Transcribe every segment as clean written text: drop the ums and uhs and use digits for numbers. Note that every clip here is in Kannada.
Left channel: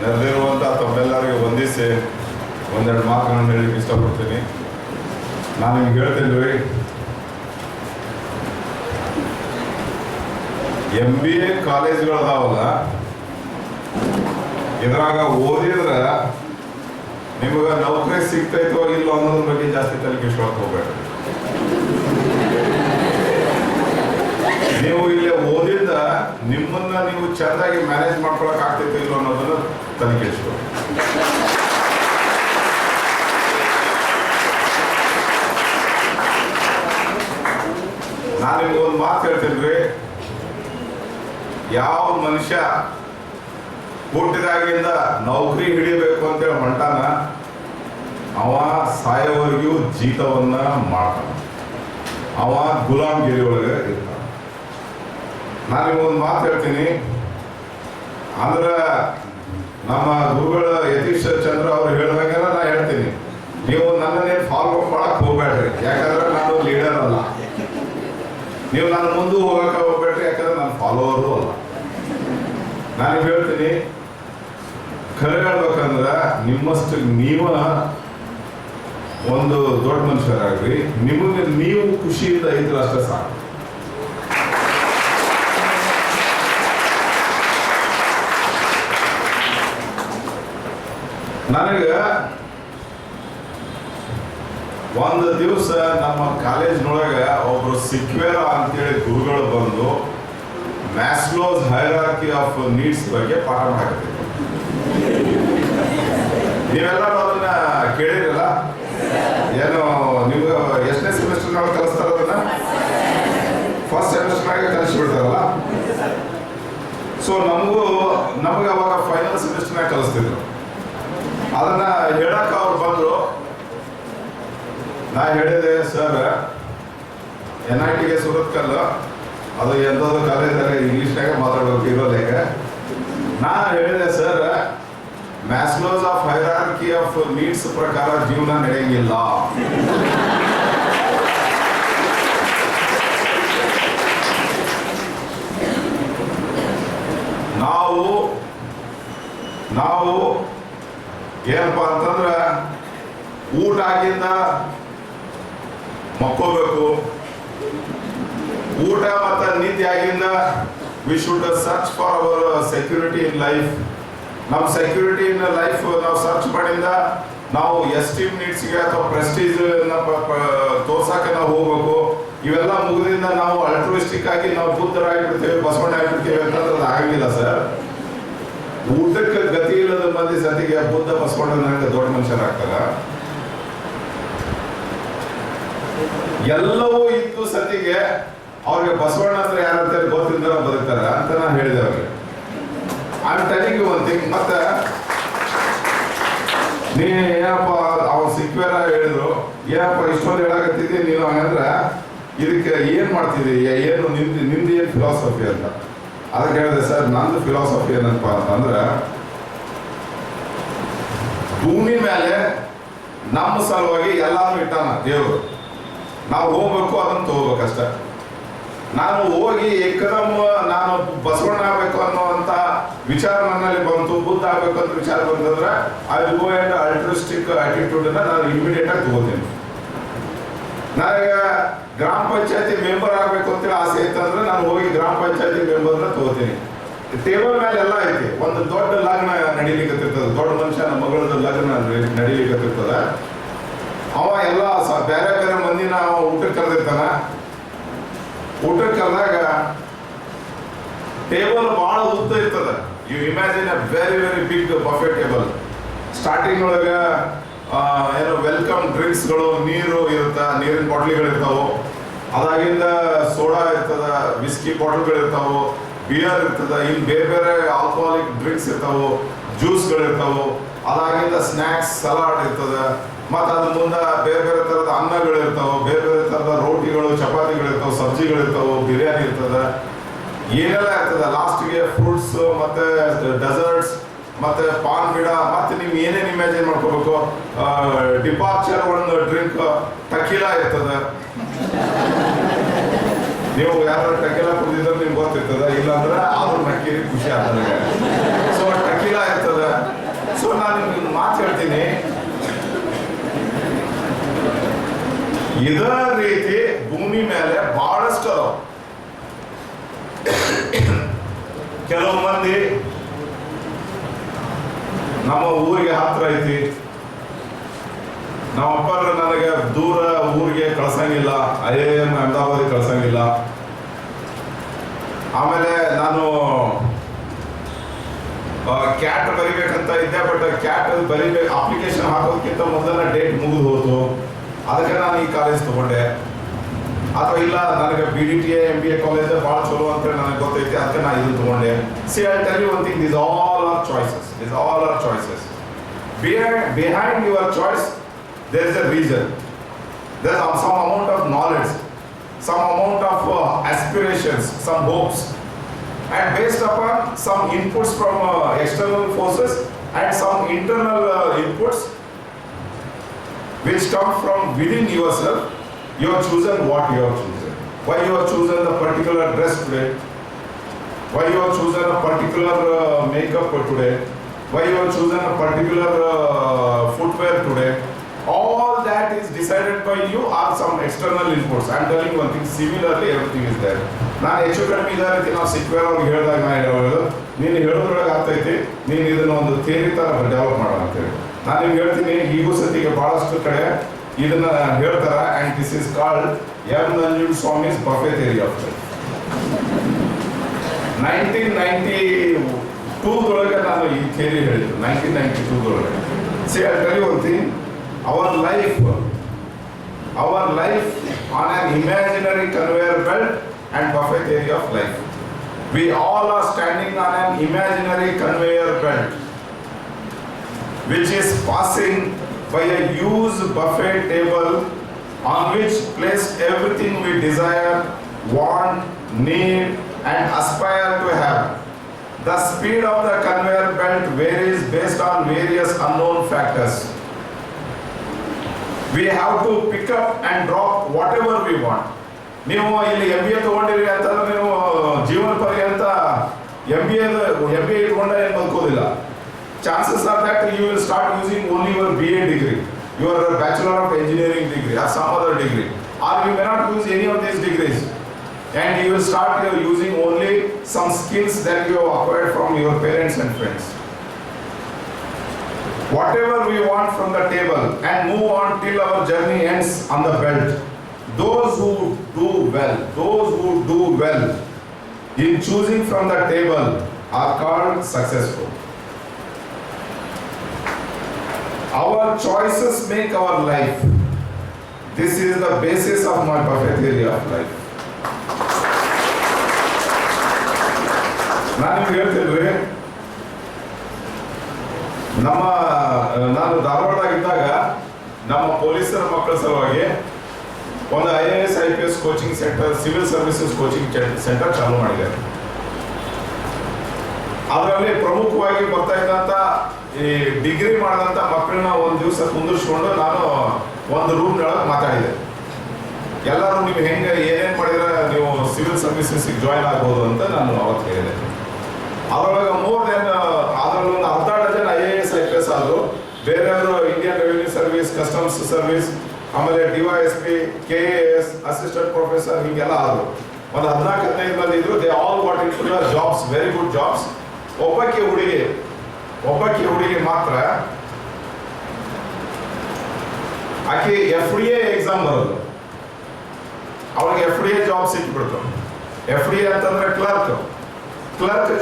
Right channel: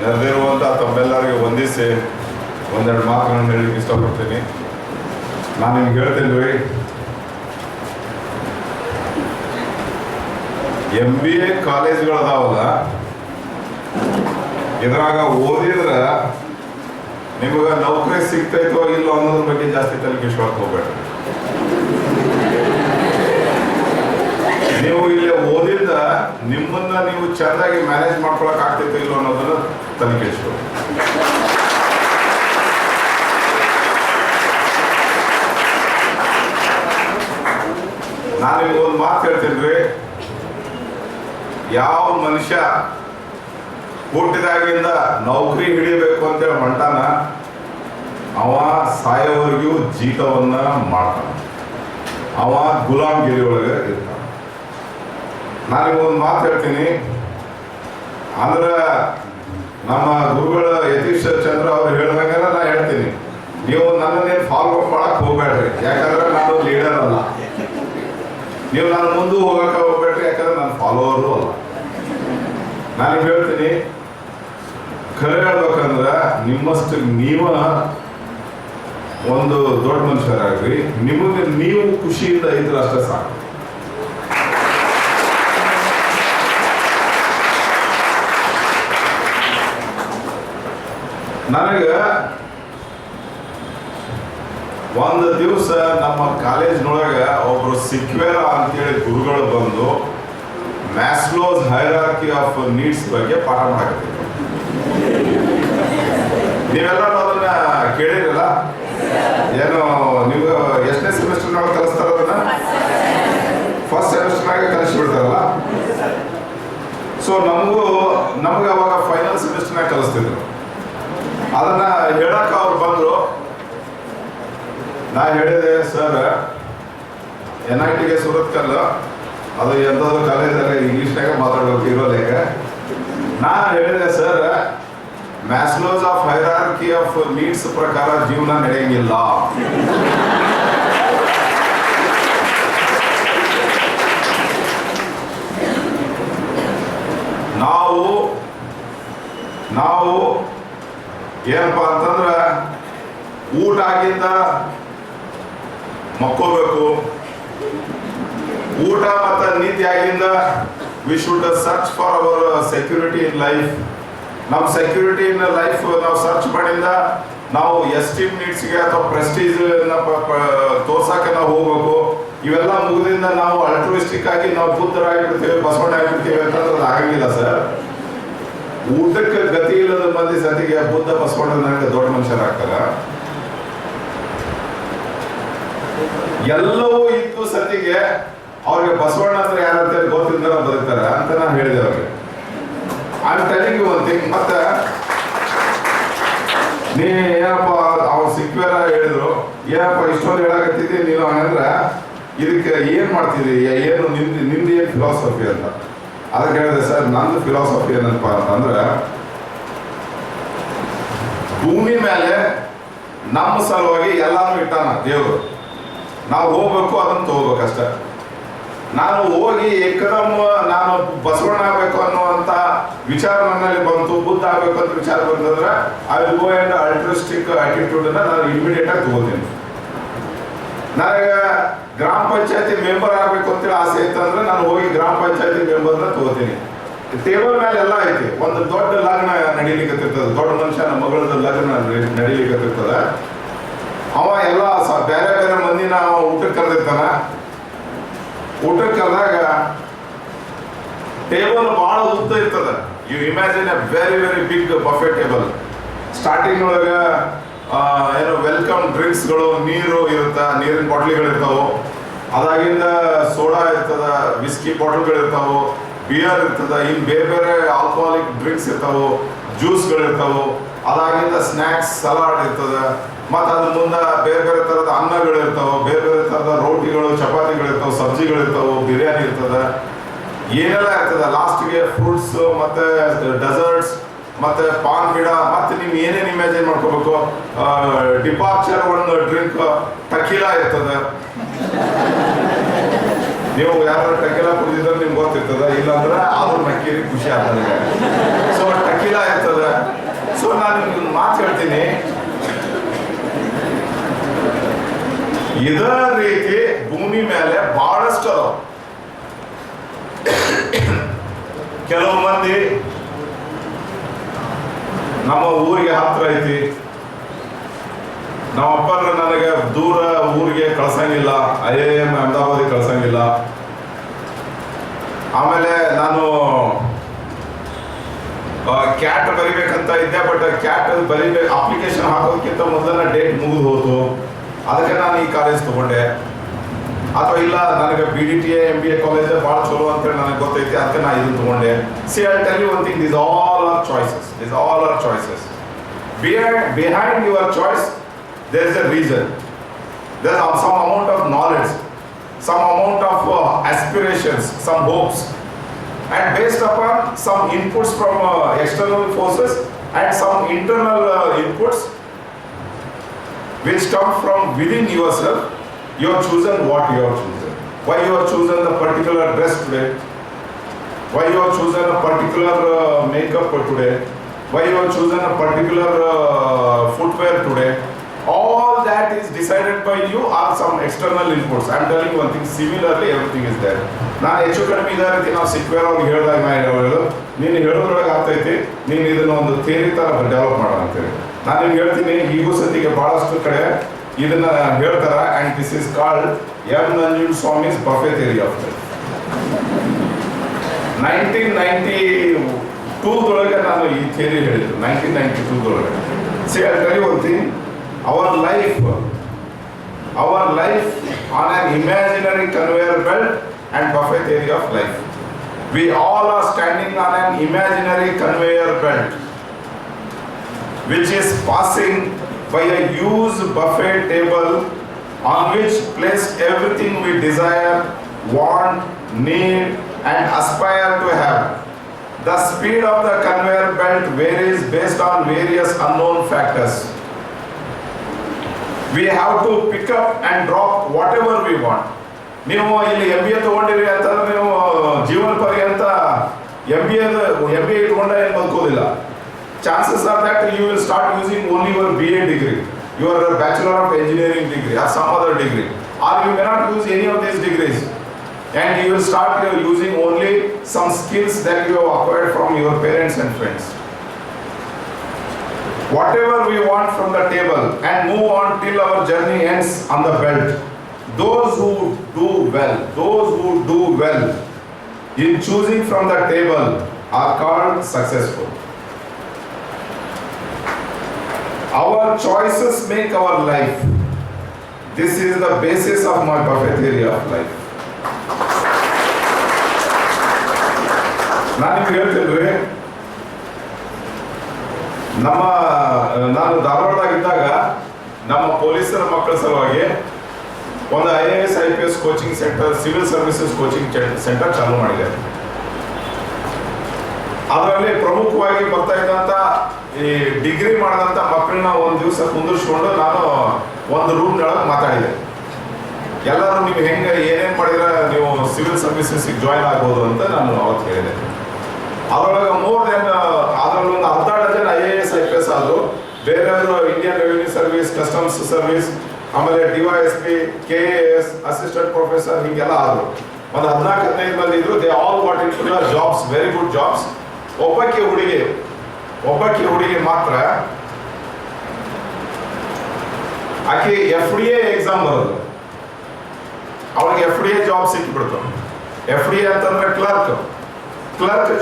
ನೆರೆದಿರುವಂಥ ತಮ್ಮೆಲ್ಲರಿಗೆ ವಂದಿಸಿ ಒಂದೆರಡು ಮಾತುಗಳನ್ನು ಹೇಳಲಿಕ್ಕೆ ಇಷ್ಟಪಡ್ತೀನಿ. ನಾನು ನಿಮ್ಗೆ ಹೇಳ್ತೀನಿ ರೀ, MBA ಕಾಲೇಜ್ಗಳದಾವಲ್ಲ, ಇದ್ರಾಗ ಓದಿದ್ರೆ ನಿಮಗೆ ನೌಕರಿ ಸಿಗ್ತೈತೋ ಇಲ್ಲೋ ಅನ್ನೋದ್ರ ಬಗ್ಗೆ ಜಾಸ್ತಿ ತಲೆ ಕೆಡಿಸ್ಕೊಳಕ್ ಹೋಗ್ಬೇಡ್ರಿ. ನೀವು ಇಲ್ಲಿ ಓದಿದ್ದ ನಿಮ್ಮನ್ನ ನೀವು ಚೆಂದಾಗಿ ಮ್ಯಾನೇಜ್ ಮಾಡ್ಕೊಳಕ್ ಆಗ್ತೈತೋ ಇಲ್ಲೋ ಅನ್ನೋದನ್ನ ತಲೆ ಕೆಡಿಸ್ಕೊಳ್ಳಿ. ನಾನು ನಿಮ್ಗೆ ಒಂದು ಮಾತು ಹೇಳ್ತೀನಿ ರೀ, ಯಾವ ಮನುಷ್ಯ ಹುಟ್ಟಿದಾಗಿಂದ ನೌಕರಿ ಹಿಡಿಯಬೇಕು ಅಂತೇಳಿ ಹೊಂಟಾನ, ಅವ ಸಾಯೋವರೆಗೂ ಜೀತವನ್ನ ಮಾಡ್ತಾನ, ಅವ ಗುಲಾಮ್ಗಿರಿ ಒಳಗೆ ಇರ್ತಾನ. ನಾನು ನಿಮ್ಗೊಂದು ಮಾತು ಹೇಳ್ತೀನಿ, ಅಂದ್ರೆ ನಮ್ಮ ಗುರುಗಳ ಯತೀಶ್ ಚಂದ್ರ ಅವ್ರು ಹೇಳಿದಂಗೆಲ್ಲ ನಾ ಹೇಳ್ತೀನಿ, ನೀವು ನನ್ನನ್ನೇನು ಫಾಲೋ ಮಾಡಕ್ ಹೋಗ್ಬೇಡ್ರಿ, ಯಾಕಂದ್ರೆ ನಾನು ಲೀಡರ್ ಅಲ್ಲ. ನೀವು ನನ್ನ ಮುಂದೆ ಹೋಗಕ್ಕೆ ಹೋಗ್ಬೇಡ್ರಿ, ಯಾಕಂದ್ರೆ ನಾನು ಫಾಲೋವರು ಅಲ್ಲ. ನಾನು ಹೇಳ್ತೀನಿ, ಖರೆ ಹೇಳ್ಬೇಕಂದ್ರೆ ನಿಮ್ಮಷ್ಟು ನೀವ ಒಂದು ದೊಡ್ಡ ಮನುಷ್ಯರಾಗ್ರಿ, ನಿಮಗೆ ನೀವು ಖುಷಿಯಿಂದ ಇದ್ರೆ ಅಷ್ಟೇ ಸಾಕು. ನನಗೆ ಒಂದು ದಿವಸ ನಮ್ಮ ಕಾಲೇಜ್ನೊಳಗೆ ಒಬ್ರು ಸಿಕ್ವೇರ ಅಂತೇಳಿ ಗುರುಗಳು ಬಂದು ಮ್ಯಾಸ್ಲೋಸ್ ಹೈರಾರ್ಕಿ ಆಫ್ ನೀಡ್ಸ್ ಬಗ್ಗೆ ಪಾಠ ಮಾಡಾಕತ್ತಿದ್ರು. ನೀವೆಲ್ಲರೂ ಅದನ್ನ ಕೇಳಿರಲ್ಲ? ಏನು ನಿಮ್ಗೆ ಎಷ್ಟನೇ ಸೆಮಿಸ್ಟರ್ನಾಗ ಕಲಿಸ್ತಾರ ಅದನ್ನ? ಫಸ್ಟ್ ಸೆಮಿಸ್ಟರ್ನಾಗ ಕಲಿಸ್ಬಿಡ್ತಾರಲ್ಲ. ಸೊ ನಮ್ಗೆ ಅವಾಗ ಫೈನಲ್ ಸೆಮಿಸ್ಟರ್ನಾಗ ಕಲಿಸ್ತಿದ್ರು. ಅದನ್ನ ಹೇಳಕ್ ಅವ್ರು ಬಂದ್ರು. ನಾ ಹೇಳಿದೆ, ಸರ್ NITಗೆ ಸುರತ್ಕಲ್ ಅದು ಎಂಥದ್ದು ಕಾಲೇಜಲ್ಲಿ ಇಂಗ್ಲೀಷ್ನಾಗ ಮಾತಾಡೋಕೆ ಇರೋಲೇಗ. ನಾ ಹೇಳಿದೆ, sir Maslow's of hierarchy of needs ಪ್ರಕಾರ ಜೀವನ ನಡೆಯಂಗಿಲ್ಲ. ನಾವು ಏನಪ್ಪಾ ಅಂತಂದ್ರೆ ಊಟ ಆಗಿಂದ ಮಕ್ಕೋಬೇಕು, ಊಟ ಮತ್ತು ನಿದ್ದೆ ಆಗಿಂದ we should search for our security in life. ನಮ್ಮ ಸೆಕ್ಯೂರಿಟಿ ಇನ್ ಲೈಫ್ ನಾವು ಸರ್ಚ್ ಮಾಡಿಂದ ನಾವು ಎಸ್ಟೀಮ್ ನೀಡ್ಸ್ಗೆ ಅಥವಾ ಪ್ರೆಸ್ಟೀಜ್ ತೋರ್ಸಕ್ಕೆ ನಾವು ಹೋಗ್ಬೇಕು. ಇವೆಲ್ಲ ಮುಗಿದಿಂದ ನಾವು ಅಲ್ಟ್ರಿಸ್ಟಿಕ್ ಆಗಿ ನಾವು ಬುದ್ಧರಾಗಿಬಿಡ್ತೇವೆ, ಬಸವಣ್ಣ ಆಗಿಬಿಡ್ತೇವೆ ಅಂತಂದ್ರೆ ಅದು ಆಗಂಗಿಲ್ಲ ಸರ್. ಊಟಕ್ಕೆ ಗತಿ ಇಲ್ಲದ ಮಂದಿ ಸತಿಗೆ ಬುದ್ಧ ಬಸವಣ್ಣ ನನಗೆ ದೊಡ್ಡ ಮನುಷ್ಯರಾಗ್ತಾರ. ಎಲ್ಲವೂ ಇತ್ತು ಸತಿಗೆ ಅವ್ರಿಗೆ ಬಸವಣ್ಣ ಅಂದ್ರೆ ಯಾರಂತ ಗೊತ್ತಿದ್ದಾರ ಬದುಕ್ತಾರ ಅಂತ ನಾನು ಹೇಳಿದೆ ಅವ್ರಿಗೆ. I'm telling you one thing. ಮತ್ತೆ ನೀ ಏನಪ್ಪ ಅವ್ರು ಸಿಕ್ವೇರ ಹೇಳಿದ್ರು, ಏನಪ್ಪ ಇಷ್ಟೊಂದು ಹೇಳಾಕತ್ತಿದ್ದಿ ನೀನು ಹಂಗಂದ್ರೆ ಇದಕ್ಕೆ ಏನ್ ಮಾಡ್ತಿದ್ದಿ, ಏನು ನಿಮ್ದು ಏನು ಫಿಲಾಸಫಿ ಅಂತ. ಅದಕ್ಕೆ ಹೇಳಿದೆ, ಸರ್ ನಂದು ಫಿಲಾಸಫಿ ಏನಪ್ಪ ಅಂತಂದ್ರೆ ಭೂಮಿ ಮೇಲೆ ನಮ್ಮ ಸಲುವಾಗಿ ಎಲ್ಲಾನು ಇಟ್ಟಾನ ದೇವರು, ನಾವು ಹೋಗ್ಬೇಕು ಅದನ್ನು ತಗೋಬೇಕಷ್ಟೆ. ನಾನು ಹೋಗಿ ಏಕದಮ್ ನಾನು ಬಸವಣ್ಣ ಆಗ್ಬೇಕು ಅನ್ನುವಂಥ ವಿಚಾರ ನನ್ನಲ್ಲಿ ಬಂತು, ಬುದ್ಧ ಆಗ್ಬೇಕು ಅಂತ ವಿಚಾರ ಬಂತಂದ್ರೆ ಐ ವಿಲ್ ಗೋ ಅಂಡ್ ಅಲ್ಟ್ರಿಸ್ಟಿಕ್ ಆಟಿಟ್ಯೂಡನ್ನ ನಾನು ಇಮಿಡಿಯೇಟ್ ಆಗಿ ತಗೋತೀನಿ. ನನಗೆ ಗ್ರಾಮ ಪಂಚಾಯತಿ ಮೆಂಬರ್ ಆಗ್ಬೇಕು ಅಂತೇಳಿ ಆಸೆ ಇತ್ತಂದ್ರೆ ನಾನು ಹೋಗಿ ಗ್ರಾಮ ಪಂಚಾಯತಿ ಮೆಂಬರ್ನ ತಗೋತೀನಿ. ಟೇಬಲ್ ಮೇಲೆ ಎಲ್ಲ ಐತಿ. ಒಂದು ದೊಡ್ಡ ಲಗ್ನ ನಡೀಲಿಕ್ಕತ್ತಿರ್ತದೆ, ದೊಡ್ಡ ಮನುಷ್ಯನ ಮಗಳದ ಲಗ್ನ ನಡೀಲಿಕ್ಕತ್ತಿರ್ತದೆ. ಅವ ಎಲ್ಲ ಬೇರೆ ಬೇರೆ ಮಂದಿನ ಊಟಕ್ಕೆ ಕರೆದಿರ್ತಾನ. ಊಟಕ್ಕೆ ಕರೆದಾಗ ಟೇಬಲ್ ಬಹಳ ಉದ್ದ ಇರ್ತದೆ. You imagine a very very big buffet table. Starting ಒಳಗೆ ಏನು ವೆಲ್ಕಮ್ ಡ್ರಿಂಕ್ಸ್ಗಳು, ನೀರು ಇರುತ್ತೆ, ನೀರಿನ ಬಾಟ್ಲಿಗಳು ಇರ್ತಾವೆ. ಅದಾಗಿಂದ ಸೋಡಾ ಇರ್ತದ, ವಿಸ್ಕಿ ಬಾಟಲ್ಗಳು ಇರ್ತಾವೆ, ಬಿಯರ್ ಇರ್ತದ, ಇನ್ನು ಬೇರೆ ಬೇರೆ ಆಲ್ಕೋಹಾಲಿಕ್ ಡ್ರಿಂಕ್ಸ್ ಇರ್ತಾವೆ, ಜ್ಯೂಸ್ಗಳು ಇರ್ತಾವೆ. ಅದಾಗಿಂದ ಸ್ನ್ಯಾಕ್ಸ್, ಸಲಾಡ್ ಇರ್ತದೆ. ಮತ್ತು ಅದ್ರ ಮುಂದೆ ಬೇರೆ ಬೇರೆ ಥರದ ಅನ್ನಗಳು ಇರ್ತಾವೆ, ಬೇರೆ ಬೇರೆ ಥರದ ರೋಟಿಗಳು, ಚಪಾತಿಗಳು ಇರ್ತಾವೆ, ಸಬ್ಜಿಗಳು ಇರ್ತಾವೆ, ಬಿರಿಯಾನಿ ಇರ್ತದೆ, ಏನೆಲ್ಲ ಇರ್ತದೆ. ಲಾಸ್ಟ್ಗೆ ಫ್ರೂಟ್ಸ್ ಮತ್ತು ಡೆಸರ್ಟ್ಸ್ ಮತ್ತು ಪಾನ್ ಗಿಡ, ಮತ್ತು ನೀವು ಏನೇನು ಇಮ್ಯಾಜಿನ್ ಮಾಡ್ಕೋಬೇಕು. ಡಿಪಾರ್ಚರ್ ಒಂದು ಡ್ರಿಂಕ್ ಟಕೀಲಾ ಇರ್ತದೆ. ನೀವು ಯಾರು ಟಕೀಲಾ ಕುಡಿದಿದ್ರೆ ನಿಮ್ಗೆ ಗೊತ್ತಿರ್ತದೆ, ಇಲ್ಲಾಂದ್ರೆ ಆದ್ರೂ ನಕ್ಕೀರಿ ಖುಷಿ ಆಗ್ತದೆ. ಸೊ ಟಕೀಲಾ ಇರ್ತದೆ. ಇದೇ ರೀತಿ ಭೂಮಿ ಮೇಲೆ ಬಹಳಷ್ಟು ಅದಾವ. ಕೆಲವು ಮಂದಿ ನಮ್ಮ ಊರಿಗೆ ಹತ್ರ ಐತಿ, ನಮ್ಮ ಅಪ್ಪರು ನನಗೆ ದೂರ ಊರಿಗೆ ಕಳ್ಸಂಗಿಲ್ಲ, IIM ಅಹಮದಾಬಾದಿಗೆ ಕಳ್ಸಂಗಿಲ್ಲ. ಆಮೇಲೆ ನಾನು ಕ್ಯಾಟ್ ಬರಿಬೇಕಂತ ಇದ್ದೆ, ಬಟ್ ಕ್ಯಾಟ್ ಬರಿಬೇಕು ಅಪ್ಲಿಕೇಶನ್ ಹಾಕೋದಕ್ಕಿಂತ ಮೊದಲನೇ ಡೇಟ್ ಮುಗಿದು ಹೋತು, ಅದಕ್ಕೆ ನಾನು ಈ ಕಾಲೇಜ್ ತಗೊಂಡೆ. ಅಥವಾ ಇಲ್ಲ ನನಗೆ BDTA MBA ಕಾಲೇಜ್ ಭಾಳ ಚಲೋ ಅಂತೇಳಿ ನನಗೆ ಗೊತ್ತೈತಿ, ಅದಕ್ಕೆ ನಾನು ಇದನ್ನು ತಗೊಂಡೆ. See I tell you one thing, this all are choices. Behind your choice there is a reason, there is some amount of knowledge, some amount of aspirations, some hopes, and based upon some inputs from external forces and some internal inputs which come from within yourself, you have chosen what you have chosen. Why you have chosen a particular dress today, why you have chosen a particular makeup today, why you have chosen a particular footwear today. All that is decided by you or some external inputs. I am telling you one thing, similarly everything is there. ನಾನು ಹೆಚ್ಚು ಕಡಿಮೆ ಇದೇ ರೀತಿ ನಾವು ಸಿಕ್ವೇರ್ ಅವ್ರಿಗೆ ಹೇಳಿದಾಗ ನಾ ಹೇಳೋದು, ನೀನು ಹೇಳೋದ್ರೊಳಗೆ ಆಗ್ತೈತಿ, ನೀನು ಇದನ್ನು ಒಂದು ಥಿಯರಿ ಥರ ಡೆವಲಪ್ ಮಾಡೋಣ ಅಂತೇಳಿ. ನಾನು ನಿಮ್ಗೆ ಹೇಳ್ತೀನಿ, ಈಗೂ ಸತಿಗೆ ಭಾಳಷ್ಟು ಕಡೆ ಇದನ್ನ ಹೇಳ್ತಾರ. And this is called M. Nanjundaswamy's buffet theory of life. 1992 ನಾನು ಈ ಥಿಯರಿ ಹೇಳಿದ್ದು, 1992 See, I'll tell you one thing, our life on an imaginary conveyor belt and buffet theory of life. We all are standing on an imaginary conveyor belt which is passing by a huge buffet table on which placed everything we desire, want, need and aspire to have. The speed of the conveyor belt varies based on various unknown factors. We have to pick up and drop whatever we want. ನೀವು ಇಲ್ಲಿ MBA ತಗೊಂಡಿರಿ ಅಂತಂದ್ರೆ ನೀವು ಜೀವನ ಪರ್ಯಂತ MBA ಇಟ್ಕೊಂಡ ಏನು ಬದುಕೋದಿಲ್ಲ. Chances are that you will start using only your BA degree, your Bachelor of Engineering degree or some other degree, or you may not use any of these degrees, and you will start using only some skills that you have acquired from your parents and friends. Whatever we want from the table and move on till our journey ends on the belt. Those who do well in choosing from the table are called successful. Our choices make our life. This is the basis of my buffet theory of life. ನಾನು ನಿಮ್ಗೆ ಹೇಳ್ತೀನಿ, ನಾನು ಧಾರವಾಡದಾಗಿದ್ದಾಗ ನಮ್ಮ ಪೊಲೀಸರ ಮಕ್ಕಳ ಸಲುವಾಗಿ ಒಂದು IAS IPS coaching centre, civil services coaching centre ಚಾಲೂ ಮಾಡಿದೆ. ಅದರಲ್ಲಿ ಪ್ರಮುಖವಾಗಿ ಬರ್ತಾ ಇದ್ದಂಥ ಈ ಡಿಗ್ರಿ ಮಾಡಿದಂಥ ಮಕ್ಕಳನ್ನ ಒಂದು ದಿವಸ ಕುಂದಿರ್ಸ್ಕೊಂಡು ನಾನು ಒಂದು ರೂಮ್ನೊಳಗೆ ಮಾತಾಡಿದೆ. ಎಲ್ಲರೂ ನೀವು ಹೆಂಗೆ ಏನೇನು ಮಾಡಿದ್ರೆ ನೀವು ಸಿವಿಲ್ ಸರ್ವಿಸಸ್ಗೆ ಜಾಯ್ನ್ ಆಗ್ಬೋದು ಅಂತ ನಾನು ಅವತ್ತು ಹೇಳಿದೆ. ಅದರೊಳಗೆ ಅದರಲ್ಲಿ ಒಂದು 10 ಡಜನ್ IAS IPS ಆದರು. ಬೇರೆಯವರು Indian revenue service, customs service, ಆಮೇಲೆ DYSP, KAS, ಅಸಿಸ್ಟೆಂಟ್ ಪ್ರೊಫೆಸರ್ ಹೀಗೆಲ್ಲ ಆದರು. ಒಂದು 14-15 ಮಂದಿ ಇದ್ರು. They all what in to jobs, very good jobs. ಒಬ್ಬಕ್ಕೆ ಹುಡುಗಿ ಮಾತ್ರ ಆಕೆ FDA ಎಕ್ಸಾಮ್ ಬರೋದು. ಅವಳಿಗೆ FDA ಜಾಬ್ ಸಿಕ್ಕಿಬಿಡ್ತು. FDA ಅಂತಂದ್ರೆ ಕ್ಲರ್ಕ್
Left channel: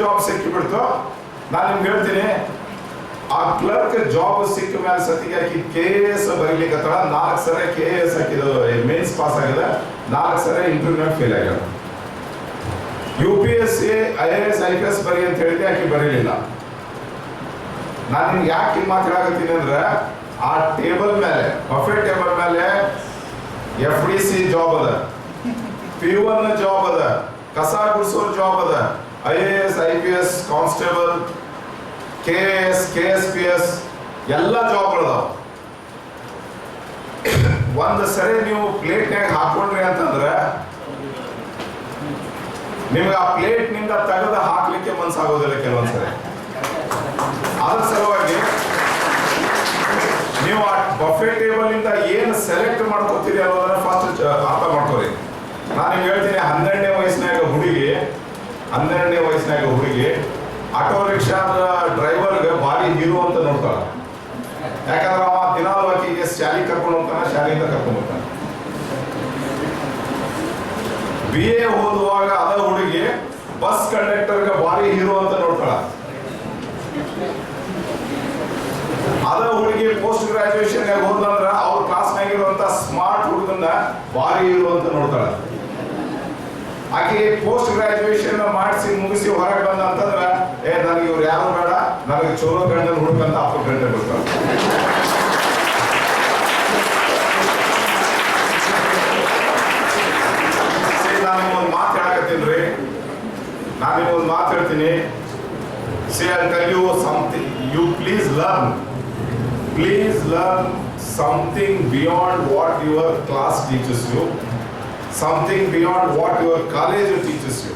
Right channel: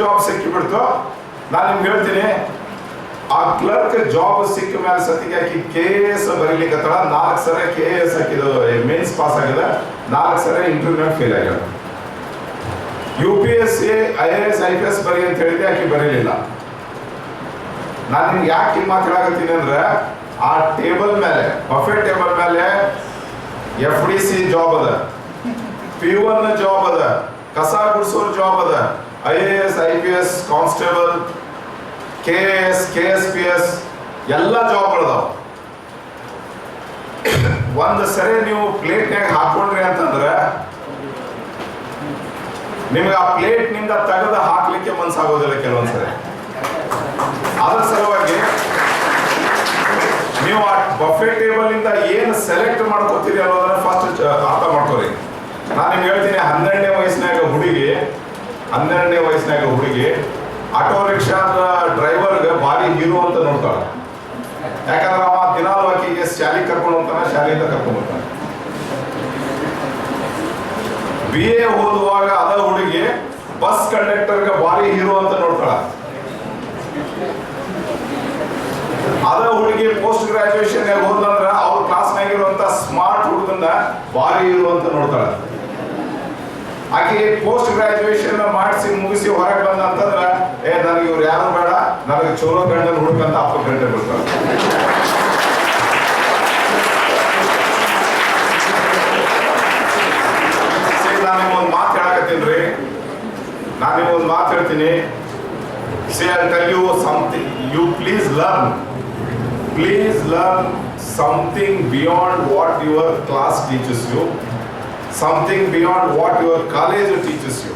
ಜಾಬ್ ಸಿಕ್ಕಿಬಿಡ್ತು. ನಾನು ನಿಮ್ಗೆ ಹೇಳ್ತೀನಿ, ಆ ಕ್ಲರ್ಕ್ ಜಾಬ್ ಸಿಕ್ಕ ಮೇಲೆ ಸತಿಗೆ ಆಕಿ KAS ಬರೀಲಿಕ್ಕೆ 4 ಸರಿ KAS ಹಾಕಿದ್ದು, ಮೇನ್ಸ್ ಪಾಸ್ ಆಗಿದೆ, 4 ಸರಿ ಇಂಟರ್ವ್ಯೂ ಫೇಲ್ ಆಗ್ಯಾಳ. UPSC IAS IPS ಬರಿ ಅಂತ ಹೇಳಿದೆ, ಆಕಿ ಬರೀಲಿಲ್ಲ. ನಾನು ನಿಮ್ಗೆ ಯಾಕೆ ಮಾತು ಹೇಳಾಕತ್ತೀನಿ ಅಂದ್ರೆ, ಆ ಟೇಬಲ್ ಮೇಲೆ, ಬಫೆಟ್ ಟೇಬಲ್ ಮೇಲೆ FDC ಜಾಬ್ ಅದ, P1 ಜಾಬ್ ಅದ, ಕಸ ಗುಡಿಸೋರ್ ಜಾಬ್ ಅದ, IAS IPS constable, KAS KSPS ಎಲ್ಲ ಜಾಬ್ಗಳದಾವ. ಒಂದು ಸರಿ ನೀವು ಪ್ಲೇಟ್ನಾಗ ಹಾಕೊಂಡ್ರಿ ಅಂತಂದ್ರೆ ನಿಮ್ಗೆ ಆ ಪ್ಲೇಟ್ ನಿಂದ ತೆಗೆದು ಹಾಕ್ಲಿಕ್ಕೆ ಮನ್ಸಾಗೋದಿಲ್ಲ ಕೆಲವೊಂದ್ಸರಿ. ಅದ್ರ ಸಲುವಾಗಿ ನೀವು ಆ ಬಫೆ ಟೇಬಲ್ ಇಂದ ಏನು ಸೆಲೆಕ್ಟ್ ಮಾಡ್ಕೋತೀರಿ ಅನ್ನೋದನ್ನ ಫಸ್ಟ್ ನಾನು ನಿಮ್ಗೆ ಹೇಳ್ತೀನಿ, 12ನೇ ವಯಸ್ಸಿನಾಗ ಹುಡುಗಿ ಆಟೋ ರಿಕ್ಷಾದ ಡ್ರೈವರ್ಗೆ ಭಾರಿ ಹೀರೋ ಅಂತ ನೋಡ್ತಾಳೆ. ಯಾಕಂದ್ರೆ ಅವ ದಿನಾಲು ಆಕಿಗೆ ಶಾಲೆ ಕರ್ಕೊಂಡು ಹೋಗ್ತಾನೆ, ಶಾಲೆಯಿಂದ ಕರ್ಕೊಂಡು ಹೋಗ್ತಾನೆ. BA ಓದುವಾಗ ಅದ ಹುಡುಗಿ ಬಸ್ ಕಂಡಕ್ಟರ್ಗೆ ಭಾರಿ ಹೀರೋ ಅಂತ ನೋಡ್ತಾಳ. ಅದ ಹುಡುಗಿ ಪೋಸ್ಟ್ ಗ್ರಾಜುಯೇಷನ್ ಹೋದಂದ್ರ ಅವ್ರ ಕ್ಲಾಸ್ನಾಗಿರುವಂತ ಸ್ಮಾರ್ಟ್ ಹುಡುಗನ್ನ ಭಾರಿ ಹೀರೋ ಅಂತ ನೋಡ್ತಾಳ. ಆಕೆ ಪೋಸ್ಟ್ ಗ್ರಾಜುಯೇಷನ್ ಮಾಡಿಸಿ ಮುಗಿಸಿ ಹೊರಗೆ ಬಂದ ಅಂತಂದ್ರ ನನಗೆ ಇವ್ರು ಯಾರು ಬೇಡ, ನನಗೆ ಚಲೋ ಗಂಡನ ಹುಡುಕಂತ ಅಪ್ಪ ಗಂಡ ಬರ್ತಾಳೆ. ನಾನು ನಿಮ್ಗೊಂದು ಮಾತು ಹೇಳ್ತೀನಿ. See, I'll tell you something. You please learn something beyond what your class teaches you, something beyond what your college teaches you.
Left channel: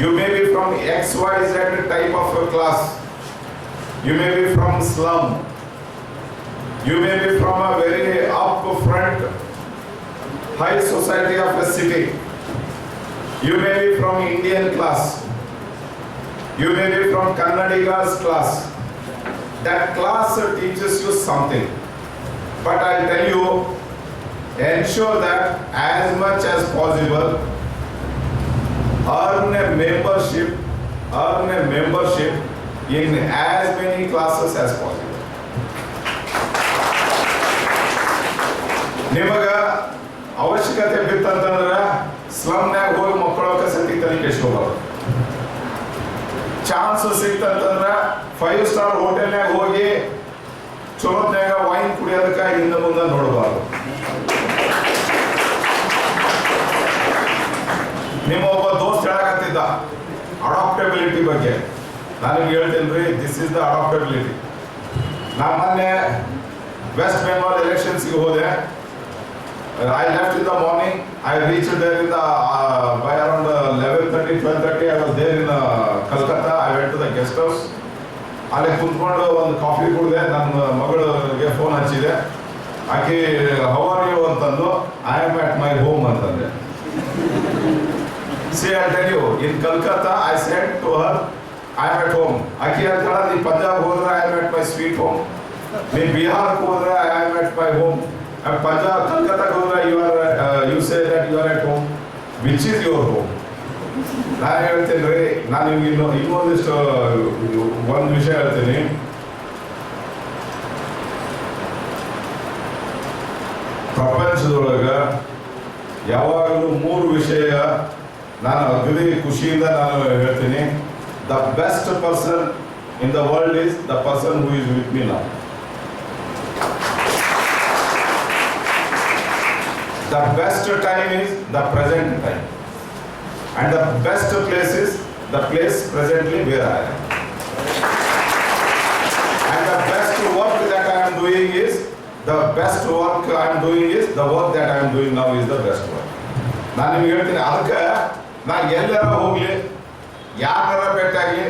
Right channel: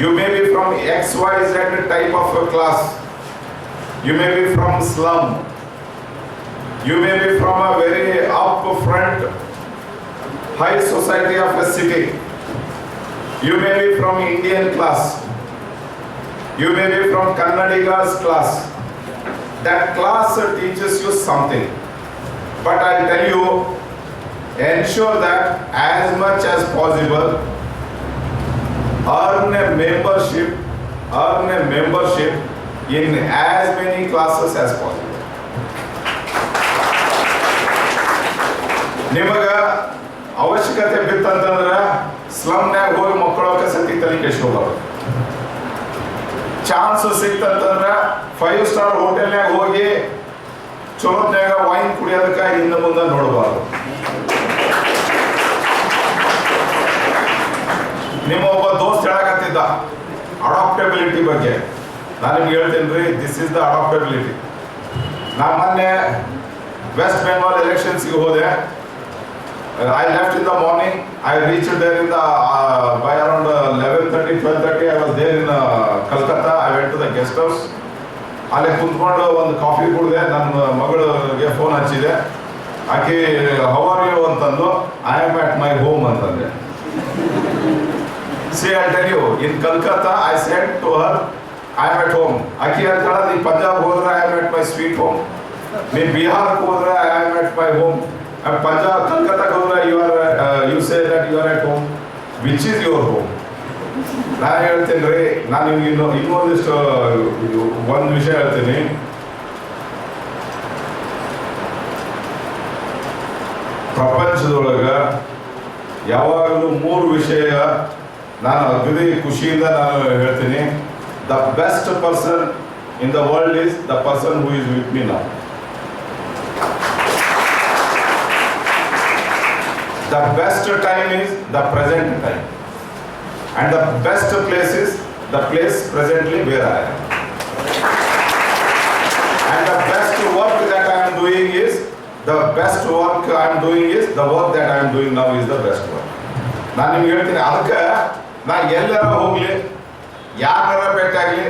You may be from XYZ type of a class. You may be from slum. You may be from a very upfront high society of a city. You may be from Indian class. You may be from Kannadiga's class. That class teaches you something. But I'll tell you, ensure that as much as possible, earn a membership in as many classes as possible. ನಿಮಗ ಅವಶ್ಯಕತೆ ಬಿತ್ತಂತಂದ್ರೆ ಸ್ಲಮ್ನ್ಯಾಗ ಹೋಗಿ ಮಕ್ಕಳ ಸತಿ ತಲೆ ಕೆಡಿಸ್ಕೋಬಾರ್ದು. ಚಾನ್ಸ್ ಸಿಕ್ತಂತಂದ್ರ 5 ಸ್ಟಾರ್ ಹೋಟೆಲ್ನಾಗ ಹೋಗಿ ಚಲೋತ್ನಾಗ ವೈನ್ ಕುಡಿಯೋದಕ್ಕೆ ಹಿಂದೆ ಮುಂದೆ ನೋಡಬಾರ್ದು. ನಿಮ್ಮ ಒಬ್ಬ ದೋಸ್ತ್ ಹೇಳಕತ್ತಿದ್ದ ಅಡಾಪ್ಟಬಿಲಿಟಿ ಬಗ್ಗೆ. ನಾನು ನಿಮ್ಗೆ ಹೇಳ್ತೀನಿ ರೀ, ದಿಸ್ ಇಸ್ ದ ಅಡಾಪ್ಟಬಿಲಿಟಿ. ನಾನು ಮೊನ್ನೆ ವೆಸ್ಟ್ ಬೆಂಗಾಲ್ ಎಲೆಕ್ಷನ್ಸ್ಗೆ ಹೋದೆ. I left in the morning. I reached there in the by around 11:30, 12:30. I was there in Kolkata. I went to the guest house. ಅಲ್ಲೇ ಕುಂತ್ಕೊಂಡು ಒಂದು ಕಾಫಿ ಕುಡಿದೆ. ನನ್ನ ಮಗಳಿಗೆ ಫೋನ್ ಹಚ್ಚಿದೆ. ಆಕೆ ಹೌ ಆರ್ ಯು ಅಂತಂದು. I am at my home ಅಂತಂದೆ. See, I'll tell you, in Kolkata, I said to her, I am at home. ಆಕೆ ಹೇಳ್ತಾಳ, ನೀ ಪಂಜಾಬ್ ಹೋದ್ರೆ I am at my sweet home. ನೀ ಬಿಹಾರಕ್ಕೆ ಹೋದ್ರೆ I am at my home. Punjab, Kolkata ಹೋದ್ರೆ you say that you are at home. Which is your home? ನಾನು ಹೇಳ್ತೇನೆ ರೀ, ನಾನು ನಿಮ್ಗೆ ಇನ್ನೊಂದಿಷ್ಟು ಒಂದು ವಿಷಯ ಹೇಳ್ತೀನಿ. ಪ್ರಪಂಚದೊಳಗ ಯಾವಾಗಲೂ 3 ವಿಷಯ ನಾನು ಅಗದಿ ಖುಷಿಯಿಂದ ನಾನು ಹೇಳ್ತೀನಿ. The best person in the world is the person who is with me now. The best time is the present time, and the best place is the place presently where I am, and the best work that I am doing is the work that I am doing now is the best work. ನಾನು ನಿಮ್ಗೆ ಹೇಳ್ತೀನಿ, ಅದಕ್ಕೆ ನಾನು ಎಲ್ಲರ ಹೋಗ್ಲಿ, ಯಾರ ಭೇಟಿಯಾಗಲಿ,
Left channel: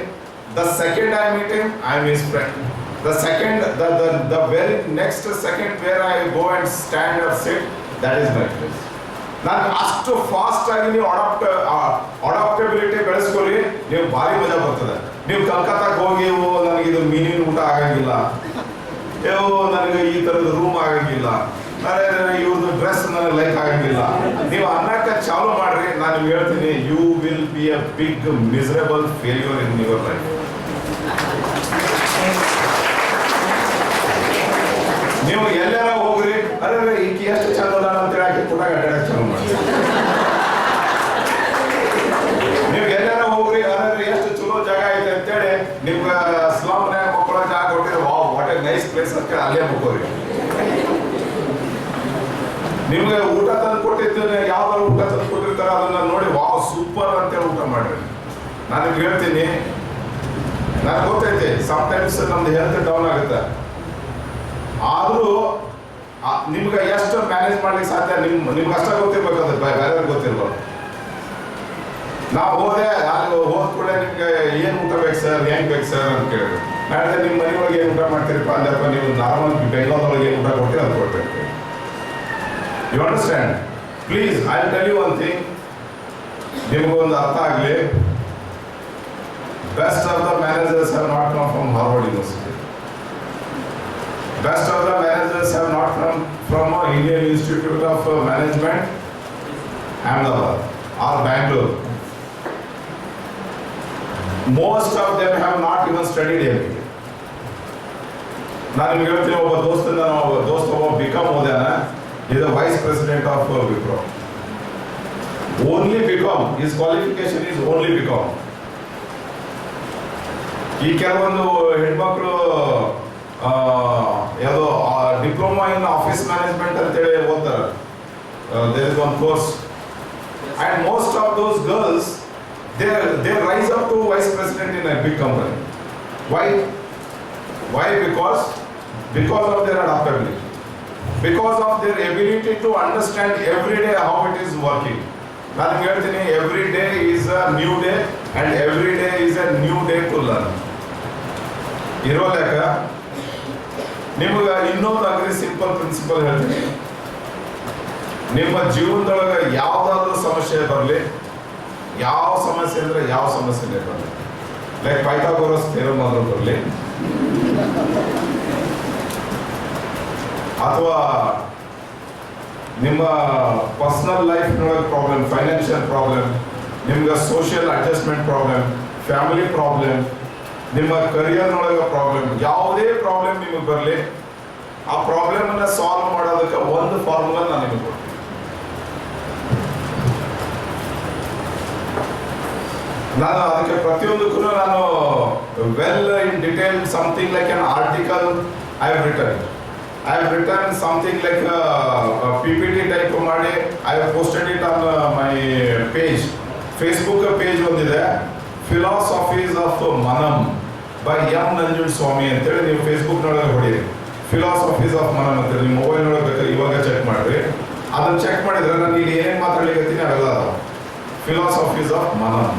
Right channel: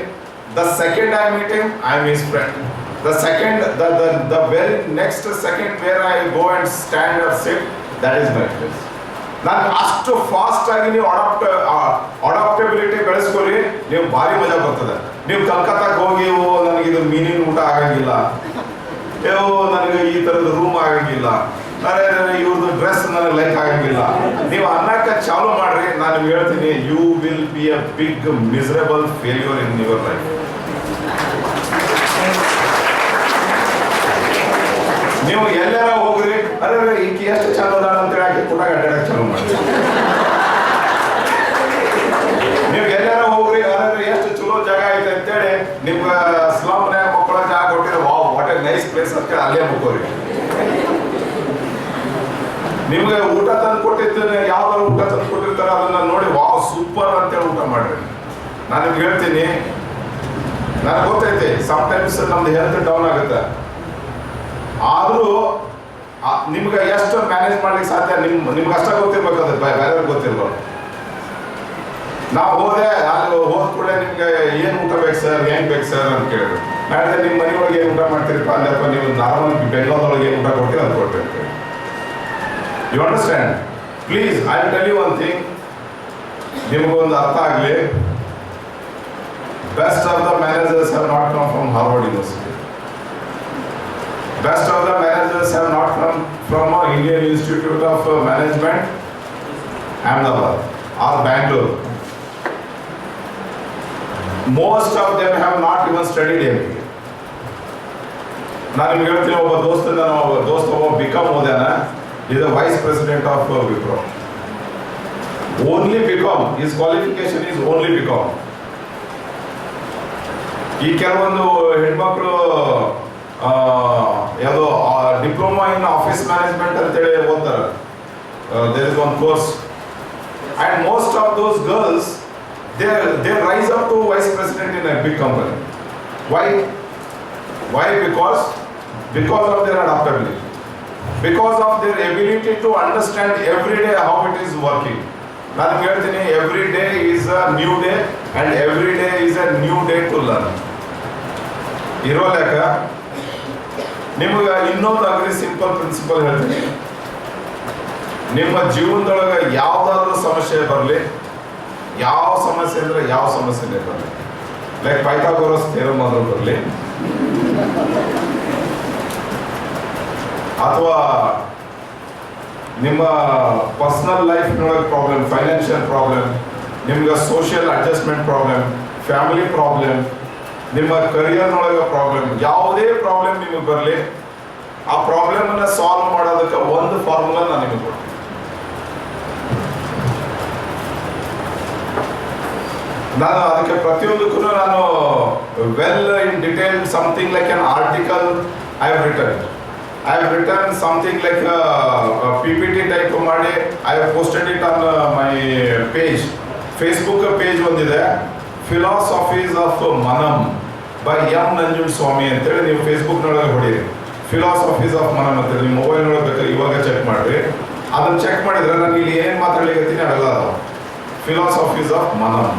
the second I meet him, I am his friend. The very next second where I go and stand or sit, that is my place. ನಾನು ಅಷ್ಟು ಫಾಸ್ಟ್ ಆಗಿ ನೀವು ಅಡಾಪ್ಟಬಿಲಿಟಿ ಬೆಳೆಸ್ಕೊಳ್ಳಿ, ನೀವು ಭಾರಿ ಮಜಾ ಬರ್ತದೆ. ನೀವು ಕಲ್ಕತ್ತಾಕ್ಕೆ ಹೋಗಿ ನನಗೆ ಇದು ಮೀನಿನ ಊಟ ಆಗಂಗಿಲ್ಲ, ನನಗೆ ಈ ಥರದ ರೂಮ್ ಆಗಂಗಿಲ್ಲ, ಇವ್ರದ್ದು ಡ್ರೆಸ್ ನನಗೆ ಲೈಕ್ ಆಗಂಗಿಲ್ಲ, ನೀವು ಅನ್ನಕ್ಕೆ ಚಾಲು ಮಾಡ್ರಿ. ನಾನು ನಿಮ್ಗೆ ಹೇಳ್ತೀನಿ, you will be a big miserable failure in your life. ನೀವು ಎಲ್ಲಾರ ಹೋಗ್ರಿ, ಅರೆ ಈಕೆ ಎಷ್ಟು ಚಂದ ಅದ ಅಂತೇಳಿ ಆಕೆ ಕೂಡ ಅಡ್ಡಾಡಕ್ಕೆ ಚಾಲು ಮಾಡಿ. ನೀವು ಎಲ್ಲಾರ ಹೋಗ್ರಿ, ಅರೆ ಎಷ್ಟು ಚಲೋ ಜಾಗ ಐತೆ ಅಂತೇಳಿ ನಿಮ್ಗೆ ಸ್ಲಮ್ನ್ಯಾಗ ಮಕ್ಕಳ ಜಾಗ ಕೊಟ್ಟಿದ್ರೆ wow what A nice place ಅಂತೇಳಿ ಅಲ್ಲೇ ಮುಕ್ಕೋರಿ. ನಿಮ್ಗೆ ಊಟ ತಂದು ಕೊಟ್ಟಿದ್ದೇನೆ, ಯಾವ್ದಾರ ಊಟ ತಂದು ಕೊಟ್ಟಿರ್ತಾರ ಅದನ್ನ ನೋಡಿ ವಾವ್ ಸೂಪರ್ ಅಂತೇಳಿ ಊಟ ಮಾಡ್ರಿ. ನಾನು ನಿಮ್ಗೆ ಹೇಳ್ತೀನಿ, ನನಗೆ ಗೊತ್ತೈತೆ ಸಮ್ಟೈಮ್ಸ್ ನಮ್ದು ಹೆಲ್ತ್ ಡೌನ್ ಆಗುತ್ತೆ, ಆದರೂ ನಿಮ್ಗೆ ಎಷ್ಟು ಮ್ಯಾನೇಜ್ ಮಾಡ್ಲಿಕ್ಕೆ ಸಾಧ್ಯ ನಿಮ್ಗೆ ಅಷ್ಟ ಗೊತ್ತಿರ್ಬೇಕಾದ್ರೆ ಬೇರೆಯವ್ರಿಗೆ ಗೊತ್ತಿರ್ಬಾರ್ದು. ನಾವು ಹೋದೆ, ಅಲ್ಲಿ ಹೋದ ಕೂಡ ನಿಮ್ಗೆ ಏನು ಊಟ ಬೇಕು ಸರ್, ಹೆಂಗೆ ಬೇಕು ಸರ್ ಅಂತ ಕೇಳಿದ್ರು. ನಾಳೆ ನಿಮ್ಮ ಮನೆಯೊಳಗೆ ಏನು ಊಟ ಮಾಡ್ತೀರಪ್ಪ ಅಂದ್ರೆ, ನೀವು ನಾರ್ಮಲ್ ಬೆಂಗಾಲ್ದೊಳಗೆ ಏನು ಊಟ ಕೊಡ್ತೀರಿ ಅದು ಕೊಟ್ಟಿರ್ತೀರಿ. You understand? Please I tell you one thing, ನಿಮಗೊಂದು ಅರ್ಥ ಆಗಲಿ. Best of the managers have not come from Harvard University. Best of the managers have not come from Indian Institute of Management, Ahmedabad or Bangalore. Most of them have not even studied MBA. ನಾನು ನಿಮ್ಗೆ ಹೇಳ್ತೀನಿ, ಒಬ್ಬ ದೋಸ್ತ BCom ಓದ್ಯಾನ, is the vice president of Wipro. Only BCom, his qualification is only BCom. ಈ ಕೆಲವೊಂದು ಹೆಣ್ಮಕ್ಳು ಯಾವುದೋ ಡಿಪ್ಲೊಮಾ ಇನ್ ಆಫೀಸ್ ಮ್ಯಾನೇಜ್ಮೆಂಟ್ ಅಂತೇಳಿ ಓದ್ತಾರೆ. There is one course and most of those girls they rise up to vice president in a big company. Why because of their adaptability, because of their ability to understand every day how it is working. ನಾನು ಹೇಳ್ತೀನಿ, every day is a new day and every day is a new day to learn. ಇರೋ ಲೆಕ್ಕ ನಿಮ್ಗೆ ಇನ್ನೊಂದು ಅಗ್ರಿ ಸಿಂಪಲ್ ಪ್ರಿನ್ಸಿಪಲ್ ಹೇಳ್ತೀನಿ. ನಿಮ್ಮ ಜೀವನದೊಳಗೆ ಯಾವುದಾದ್ರೂ ಸಮಸ್ಯೆ ಬರಲಿ, ಯಾವ ಸಮಸ್ಯೆ ಅಂದರೆ ಯಾವ ಸಮಸ್ಯೆನೇ ಬರಲಿ, ಲೈಕ್ ಪೈಥಾಗೋರಸ್ ಥಿಯರಮ್ ಆದ್ರೂ ಬರಲಿ, ಅಥವಾ ನಿಮ್ಮ ಪರ್ಸನಲ್ ಲೈಫ್ನೊಳಗೆ ಪ್ರಾಬ್ಲಮ್, ಫೈನಾನ್ಷಿಯಲ್ ಪ್ರಾಬ್ಲಮ್, ನಿಮ್ಗೆ social adjustment problem, family problem, ನಿಮ್ಮ ಕರಿಯರ್ನೊಳಗೆ ಪ್ರಾಬ್ಲಮ್, ಯಾವುದೇ ಪ್ರಾಬ್ಲಮ್ ನಿಮಗೆ ಬರಲಿ, ಆ ಪ್ರಾಬ್ಲಮನ್ನು ಸಾಲ್ವ್ ಮಾಡೋದಕ್ಕೆ ಒಂದು ಫಾರ್ಮುಲಾ ನಾನು ನಿಮಗೆ ಕೊಡ್ತೀನಿ. ನಾನು ಅದಕ್ಕೆ ಪ್ರತಿಯೊಂದಕ್ಕೂ ನಾನು well in detail something like an article I have written something like PPT type ಮಾಡಿ I have posted it on my page. Facebook page ಒಂದಿದೆ, philosophies of Manam by M Nanjundaswamy ಅಂತೇಳಿ. ನೀವು ಫೇಸ್ಬುಕ್ನೊಳಗೆ ಹೊಡೀರಿ, ಫಿಲಾಸಫೀಸ್ ಆಫ್ ಮನಮ್ ಅಂತೇಳಿ. ನಿಮ್ಮ ಮೊಬೈಲ್ನೊಳಗೆ ಬೇಕಾದ್ರೆ ಇವಾಗ ಚೆಕ್ ಮಾಡಿರಿ. ಅದನ್ನು ಚೆಕ್ ಮಾಡಿದ್ರೆ ನಾನು ಇಲ್ಲಿ ಏನೇನು ಮಾತಾಡ್ಲಿಕ್ಕೆ ಅವೆಲ್ಲ ಅದಾವ. Philosophies of Manam,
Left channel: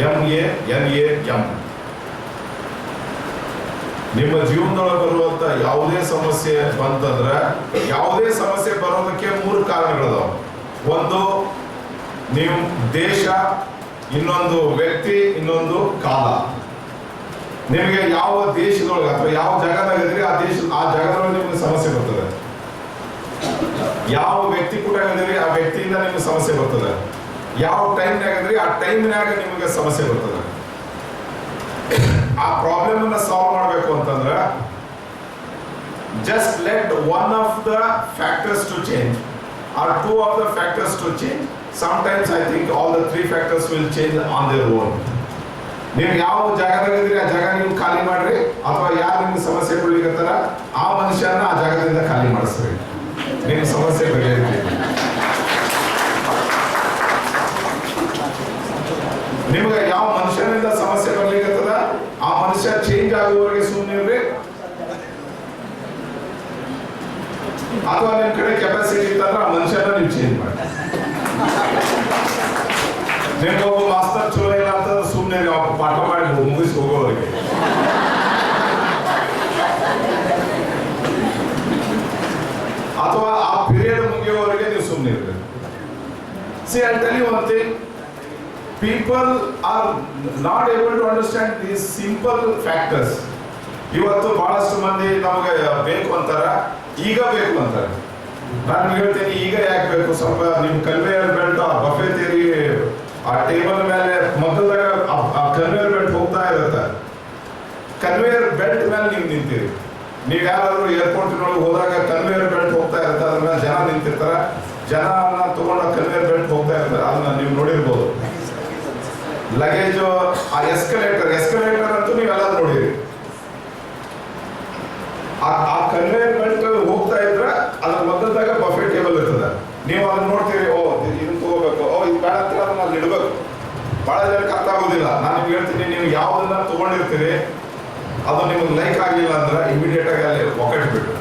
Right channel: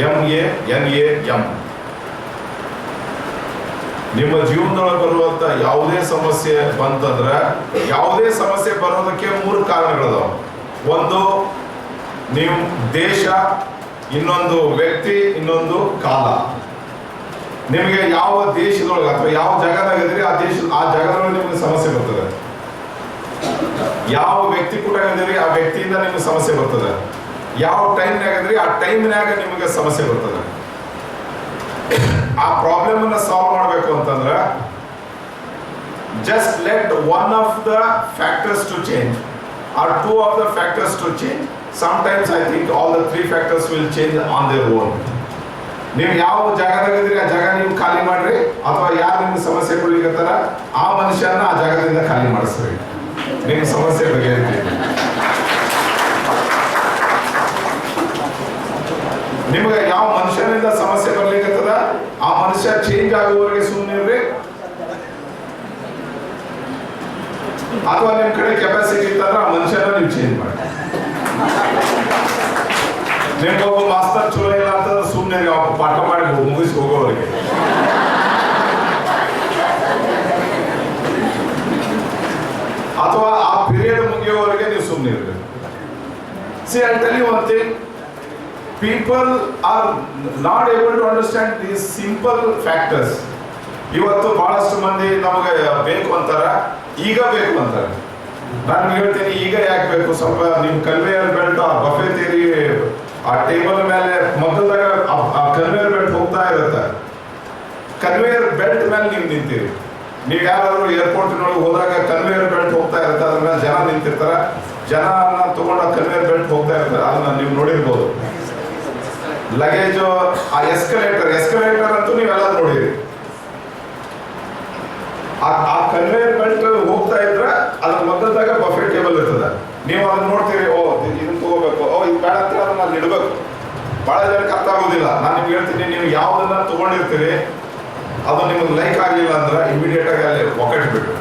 MANAM. ನಿಮ್ಮ ಜೀವನದೊಳಗೆ ಬರುವಂತ ಯಾವುದೇ ಸಮಸ್ಯೆ ಬಂತಂದ್ರೆ, ಯಾವುದೇ ಸಮಸ್ಯೆ ಬರೋದಕ್ಕೆ 3 ಕಾರಣಗಳದಾವ. ಒಂದು ನೀವು ದೇಶ, ಇನ್ನೊಂದು ವ್ಯಕ್ತಿ, ಇನ್ನೊಂದು ಕಾಲ. ನಿಮಗೆ ಯಾವ ದೇಶದೊಳಗೆ ಅಥವಾ ಯಾವ ಜಾಗದಾಗ ಇದ್ರಿ ಆ ಜಾಗದೊಳಗೆ ನಿಮಗೆ ಸಮಸ್ಯೆ ಬರ್ತದೆ. ಯಾವ ವ್ಯಕ್ತಿ ಕೂಡ ಇದ್ರಿ ಆ ವ್ಯಕ್ತಿಯಿಂದ ನಿಮಗೆ ಸಮಸ್ಯೆ ಬರ್ತದೆ. ಯಾವ ಟೈಮ್ನಾಗ ಇದ್ರಿ ಆ ಟೈಮ್ನಾಗ ನಿಮಗೆ ಸಮಸ್ಯೆ ಬರ್ತದೆ. ಆ ಪ್ರಾಬ್ಲಮ್ ಅನ್ನ ಸಾಲ್ವ್ ಮಾಡಬೇಕು ಅಂತಂದ್ರೆ just let one of the factors to change or 2 of the factors to change. Sometimes I think all the 3 factors will change on their own. ನೀವು ಯಾವ ಜಾಗದಾಗ ಇದ್ರಿ ಆ ಜಾಗ ನೀವು ಖಾಲಿ ಮಾಡ್ರಿ, ಅಥವಾ ಯಾರು ನಿಮ್ಗೆ ಸಮಸ್ಯೆ ಕೊಡ್ಲಿಕ್ಕತ್ತಾರ ಆ ಮನುಷ್ಯನ ಆ ಜಾಗದಿಂದ ಖಾಲಿ ಮಾಡಿಸ್ರಿ, ನಿಮ್ಮ ಸಮಸ್ಯೆ ಬಗೆಹರಿತೀವಿ. ನಿಮ್ಗೆ ಯಾವ ಮನುಷ್ಯನಿಂದ ಸಮಸ್ಯೆ ಬರ್ಲಿಕ್ಕತ್ತದ ಆ ಮನುಷ್ಯ ಚೇಂಜ್ ಆಗುವವರೆಗೆ ಸುಮ್ಮನೆ, ಅಥವಾ ನಿಮ್ ಕಡೆ ಕೆಪಾಸಿಟಿ ಇತ್ತಂದ್ರೆ ಆ ಮನುಷ್ಯನ ನೀವು ಚೇಂಜ್ ಮಾಡಿ. ನಿಮ್ಗೆ ಒಬ್ಬ ಮಾಸ್ತರ್ ಚಲೋ ಇಲ್ಲ ಅಂತಂದ್ರೆ ಸುಮ್ಮನೆ ಪಾಠ ಮಾಡಿ ಮುಗಿಸಿ ಹೋಗೋವರೆಗೆ. ಅಥವಾ ಆ ಪೀರಿಯಡ್ ಮುಗಿಯೋವರೆಗೆ ನೀವು ಸುಮ್ಮನೆ ಇರ್ಬೇಕು. See, I'll tell you one thing. People are not able to understand these simple factors. ಇವತ್ತು ಬಹಳಷ್ಟು ಮಂದಿ ನಮಗೆ ಬೇಕು ಅಂತಾರ, ಈಗ ಬೇಕು ಅಂತಾರೆ. ನಾನು ಹೇಳ್ತೀನಿ, ಈಗ ಯಾಕೆ ಬೇಕು? ಸ್ವಲ್ಪ ನಿಮ್ ಕನ್ವೇಯರ್ ಬೆಲ್ಟ್, ಆ ಬಫೆ ಥಿಯರಿ, ಆ ಟೇಬಲ್ ಮೇಲೆ ಮೊದಲಾಗ ಆ ಕನ್ವೇಯರ್ ಬೆಲ್ಟ್ ಹೋಗ್ತಾ ಇರುತ್ತೆ. ಕನ್ವೇಯರ್ ಬೆಲ್ಟ್ ಮೇಲೆ ನೀವು ನಿಂತೀರಿ. ನೀವು ಯಾರಾದ್ರೂ ಏರ್ಪೋರ್ಟ್ನೊಳಗೆ ಹೋದಾಗ ಕನ್ವೇಯರ್ ಬೆಲ್ಟ್ ಹೋಗ್ತಾ ಇರುತ್ತೆ, ಅದ್ರ ಮೇಲೆ ಜನ ನಿಂತಿರ್ತಾರೆ. ಜನನ ತಗೊಂಡ ಕನ್ವೇಯರ್ ಬೆಲ್ಟ್ ಹೋಗ್ತಾ ಇರ್ತಾರೆ, ಅದನ್ನ ನೀವು ನೋಡಿರ್ಬೋದು. ಲಗೇಜು, ಆ ಎಸ್ಕಲೇಟರ್ ಅಂತೂ ನೀವೆಲ್ಲ ನೋಡಿರಿ. ಆ ಕನ್ವೇಯರ್ ಬೆಲ್ಟ್ ಹೋಗ್ತಾ ಇದ್ರೆ ಅದ್ರ ಮೊದಲಾಗ ಬಫೆ ಟೇಬಲ್ ಇರ್ತದೆ. ನೀವು ಅದನ್ನ ನೋಡ್ತೀರಿ, ಓ ಇದನ್ನ ತಗೋಬೇಕು, ಓ ಇದು ಬೇಡ ಅಂತ ಅದನ್ನ ಅಲ್ಲಿ ಇಡಬೇಕು. ಬಹಳ ಜನಕ್ಕೆ ಅರ್ಥ ಆಗೋದಿಲ್ಲ. ನಾನು ನಿಮ್ಗೆ ಹೇಳ್ತೀನಿ, ನೀವು ಯಾವ್ದನ್ನ ತಗೊಂಡಿರ್ತೀರಿ ಅದು ನಿಮ್ಗೆ ಲೈಕ್ ಆಗಿಲ್ಲ ಅಂದ್ರೆ ಇಮಿಡಿಯೇಟ್ ಆಗಿ ಅಲ್ಲಿ ಒಕ್ಕಟ್ಬಿಟ್ಟು.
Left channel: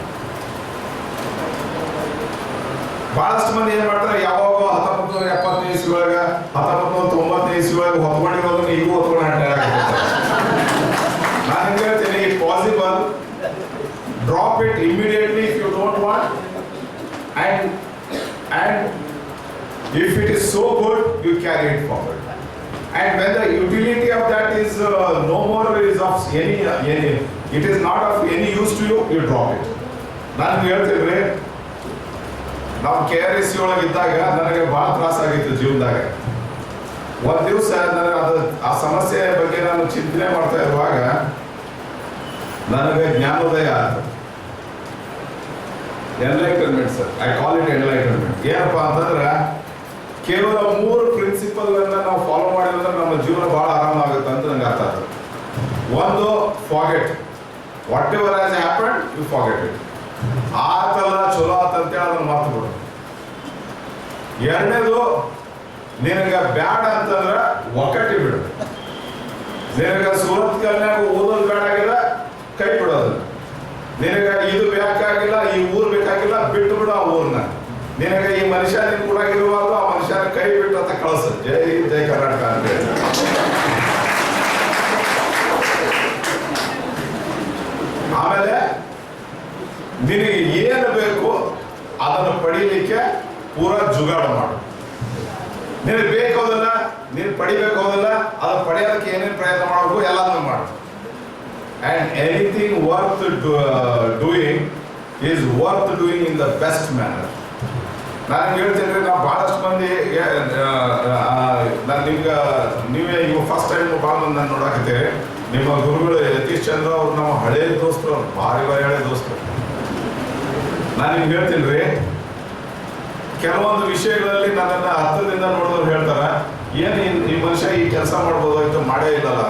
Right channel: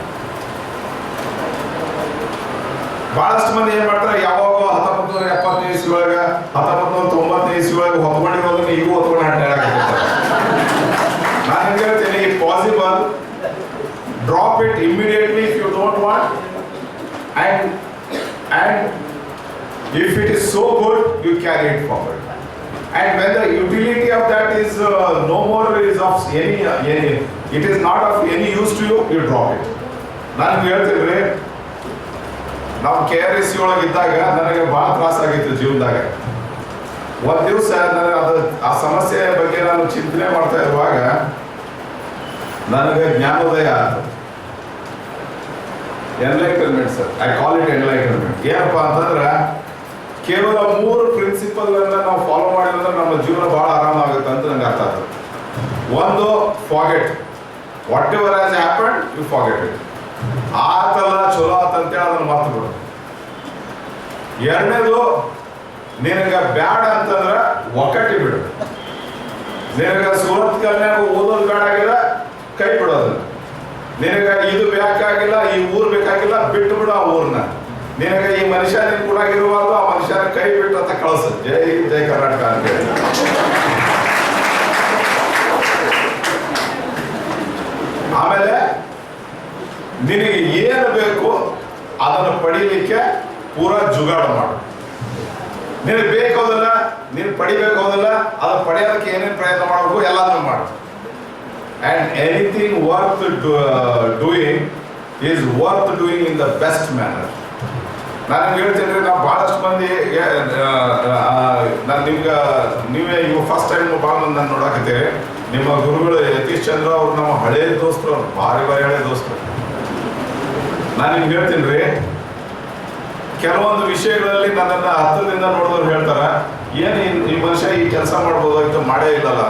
ಬಹಳಷ್ಟು ಮಂದಿ ಏನ್ ಮಾಡ್ತಾರೆ, ಯಾವಾಗ 1970ನೇ ಇಸ್ವಿ ಒಳಗೆ 1990ನೇ ಇಸ್ವಿ ಒಳಗೆ ಹೊತ್ಕೊಂಡಿರೋದನ್ನ ಈಗೂ ಹೊತ್ಕೊಂಡು ಹೇಳಾಕತ್ತಾರೆ. ನಾನು ನಿಮ್ಗೆ ಹೇಳ್ತೀನಿ, possible drop it immediately if you don't want, and If it is so good, you carry it forward. And when the utility of that is no more is of any, it is not of any use to you, you drop it. ನಾನು ಹೇಳ್ತೀನಿ, ನಾವು KRSC ಒಳಗೆ ಇದ್ದಾಗ ನನಗೆ ಭಾಳ ತ್ರಾಸಾಗಿತ್ತು ಜೀವನದಾಗ. ಒಂದು ದಿವಸ ನನಗೆ ಆ ಸಮಸ್ಯೆ ಬಗ್ಗೆ ನಾನು ಚಿಂತನೆ ಮಾಡ್ತಾ ಇರುವಾಗ ನನಗೆ ಜ್ಞಾನೋದಯ ಆಯ್ತು. Enlightenment sir, I call it enlightenment. ಏನಪ್ಪ ಅಂತಂದ್ರೆ ಕೇವಲ 3 ಪ್ರಿನ್ಸಿಪಲ್ಗಳನ್ನ ನಾವು ಫಾಲೋ ಮಾಡಿದ್ರೆ ನಮ್ಮ ಜೀವನ ಬಹಳ ಆರಾಮಾಗುತ್ತೆ ಅಂತ ನಂಗೆ ಅರ್ಥ ಆಯ್ತು. ಒಂದು, forget whatever has happened, you forget it. ಆತಲ್ಲ ಚಲೋ ಆತಂತೇಳಿ ಅದನ್ನು ಮರ್ತು ಬಿಡು. ಎರಡನೇದು, ನಿನಗೆ ಬ್ಯಾಡ ಅಂತಂದ್ರೆ ಒಕ್ಕಟ್ಟಿ ಬಿಡು. ನಿನಗೆ ಸೂರತ್ ಕಲ್ಯಾಣ ಓದೋದು ಬೇಡ ಆಗಿಲ್ಲ, ಕೈ ಬಿಡೋದು. ನಿನಗೆ ಇದು ಬೇಕಾಗಿಲ್ಲ, ಈ ಊರು ಬೇಕಾಗಿಲ್ಲ, ಬಿಟ್ಟು ಬಿಡು ಆ ಊರನ್ನ. ನಿನಗೆ ಈ ಮನುಷ್ಯ ನಿನ್ ಕೂಡ ಇರುವಾಗ ಆ ಮನುಷ್ಯನ ಕೈ ಬಿಟ್ಟು ಅಂತ ಕಳಿಸು. ಜೈ ಜೈ ಕರ್ನಾಟಕ ಅಂತ ಹೇಳಿ. ಆಮೇಲೆ ನಿನಗೆ ಏನು ಬೇಕು ಅದನ್ನು ಪಡೀಲಿಕ್ಕೆ ಪೂರಾ ಜುಗಾಡ ಮಾಡು. ನಿನಗೆ ಬೇಕಾದಲ್ಲ, ನೀನು ಪಡಿಬೇಕಾದಲ್ಲ, ಅದನ್ನು ಪಡೆಯೋದಕ್ಕೆ ಏನೇನು ಪ್ರಯತ್ನ ಮಾಡಬೇಕು ಎಲ್ಲಾನು ಮಾಡು. And anything worth doing is worth doing in the best manner. ನಾನು ಹೇಳ್ತೀನಿ, ನಾವು ಬಹಳಷ್ಟು ಮಂದಿ ನಾನು ನಿಮ್ಗೆ ನೀವೇ ಇವಾಗ ಫಸ್ಟ್ ಟೈಮ್ ಭಾಳ ಮಂದಿ ನಾನು ನೋಡಾಕತ್ತೀವಿ. ನಿಮ್ಮ ಗುರುಗಳು ಯತೀಶ್ ಚಂದ್ರ ಅವ್ರು ನಮ್ಮ ಹಳೇ ದೋಸ್ತರು, ಅವ್ರು ಭಾರಿ ಹಳೆ ದೋಸ್ತರು. ನಾನು ನಿಮ್ಗೆ ಹೇಳ್ತೀನಿ ರೀ, ಕೆಲವೊಂದು ವಿಷಯಗಳಲ್ಲಿ ನನ್ನನ್ನು ಹತ್ತಿರದಿಂದ ನೋಡಿದವ್ರು ಹೇಳ್ತಾರ, ಏನು ಈ ಮನುಷ್ಯ ಈ ಕೆಲಸ ಮಾಡ್ಬೋದಾಗಿತ್ತು, ಮಾಡೇ ಇಲ್ಲಲ್ಲ,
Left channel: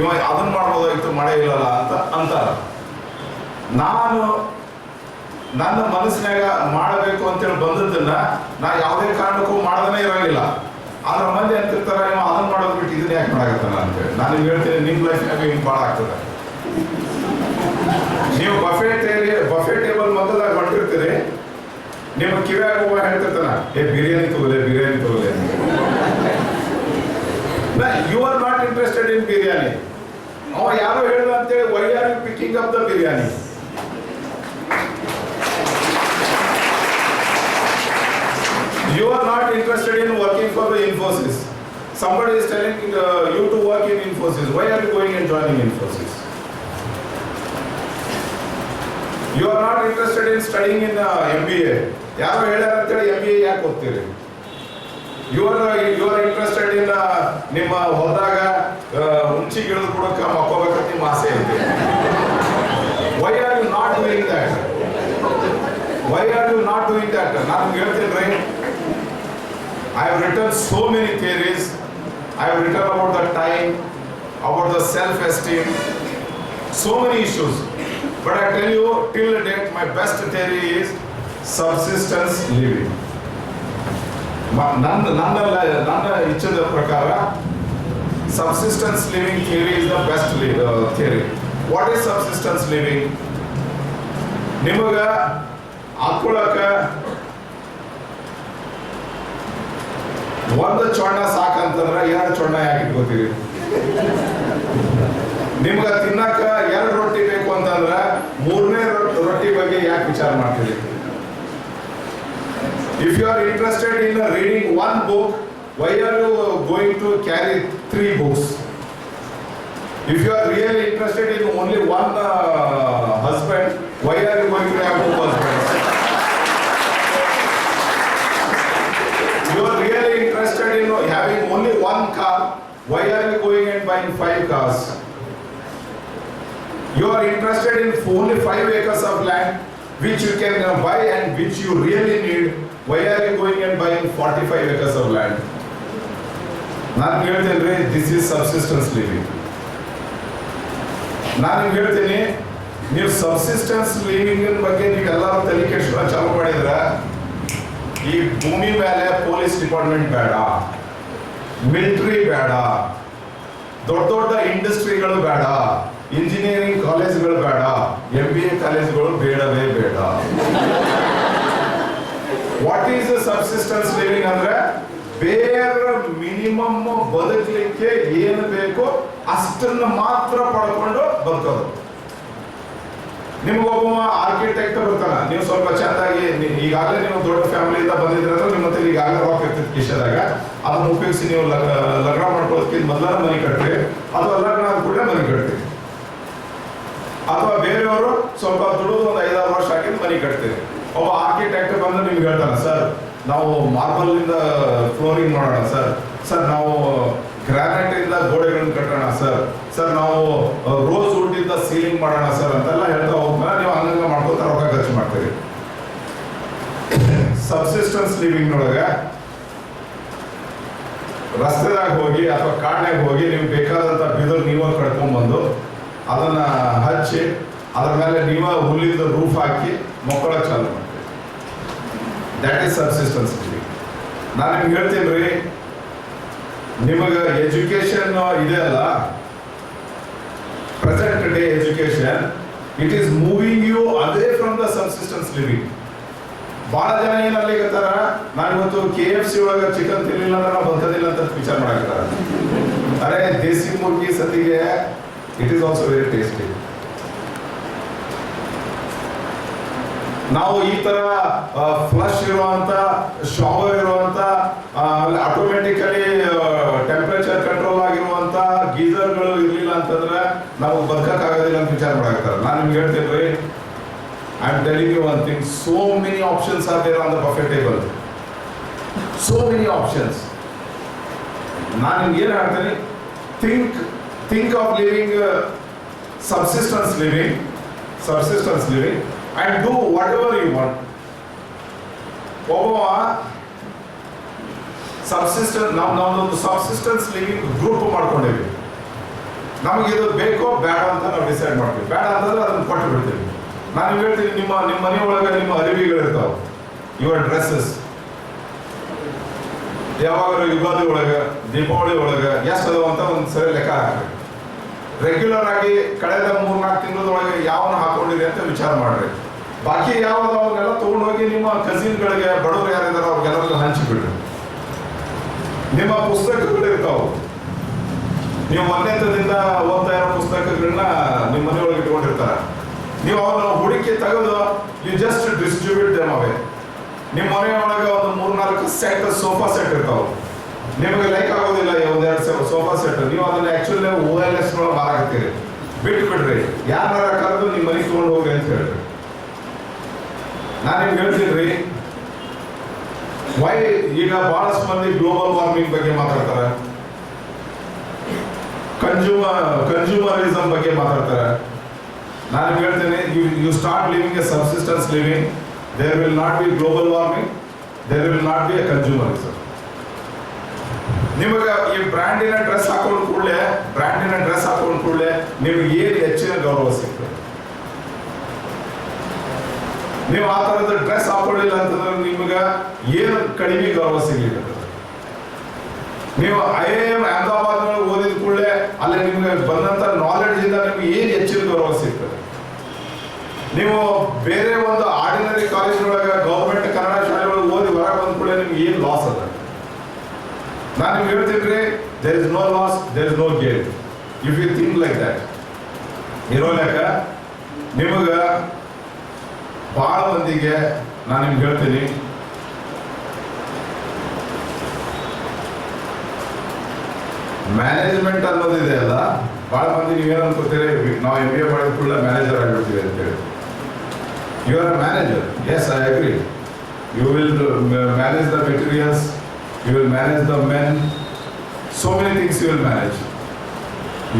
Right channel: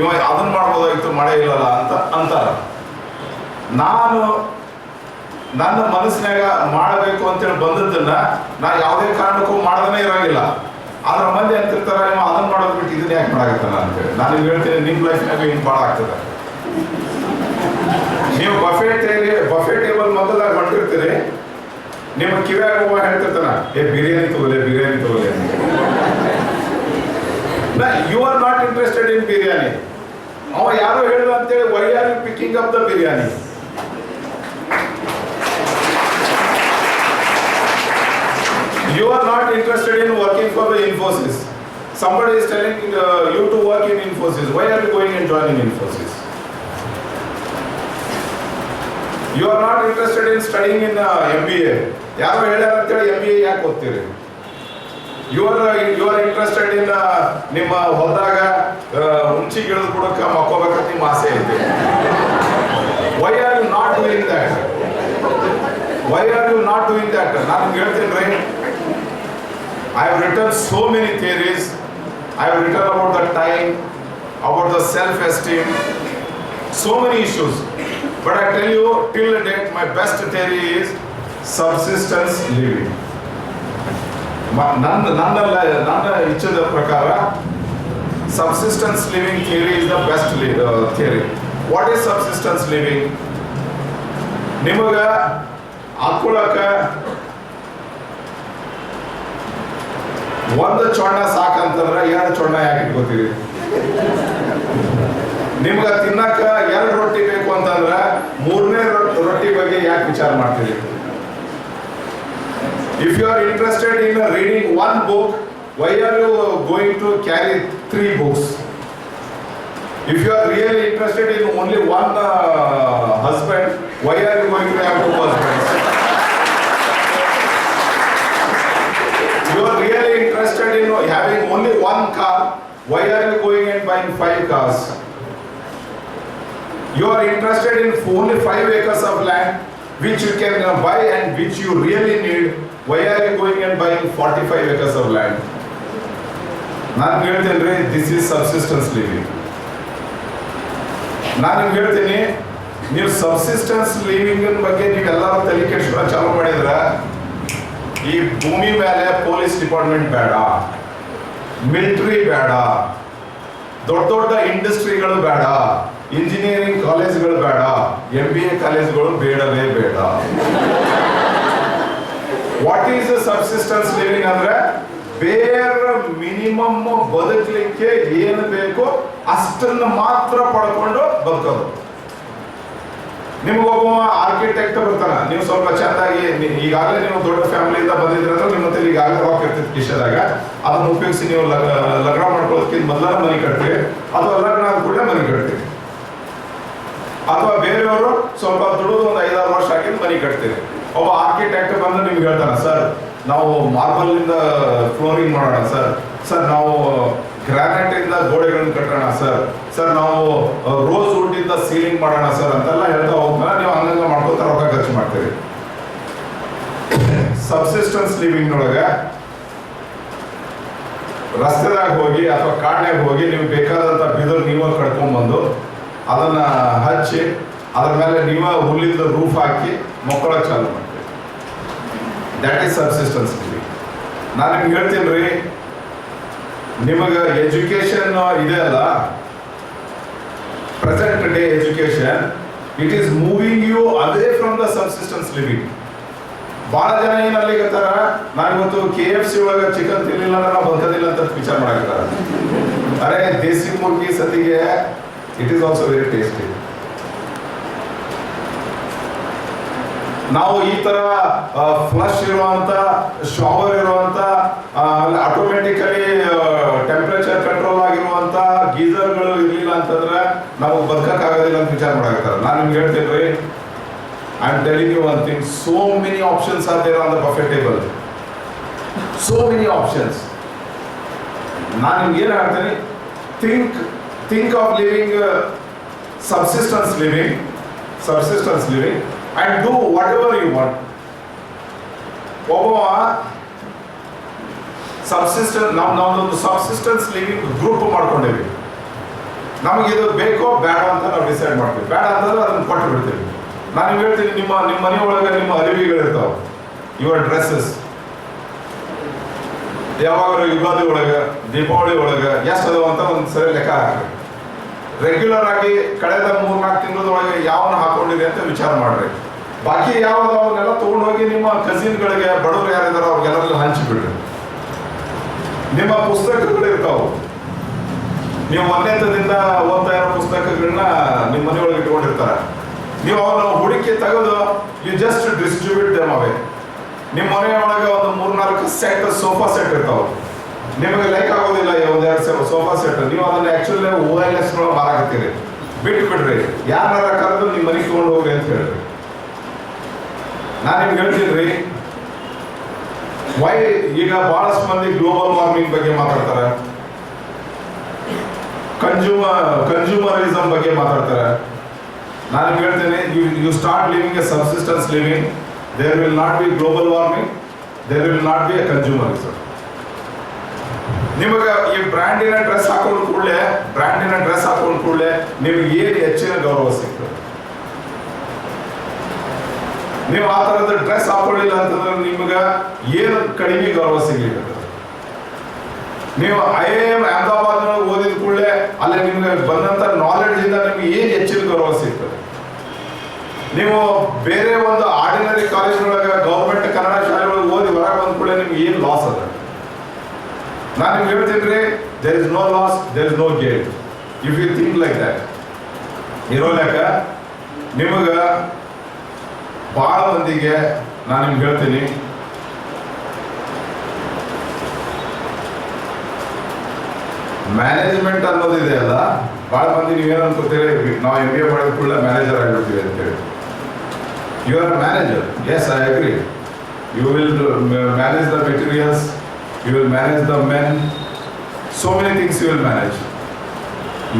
ಇವ ಅದನ್ನ ಮಾಡ್ಬೋದಾಗಿತ್ತು, ಮಾಡೇ ಇಲ್ಲಲ್ಲ ಅಂತ ಅಂತಾರ. ನಾನು ನನ್ನ ಮನಸ್ಸಿನಾಗ ಮಾಡಬೇಕು ಅಂತೇಳಿ ಬಂದದ್ದನ್ನ ನಾ ಯಾವುದೇ ಕಾರಣಕ್ಕೂ ಮಾಡದೇ ಇರಂಗಿಲ್ಲ. ಆದ್ರೆ ಮಂದಿ ಅಂತಿರ್ತಾರ, ನೀವು ಅದನ್ನ ಮಾಡೋದು ಬಿಟ್ಟು ಇದನ್ನ ಯಾಕೆ ಮಾಡಾಕತ್ತಾನ ಅಂತೇಳಿ. ನಾನು ನಿಮ್ಗೆ ಹೇಳ್ತೀನಿ, ನಿಮ್ಮ ಲೈಫ್ನಾಗ ಹಿಂಗೆ ಭಾಳ ಆಗ್ತದೆ. ನೀವು ಬಫೆ ಟೇಬಲ್ ಮೊದಲಾಗ ಹೊಂಟಿರ್ತೀರಿ, ನಿಮ್ಮ ಕಿವ್ಯಾಗ ಹೋಗ ಹೇಳ್ತಿರ್ತಾನ, ಬಿರಿಯಾನಿ ತಗೋಲೆ you are not interested in biryani. ಅವ ಯಾರೋ ಹೇಳಿದ ಅಂತೇಳಿ why are you picking up the biryani? You are not interested in working for the Infosys. Somebody is telling you to work in Infosys. Why are you going and joining Infosys? You are not interested in studying in MBA. ಯಾರು ಹೇಳ್ಯಾರ ಅಂತೇಳಿ MBA ಯಾಕೆ ಓದ್ತೀರಿ? You are interested in ನಿಮ್ಮ ಹೊಲದಾಗ ಹುಂಚಿ ಗಿಡದ ಬುಡಕ್ಕೆ ಮಕ್ಕೋಬೇಕಂತ ನಿಮ್ಮ ಆಸೆ ಐತಿ. Why are you not doing that? Why are you not doing that? ನಾನು ಹೇಳ್ತೀನಿ ರೀ, I have written so many theories. I have written about the time, about the self-esteem, so many issues. But I tell you, till date, my best theory is subsistence living. ನನ್ನ ಇಚ್ಛೆದ ಪ್ರಕಾರ subsistence living theory is the best theory. What is subsistence living? ನಿಮಗ ಹಾಕೊಳ್ಳಕ ಒಂದು ಚೊಣ್ಣ ಸಾಕಂತಂದ್ರೆ 2 ಚೊಣ್ಣ ಯಾಕೆ ಇಟ್ಕೋತೀರಿ? ನಿಮ್ಗೆ ತಿನ್ನಕ 2 ರೊಟ್ಟಿ ಬೇಕು ಅಂತಂದ್ರೆ 3ನೇ ರೊಟ್ಟಿ ಬಗ್ಗೆ ಯಾಕೆ ವಿಚಾರ ಮಾಡ್ತೀರಿ? If you are interested in reading 1 book, why are you going to carry 3 books? If you are really interested in only 1 husband, why are you going to have 2 husbands? You are really interested in having only 1 car, why are you going and buying 5 cars? You are interested in only 5 acres of land which you can buy and which you really need, why are you going and buying 45 acres of land? ನಾನು ಹೇಳ್ತೇನೆ, this is subsistence living. ನಾನು ನಿಮ್ಗೆ ಹೇಳ್ತೀನಿ, ನೀವು ಸಬ್ಸಿಸ್ಟೆನ್ಸ್ ಲಿವಿಂಗ್ ಬಗ್ಗೆ ನೀವೆಲ್ಲರೂ ತಲೆ ಕೆಡಿಸ್ಕೊಳ್ಳೋ ಚಾಲು ಮಾಡಿದ್ರೆ ಈ ಭೂಮಿ ಮೇಲೆ ಪೊಲೀಸ್ ಡಿಪಾರ್ಟ್ಮೆಂಟ್ ಬೇಡ, ಮಿಲಿಟರಿ ಬೇಡ, ದೊಡ್ಡ ಇಂಡಸ್ಟ್ರಿಗಳು ಬೇಡ, ಇಂಜಿನಿಯರಿಂಗ್ ಕಾಲೇಜ್ಗಳು ಬೇಡ, MBA ಕಾಲೇಜ್ಗಳು ಬೇಡವೇ ಬೇಡ. ವಾಟ್ ಈಸ್ ಸಬ್ಸಿಸ್ಟೆನ್ಸ್ ಲಿವಿಂಗ್ ಅಂದ್ರೆ ಬೇರೆ ಮಿನಿಮಮ್ ಬದುಕಲಿಕ್ಕೆ ಏನು ಬೇಕೋ ಅಷ್ಟನ್ನು ಮಾತ್ರ ಪಡ್ಕೊಂಡು ಬದುಕೋದು. ನಿಮಗೊಬ್ಬ ಆರ್ಕಿಟೆಕ್ಟ್ ಬರ್ತಾನ, ನೀವು ಸ್ವಲ್ಪ ಚೆಂದಾಗಿ ಈಗಾಗಲೇ ನೀವು ದೊಡ್ಡ ಫ್ಯಾಮಿಲಿಯಿಂದ ಬಂದಿದ್ರೆ ಅಂದ್ರೆ ನಿಮ್ಮ ಹತ್ರ ಈಗಾಗಲೇ ರಾಕ್ ಇರ್ತೈತಿ ಕಿಶದಾಗ, ಅದನ್ನ ಉಪಯೋಗಿಸಿ ನೀವು ಲಗ್ನ ಮಾಡ್ಕೊಳ್ಳೋದಕ್ಕಿಂತ ಮೊದಲ ಮನೆ ಕಟ್ತೀರಿ, ಅಥವಾ ಲಗ್ನ ಆದ ಕೂಡಲೇ ಮನೆ ಕಟ್ತೀರಿ. ಅಥವಾ ಬೇರೆಯವರು ಸ್ವಲ್ಪ ದುಡಿದು ಒಂದು 5-6 ವರ್ಷ ಹಾಕಿದ್ದು ಮನೆ ಕಟ್ತೀರಿ. ಒಬ್ಬ ಆರ್ಕಿಟೆಕ್ಟ್ ಬಂದು ನಿಮ್ಗೆ ಹೇಳ್ತಾನೆ, ಸರ್ ನಾವು ಮಾರ್ಬಲ್ ಇಂದ ಫ್ಲೋರಿಂಗ್ ಮಾಡೋಣ ಸರ್, ಸರ್ ನಾವು ಗ್ರಾನೈಟ್ ಇಂದ ಗೋಡೆಗಳನ್ನು ಕಟ್ಟೋಣ ಸರ್, ಸರ್ ನಾವು ರೋಸ್ ವುಡ್ ಇಂದ ಸೀಲಿಂಗ್ ಮಾಡೋಣ ಸರ್ ಅಂತೆಲ್ಲ ಹೇಳ್ತಾ ಹೋಗ್ತಾನೆ. ನೀವು ಹಂಗಂಗ ಮಾಡ್ಕೊತಾ ರೊಕ್ಕ ಖರ್ಚು ಮಾಡ್ತೀರಿ. ಸಬ್ಸಿಸ್ಟೆನ್ಸ್ ಲಿವಿಂಗ್ ನೊಳಗೆ ರಸ್ತೆದಾಗ ಹೋಗಿ ಅಥವಾ ಕಾಡ್ನಾಗ ಹೋಗಿ ನೀವು ಬೇಕಾದಂತ ಬಿದಿರು ನೀವೇ ಕಡ್ಕೊಂಡ್ಬಂದು ಅದನ್ನ ಹಚ್ಚಿ ಅದ್ರ ಮೇಲೆ ನೀವೇ ಹುಲ್ಲಿಂದ ರೂಫ್ ಹಾಕಿ ಮಕ್ಕಳಕ್ಕೆ ಚಾಲು ಮಾಡ್ತೀವಿ. That is subsistence living. ನಾನು ನಿಮ್ಗೆ ಹೇಳ್ತೀನಿ ರೀ, ನಿಮಗೆ ಎಜುಕೇಶನ್ ಇದೆ ಅಲ್ಲ, present day education, it is moving you away from the subsistence living. ಬಹಳ ಜನ ಏನ್ ಅಲ್ಲಿಗತ್ತಾರ, ನಾನು ಇವತ್ತು KFC ಒಳಗೆ ಚಿಕನ್ ತಿನ್ಲಿಲ್ಲ ಅಂದ್ರೆ ನಾವು ಬದುಕೋದಿಲ್ಲ ಅಂತ ವಿಚಾರ ಮಾಡಾಕ್ತಾರ. ಅರೆ ದೇಸಿ ಮುರ್ಗಿ ಸತಿಗೆ it is also very tasty. ನಾವು ಈ ತರ ಫ್ಲಶ್ ಇರುವಂತ, ಶವರ್ ಇರುವಂತ, ಆಟೋಮೆಟಿಕಲಿ ಟೆಂಪರೇಚರ್ ಕಂಟ್ರೋಲ್ ಆಗಿರುವಂತ ಗೀಸರ್ಗಳು ಇರ್ಲಿಲ್ಲ ಅಂತಂದ್ರೆ ನಾವು ಬದುಕಕ್ಕಾಗೋದಿಲ್ಲ ಅಂತ ವಿಚಾರ ಮಾಡಾಕ್ತಾರೆ. ನಾನು ನಿಮ್ಗೆ ಹೇಳ್ತೇನೆ ರೀ, I am telling you one thing, so many options are there on the buffet table, so many options. ನಾನು ನಿಮ್ಗೆ ಏನು ಹೇಳ್ತೇನೆ, think of living subsistence living and do whatever you want. ಒಬ್ಬ ಸಬ್ಸಿಸ್ಟೆನ್ಸ್, ನಾವೊಂದು ಸಬ್ಸಿಸ್ಟೆನ್ಸ್ ಲಿವಿಂಗ್ ಗ್ರೂಪ್ ಮಾಡ್ಕೊಂಡಿವಿ. ನಮಗೆ ಇದು ಬೇಕೋ ಬೇಡ ಅಂತ ನಾವು ಡಿಸೈಡ್ ಮಾಡ್ತೀವಿ. ಬೇಡ ಅಂತಂದ್ರೆ ಅದನ್ನ ಕೊಟ್ಟು ಬಿಡ್ತೀವಿ. ನಾನು ನಿಮ್ಗೆ ಹೇಳ್ತೀನಿ, ನಿಮ್ಮ ಮನೆಯೊಳಗೆ ನಿಮ್ಮ ಅರಿವಿಗಳಿರ್ತಾವೆ, ಯುವರ್ ಡ್ರೆಸ್ಸಸ್. ಯಾವಾಗ ಯುಗಾದಿ ಒಳಗೆ, ದೀಪಾವಳಿ ಒಳಗೆ ಎಷ್ಟು ಅದಾವ ಅಂತ ಒಂದು ಸರಿ ಲೆಕ್ಕ ಹಾಕಿ, ರೆಗ್ಯುಲರ್ ಆಗಿ ಕಳೆದ 3-4 ತಿಂಗಳೊಳಗೆ ಯಾವನ್ನ ಹಾಕೊಂಡಿದೆ ಅಂತ ವಿಚಾರ ಮಾಡ್ರಿ. ಬಾಕಿ ಯಾವ್ದು ಅವನ್ನೆಲ್ಲ ತಗೊಂಡೋಗಿ ನಿಮ್ಮ ಕಸಿನ್ಗಳಿಗೆ, ಬಡವರು ಯಾರಿದಾರೋ ಅವ್ರಿಗೆಲ್ಲರಿಗೂ ಹಂಚಿಬಿಡ್ರಿ. ನಿಮ್ಮ ಪುಸ್ತಕಗಳು ಇರ್ತಾವ, ನೀವು 1ನೇದಿಂದ ಓದ್ತಾ ಇರೋ ಪುಸ್ತಕಗಳನ್ನ ನಿಮ್ಮ ಮನೆಯೊಳಗೆ ಇಟ್ಕೊಂಡಿರ್ತಾರ. ನೀವು ಅವನ್ನ ಹುಡುಕಿ ತೆಗೆದು ಯು ಜಸ್ಟ್ ಡಿಸ್ಟ್ರಿಬ್ಯೂಟ್ ದೆಮ್ ಅವೇ. ನಿಮ್ಮ ಮನೆಯೊಳಗೆ ಒಂದು 3-4 ಸೆಟ್ ಸೋಫಾ ಸೆಟ್ ಇರ್ತಾವ, ನಿಮಗೆ ಲೈಕ್ ಆಗೋದಿಲ್ಲ 1-2 ಸೋಫಾ ಸೆಟ್, ನೀವು ಅದನ್ನ ಆಕ್ಚುಲಿ OLX ಮಾರಾಕತ್ತೀರಿ. ಬಿಟ್ಟು ಬಿಡ್ರಿ, ಯಾರ ಕರೆದು ನಿಮ್ಮ ಮನೆಗೆ ತಗೊಂಡು ಹೋಗ್ರಿ ಅಂತ ಹೇಳ್ರಿ. ನಾನು ನಿಮ್ಗೆ ಹೇಳ್ತೀನಿ ರೀ, ವೈ ಈಗ ಬಹಳಷ್ಟು ಮಂದಿ ಗ್ಲೋಬಲ್ ವಾರ್ಮಿಂಗ್ ಬಗ್ಗೆ ಮಾತಾಡ್ತಾರೆ, ಕನ್ಸ್ಯೂಮರಿಸಮ್ ಬಗ್ಗೆ ಮಾತಾಡ್ತಾರೆ. ನಾನು ನಿಮ್ಗೆ ಹೇಳ್ತೇನೆ, you start living a subsistence living, there will not be global warming, there will not be a consumerism. ನಿಮಗೆ ಈ ಬ್ರ್ಯಾಂಡಿನ ಡ್ರೆಸ್ ಹಾಕೊಂಡು ಕೂಡಲೇ ನಿಮ್ಗೆ ಏನು ಹೆಚ್ಚಿನ ಗೌರವ ಸಿಗ್ತದೆ. ನೀವು ಆ ಥರದ ಡ್ರೆಸ್ ಹಾಕೊಳ್ಳಿಲ್ಲ ಅಂತಂದ್ರೆ ನಿಮ್ಗೆ ಏನು ಕಡಿಮೆ ಗೌರವ ಸಿಗ್ಲಿಕ್ಕೆ. ನೀವು IIM ಅಹಮದಾಬಾದ್ ಓದಿದ ಕೂಡಲೇ ಅಲ್ಲಿ ನಿಮ್ಗೆ ಬಂದಂತ ನಾಲೆಡ್ಜ್ ಇಂದ ನಿಮ್ಗೆ ಏನು ಹೆಚ್ಚಿನ ಗೌರವ ಸಿಗ್ತದೆ. ನೀವು ಬೇರೆ ಒಂದು ಆರ್ಡಿನರಿ ಕಾಲೇಜ್ನೊಳಗೆ ಗೌರ್ಮೆಂಟ್ ಕನ್ನಡ ಶಾಲೆಗಳಿಗೆ ಓದಿ ಹೊರಗೆ ಬಂದ ಕೂಡಲೇ ನಿಮ್ಗೆ ಏನು ಲಾಸ್ ಅದ. ನಾನು ನಿಮ್ಗೆ ಹೇಳ್ತೀನಿ ರೀ, there is no loss, there is no gain if you think like that. ಇರೋಲ್ಯಾಕ ನಿಮಗೆ ಭಾಳ ಮಂದಿಗೆ ನಾನು ನಿಮ್ಗೆ ಹೇಳ್ತೀನಿ, ಮ್ಯಾನೇಜ್ಮೆಂಟ್ ಅನ್ನೋದಿದೆ ಅಲ್ಲ, ಭಾಳ ಮಂದಿ ನೀವೇನು ಅನ್ಕೋತೀರಿ, ನಾವು MBA ಮಾಡಿದ ಕೂಡಲೇ ಮ್ಯಾನೇಜರ್ ಆಗಿರ್ತೀವಿ ಅಂತೇಳಿ. You are a manager, yes I agree. You will manage the materials, you will manage the men, so many things you will manage.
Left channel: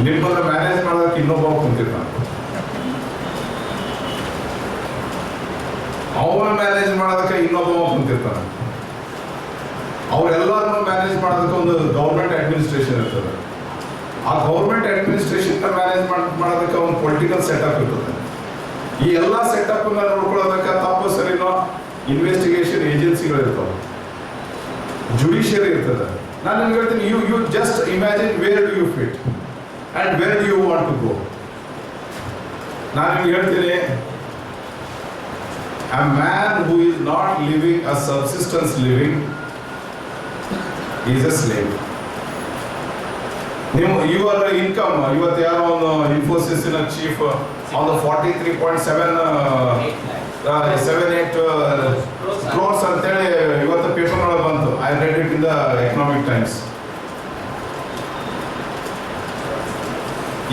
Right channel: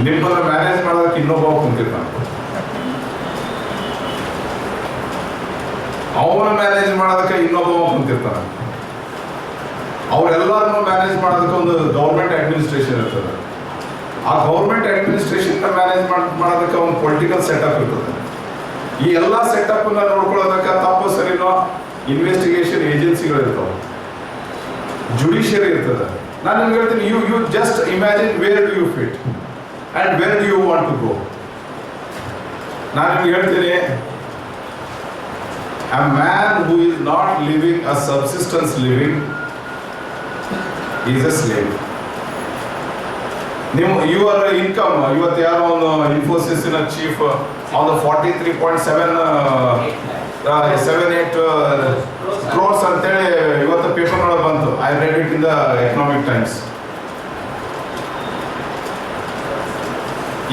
ನಿಮ್ಮನ್ನ ಮ್ಯಾನೇಜ್ ಮಾಡೋದಕ್ಕೆ ಇನ್ನೊಬ್ಬ ಕುಂತಿರ್ತಾನೆ, ಅವನ ಮ್ಯಾನೇಜ್ ಮಾಡೋದಕ್ಕೆ ಇನ್ನೊಬ್ಬ ಕುಂತಿರ್ತಾನೆ. ಅವರೆಲ್ಲರನ್ನು ಮ್ಯಾನೇಜ್ ಮಾಡೋದಕ್ಕೆ ಒಂದು ಗೌರ್ಮೆಂಟ್ ಅಡ್ಮಿನಿಸ್ಟ್ರೇಷನ್ ಇರ್ತದೆ. ಆ ಗೌರ್ಮೆಂಟ್ ಅಡ್ಮಿನಿಸ್ಟ್ರೇಷನ್ ಮ್ಯಾನೇಜ್ ಮಾಡೋದಕ್ಕೆ ಒಂದು ಪೊಲಿಟಿಕಲ್ ಸೆಟಪ್ ಇರ್ತದೆ. ಈ ಎಲ್ಲ ಸೆಟಪ್ ನೋಡ್ಕೊಳ್ಳೋದಕ್ಕೆ ತಪ್ಪು ಸರಿನೋ ಇನ್ವೆಸ್ಟಿಗೇಷನ್ ಏಜೆನ್ಸಿಗಳು ಇರ್ತಾವೆ, ಜುಡಿಷಿಯರಿ ಇರ್ತದೆ. ನಾನು ನಿಮ್ಗೆ ಹೇಳ್ತೀನಿ, you just imagine where do you fit and where do you want to go. ನಾನು ನಿಮ್ಗೆ ಹೇಳ್ತೀನಿ, a man who is not living a subsistence living is a slave. Your income, ಇವತ್ತು ಯಾರೋ ಒಂದು ಇನ್ಫೋಸಿಸ್ನ ಚೀಫ್ on the 43.78 crores ಅಂತೇಳಿ ಇವತ್ತು ಪೇಪರ್ ಒಳಗೆ ಬಂತು. I read it in the economic times.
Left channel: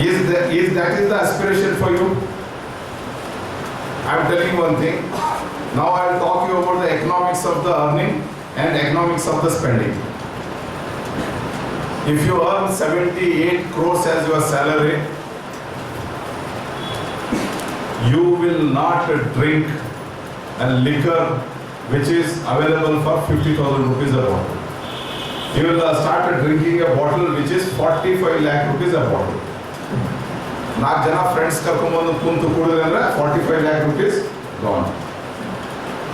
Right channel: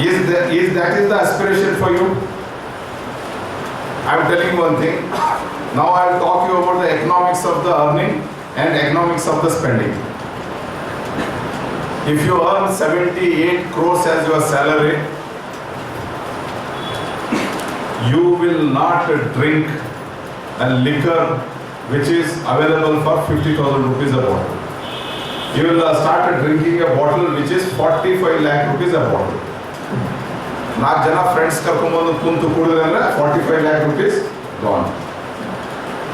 Is that the aspiration for you? I am telling you one thing. Now I will talk you about the economics of the earning and economics of the spending. If you earn 78 crores as your salary, you will not drink a liquor which is available for 50,000 rupees a bottle. You will start drinking a bottle which is 45 lakh rupees a bottle. 4 ಜನ ಫ್ರೆಂಡ್ಸ್ ಕರ್ಕೊಂಡ್ಬಂದು ಕುಂತು ಕುಡಿದ್ರೆ 45 lakh rupees gone.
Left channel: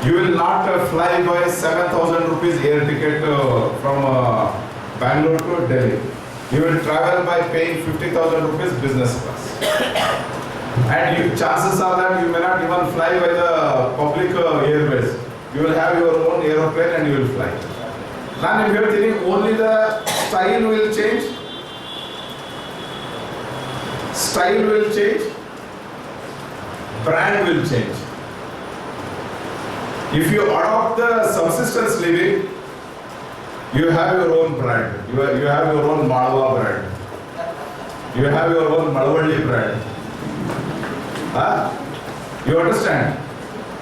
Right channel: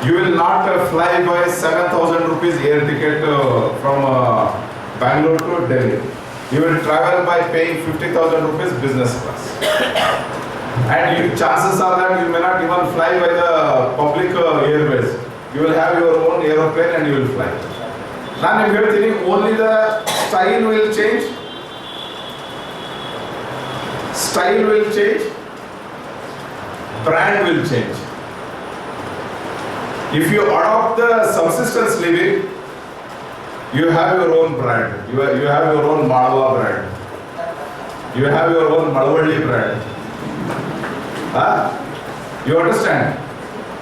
You will not fly by 7,000 rupees air ticket from Bangalore to Delhi. You will travel by paying 50,000 rupees business class. And chances are that you may not even fly by the public airways. You will have your own aeroplane and you will fly. Now if you are thinking only the style will change, brand will change. If you adopt the subsistence living, you have your own brand. You have your own Malwa brand. You have your own Malavalli brand. You understand?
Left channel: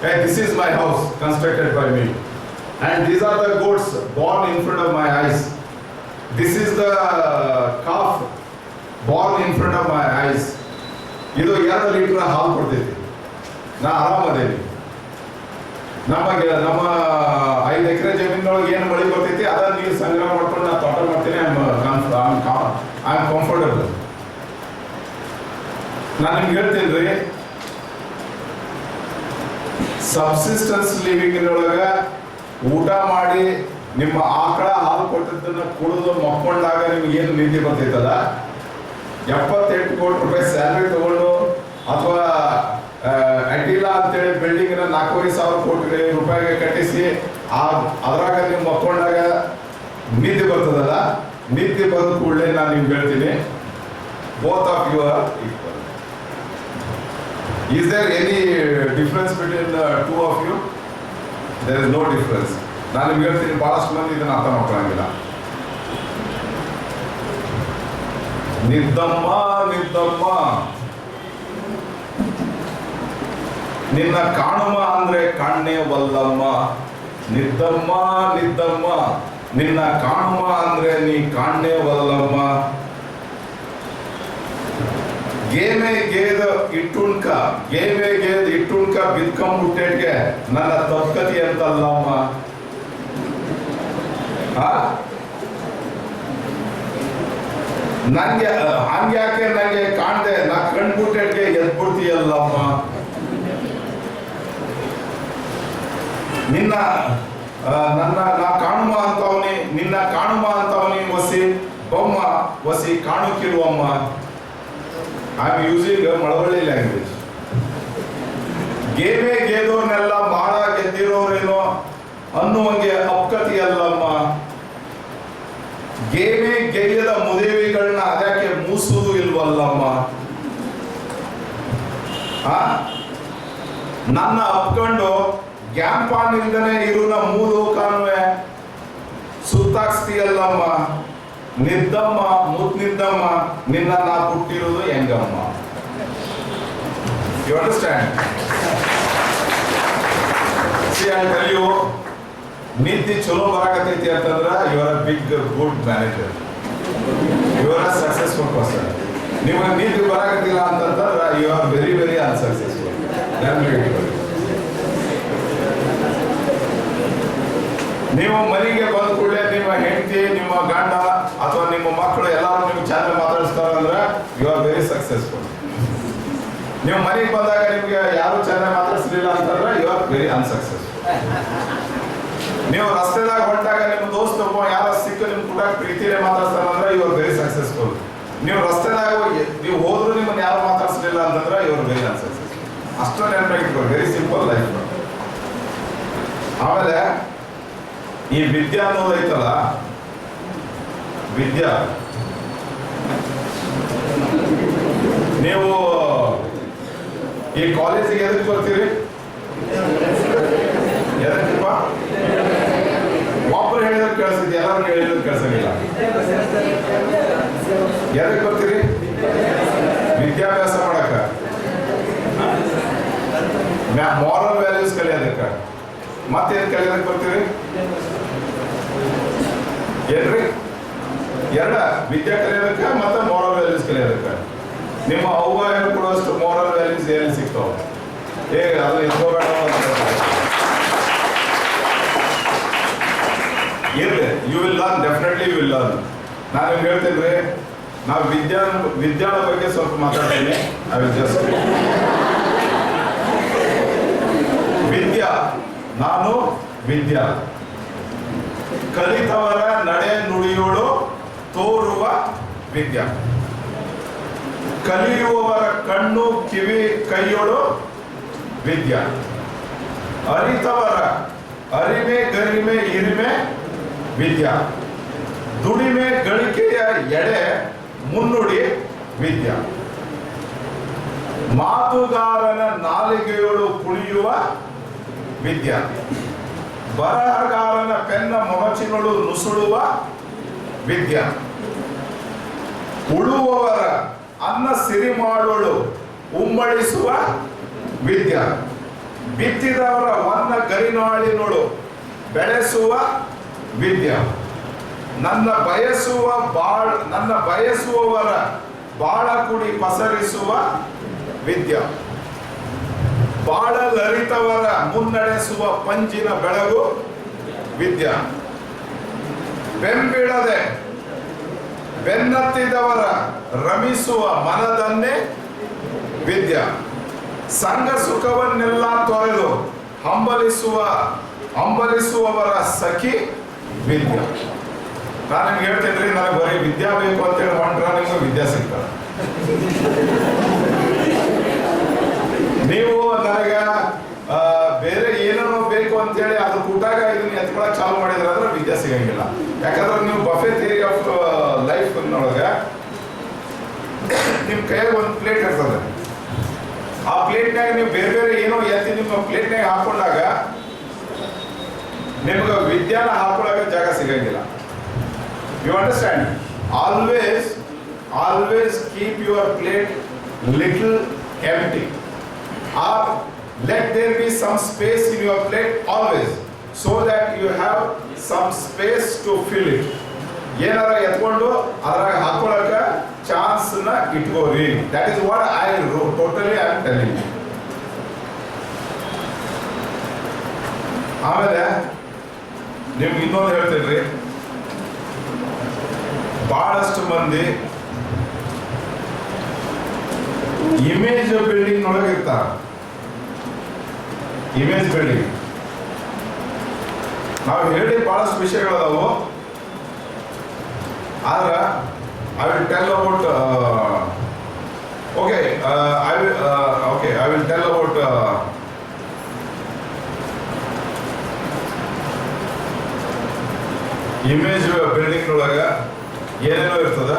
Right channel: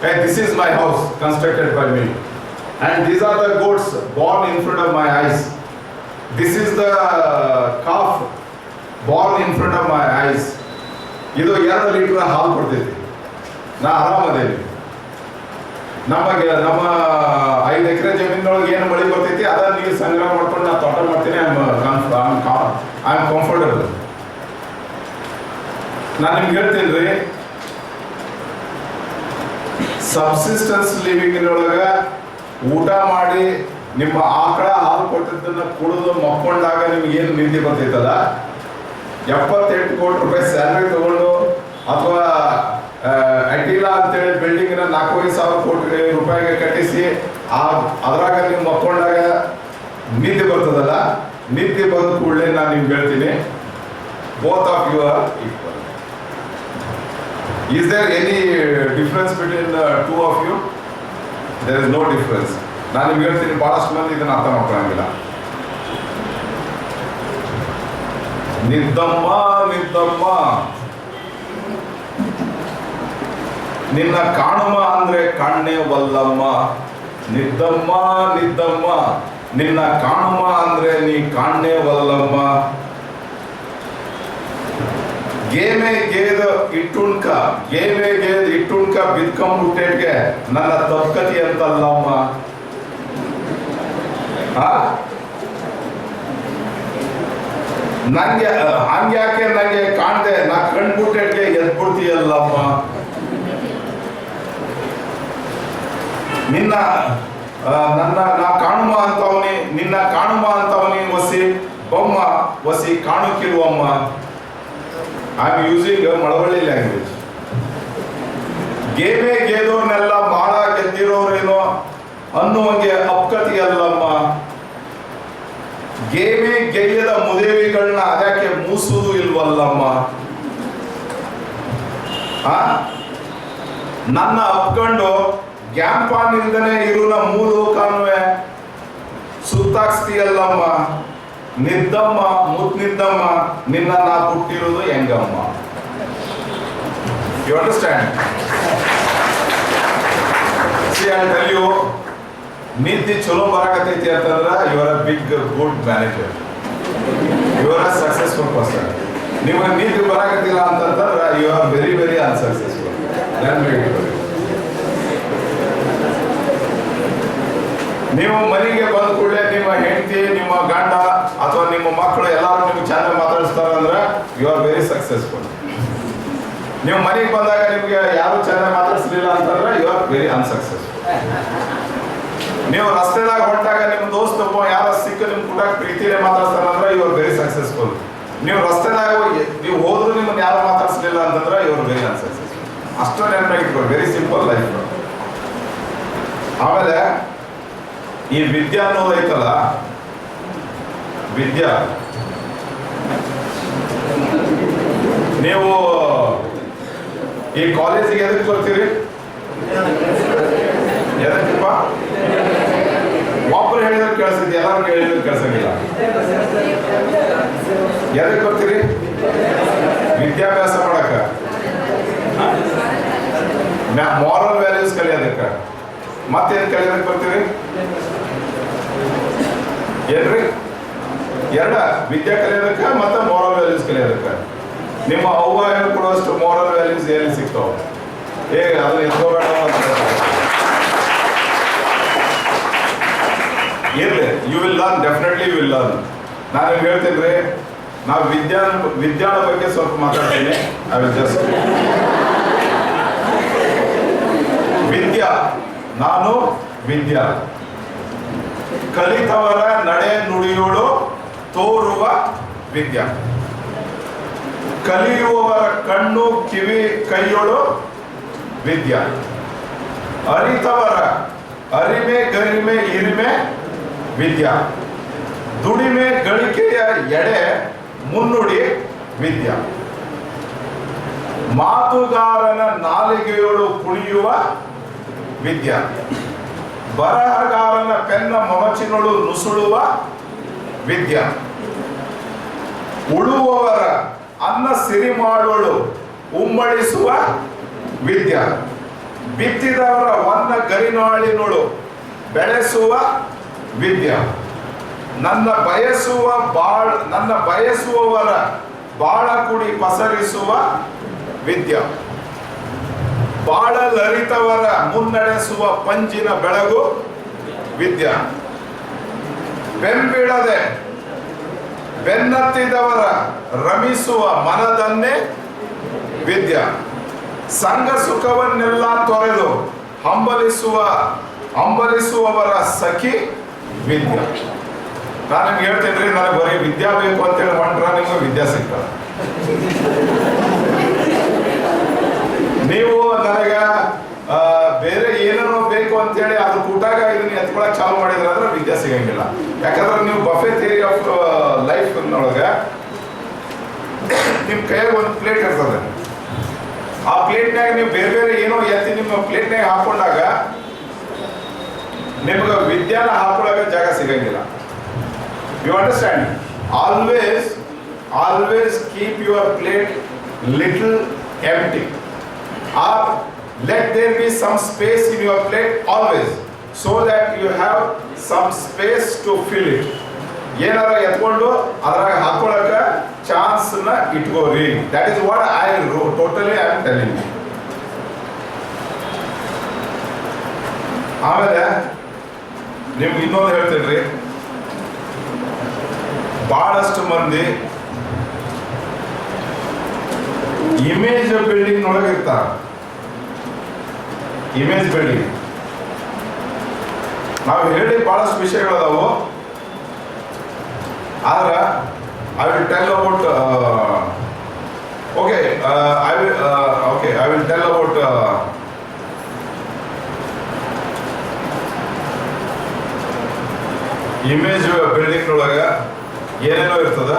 Hey, this is my house constructed by me. And these are the goats born in front of my eyes. This is the calf born in front of my eyes. ಇದು 2 ಲೀಟರ್ ಹಾಲು ಕೊಡ್ತೈತಿ. ನಾ ಆರಾಮದೇವಿ. ನಮ್ಮ 5 ಎಕರೆ ಜಮೀನೊಳಗೆ ಏನು ಮಳೆ ಬರ್ತೈತಿ ಅದನ್ನ ನೀರು ಸಂಗ್ರಹ ಮಾಡ್ಕೊಂಡು ನಾ ತೋಟ ಮಾಡ್ತೀನಿ. I am comfortable. ನಾನು ನಿಮ್ಗೆ ಹೇಳ್ತೀನಿ ರೀ, ಸಬ್ಸಿಸ್ಟೆನ್ಸ್ ಲಿವಿಂಗ್ ಒಳಗ ಊಟ ಮಾಡಿ ನಿಮ್ಮ ಆಕಳ ಹಾಲು ಕೊಟ್ಟಿದ್ದನ್ನ ಕುಡಿದು ಮಕ್ಕೊಂಡಾಗ ನಿಮ್ಗೆ ಏನು ನಿಧಿ ಬರ್ತೈತಲ್ಲ, 78 ಕೋಟಿ ರೂಪಾಯಿ ಸ್ಯಾಲರಿ ತಗೊಂಡು ಅಥವಾ ಅಡ್ಡಿಲ್ಲ ಅಂತೇಳಿ ಬಿಲ್ಡಿಂಗ್ 4,500 ಕೋಟಿ ರೂಪಾಯಿಗೆ ಕಟ್ಟಿಸಿ ಅದ್ರಾಗ ನೀವು ಮಕ್ಕೊಂಡಾಗ ನಿದ್ದೆ ಬರ್ತದಲ್ಲ, ನಿದ್ದೆ ಬಂದ ಕೂಡಲೇ ನಾನು ನಿಮ್ಗೆ ಹೇಳ್ತೀನಿ, both of you are equal. Is there any difference between the two of you? There is no difference. ನಾನು ನಿಮ್ಗೆ ಹೇಳ್ತೀನಿ, ಬಹಳಷ್ಟು ಮಂದಿ ಇದನ್ನ ಅರ್ಥ ಮಾಡ್ಕೊಳ್ಳಂಗಿಲ್ಲ. ನಿದ್ದಮ್ಮ ನಿನ್ನ ಕಾಣುಮ ಅಂದ್ರೆ ಕಾಣೆ ವಲ್ಲಮ್ಮ. ನಿದ್ದಮ್ಮ ನಿನ್ನ ಕಾಣುಮ ಅಂದ್ರೆ ನೀ ಕಾಣೆ ವಲ್ಲಮ್ಮ. ಗೇಮೆ ಗೇದ ಇಟ್ಟುಣ್ಕ ಬಿದ್ಕೊಂಡ್ಬಿಟ್ಟೆಗೆ ನನ್ನ ತಪ್ಪಕತಿ ಅಂತಲ್ಲಮ್ಮ. ನಂಗೆ ಹಂಗ್ಯಾಕೆ ನಂಗೆ ಕಾಣ್ದೆ, ನಾ ಕಣ್ಬಿಟ್ಟೆಗೆ ಎದ್ಬಿಡ್ತೀಯಲ್ಲಮ್ಮ. ನಾ ಕಾಣುಮ ಅಂತವನಿ, ನಿನ್ನ ಕಾಣುಮ ಅಂತವನಿ ವಸಿ ಬೊಮ್ಮ ವಸಿ ಕಾಣುಕಿರುವಮ್ಮ. I am using Malavalli language. ಗೇಮೆ ಗೆದ್ದೋರ್ನೆಲ್ಲ ಮಾಡ ಗೆದ್ದಿರೋರೇನೋ ಅನ್ನುವಂಗೆ ಅಪ್ಕತಿಯಲ್ಲಮ್ಮ. ಗೇಮೆ ಗೆಯ್ಯದ ಮುದೇವಿಗಳನ್ನ ಅದಕ್ಕೆ ಮೂಸುವುದು ಇಲ್ವಲ್ಲಮ್ಮ. ನನ್ನ ಅಪ್ಕೊಂಡು ಗ್ಯಾಂಪಾನಿಂದನೇ ಇರುನ ಮೂಲೋಕಾನ್ವೆ ಸುತ್ತಾಕ್ಸ್ತೀಯಲ್ಲಮ್ಮ. ನಿದ್ದಮ್ಮ ಮುದ್ನಿದ್ದಮ್ಮ ನಿನ್ನ ನಾ ಹುಟ್ಟಿರೋದು ಹೆಂಗಮ್ಮ. You understand? See, I'll tell you, ನಿದ್ದೆ ಚಲೋ ಬರಾಕತೈತಿ ಅಂತಂದ್ರೆ you are a big good manager, you are a successful person. ನಿಮಗೆ ನಿದ್ದೆ ಬರಾಕತ್ತಿಲ್ಲ ಅಂತಂದ್ರೆ you are very very unsuccessful. ನೀವು ಮನೆಗೆ ಬಂದ ಕೂಡಲೇ ನಿಮ್ಮ ಹೆಂಡತಿ, ನಿಮ್ಮ ಗಂಡ ಅಥವಾ ನಿಮ್ಮ ಮಕ್ಕಳು ಎಲ್ಲರೂ ನಿಮ್ಗೆ ಚೆನ್ನಾಗಿ ಮಾತಾಡಿಸ್ತಾರಂದ್ರೆ ಯು ಆರ್ ವೆರಿ ಸಕ್ಸಸ್ಫುಲ್. ನೀವು ಮನೆಗೆ ಬಂದಾಗ ನಿಮ್ಗೆ ಯಾರು ಚೆನ್ನಾಗಿ ಮಾತಾಡಿಸ್ಲಿಲ್ಲ ಅಂತಂದ್ರೆ ಯು ಆರ್ ವೆರಿ ಅನ್ಸಕ್ಸಸ್ಫುಲ್. ನೀವು ರಸ್ತೆದಾಗ ಹೊಂಟಾಗ ನಿಮ್ಮ ದೋಸ್ತ ಯಾರ ಸಿಕ್ಕ ನಿಮ್ ಕೂಡ ಪ್ರೀತಿನೇ ಮಾತಾಡ್ತಾರಂದ್ರೆ ಯು ಆರ್ ವೆರಿ ಸಕ್ಸಸ್ಫುಲ್. ನೀವು ರಸ್ತೆದಾಗ ನೀವು ಹೋದ್ರು ನಿಮ್ಮನ್ನ ಯಾರು ಮಾತಾಡಿಸ್ಲಿಲ್ಲ ಅಂತಂದ್ರೆ ಯು ಆರ್ ವೆರಿ ಅನ್ಸಕ್ಸಸ್ಫುಲ್. ಅಷ್ಟು ನೆನಪಾಗಿಟ್ಕೊಳ್ಳಿ, ವೆರಿ ಸಿಂಪಲ್ ಲೈಫ್. ಆಮೇಲೆ ಈ ವಿದ್ಯಾ ಅನ್ನೋದೈತಲ್ಲ, ವಿದ್ಯಾ ನೀವು ಈ ಕಾಲೇಜಿಗೆ ಎದಕ್ಕೆ ಬರ್ತೀರಿ? ಎದಕ್ಕಪ್ಪ? ಒಬ್ಬರು ಹೇಳಿದ್ರೆ ಕೇಳಿಸಿದ್ವಿ, ಎಲ್ಲರೂ ಹೇಳಿದ್ರೆ ಕೇಳಿಸಂಗಿಲ್ಲ. ಎದಕ್ಕೆ ಬರ್ತೀರಿ? ವಿದ್ಯಾಭ್ಯಾಸ ಮಾಡಕ, ಮಾರಲ್ ವ್ಯಾಲ್ಯೂಸ್ ಕಲಿಯೋದಕ್ಕ. ಮತ್ತೇನು ಕಲಿಯೋದಕ್ಕೆ ಬರ್ತೀರಿ? ಏನ್ರಿ? ವಿದ್ಯಾ ಕಲಿಯೋದಕ್ಕ ಮತ್ತೆ ಮಾರಲ್ ವ್ಯಾಲ್ಯೂಸ್ ಕಲಿಯೋದಕ್ಕ. ನಿಮ್ಮ ಅವ್ವ ಕೊಡುವಷ್ಟು ಮಾರಲ್ ವ್ಯಾಲ್ಯೂಸ್ ಎಲ್ಲಿ ಸಿಗ್ತಾವ? ಅದನ್ನ ಎತ್ಕೋಬೇಡ ಇರ್ಲಿ. You will learn, definitely you will learn. ನಾನು ನಿಮ್ಗೆ ಹೇಳ್ತೀನಿ ರೀ, ನಾವು ವಿದ್ಯಾಳ ಬಗ್ಗೆ ಸ್ವಲ್ಪ ಮಾತಾಡ್ತೀನಿ. ಐ ವಿಲ್ ಜಸ್ಟ್ ವಿದ್ಯಾ, ನಾನು ವಿದ್ಯಾ, ಕಲಿತವರ ನಡೆ ನುಡಿಯೋಳು ತೋರುವ ವಿದ್ಯಾ, ಕಲಿಯುವವರ ಕಣ್ಣು ಕಿವಿ ಕೈಯೋಳು ವಿದ್ಯಾ, ಅರಿತವರ ಅರಿಮೆ ಗರಿಮೆ ಇರಿಮೆ ವಿದ್ಯಾ, ದುಡಿಮೆ ಗಳಿಕೆಯ ಎಡೆ ಮುನ್ನುಡಿ ವಿದ್ಯಾ, ಮಾತುಗಾರನ ನಾಲಿಗೆಯೋಳು ಕುಣಿಯುವ ವಿದ್ಯಾ, ಬರಹಗಾರನ ಪೆನ್ನ ಮೊನಚಿನೊಳು ನುಸುಳುವ ವಿದ್ಯಾ, ಉಳುವವರ ಅನ್ನ ಸಿರಿ ಮಾಡೋಳು ಉಮ್ಮಳಿಸುವ ವಿದ್ಯಾ, ಬಿತ್ತಿದವರ ವನ್ನ ಗರಿನಾಳಿನೊಳು ಬೆಳೆಸುವ ವಿದ್ಯಾ, ನನ್ನ ಬಯಸುವವರ ಬಾಳ ಕುಡಿ ಪಸರಿಸುವ ವಿದ್ಯಾ, ಬಾಳಲರಿತವರ ಮುನ್ನಡೆಸುವ ಪಂಜಿನ ಬೆಳಗು ವಿದ್ಯಾ, ಬೆಂಬಿಡದೆ ಬೆನ್ನತ್ತಿದವರ ರಮಿಸುವ ಮನದನ್ನೇ ವಿದ್ಯಾ, ಸಂಘ ಸುಖವನ್ನೆಲ್ಲ ತೊರೆದು ಹಂಬಲಿಸುವವರ ಸಖಿ ವಿದ್ಯಾ. ನಾನು ನಿಮ್ಗೆ ಹೇಳ್ತೇನೆ ರೀ, ನನಗೆ ಬರೀ ವಿದ್ಯಾ ಬೇಕು ಅಂತೇಳಿ ಹೊಂಟ್ರ ನಿಮ್ಗೆ ವಿದ್ಯಾ ಸಿಗ್ತದೆ. ನೀವು ನನಗೆ ಬೇರೆ ಏನೇನೋ ಬೇಕು ಅಂತೇಳಿ ಅದ್ರ ಕೂಟಾಗ ಇದನ್ನ ಎತ್ಕೊಳಕ್ ಚಾಲು ಮಾಡಿದ್ರೆ ಅಂದ್ರೆ ವಿದ್ಯಾ ಸಿಗಂಗಿಲ್ಲ. ಯಾಕಂದ್ರೆ ನೀವು ಬಫೆ ಥಿಯರಿ ಆಫ್ ಲೈಫ್ ನೊಳಗ ನಿಮ್ ಕೈಯಾಗ ಒಂದು ಪ್ಲೇಟ್ ಇರ್ತದೆ. ಆ ಪ್ಲೇಟ್ನಾಗ ನೀವು ಬೇರೆ ಬೇರೆ ಏನೋ ಎತ್ತಿ ನಿಮ್ಮ ಪ್ಲೇಟ್ನಾಗ ಹಾಕೊಂಡಾಗ ನಿಮ್ಗೆ ವಿದ್ಯಾನ ಹಾಕೊಳ್ಳಾಗ ಜಾಗ ಸಿಗಂಗಿಲ್ಲ. You understand? Always keep your plate little empty, or let there be some space in your plate always, so that you have some space to fill it. ಏನಾರ ಎತ್ಕೊಂಡು ಅದ್ರಾಗ ಹಾಕೊಳ್ಳಕ ಚಾನ್ಸ್ ನ ಇಟ್ಕೋರಿ. That is what I totally I am telling you. ಆಮೇಲೆ ನಿಮ್ಗೆ ಇನ್ನೊಂದು ಹೇಳ್ತೀನಿ, ಬಹಳಷ್ಟು ಮಂದಿ ಇಮೇಜ್ ಬಿಲ್ಡಿಂಗ್ ನೊಳಗೆ ಇರ್ತಾರ. ಇಮೇಜ್ ಬಿಲ್ಡಿಂಗ್ ನಾವು ಹೇಳಿ ಬಹಳಷ್ಟು ವಿಷಯಗಳದಾವು. ಆದ್ರೆ I will tell about I will tell about image building ನೊಳಗ ಏನೇನೋ ಇರ್ತದ.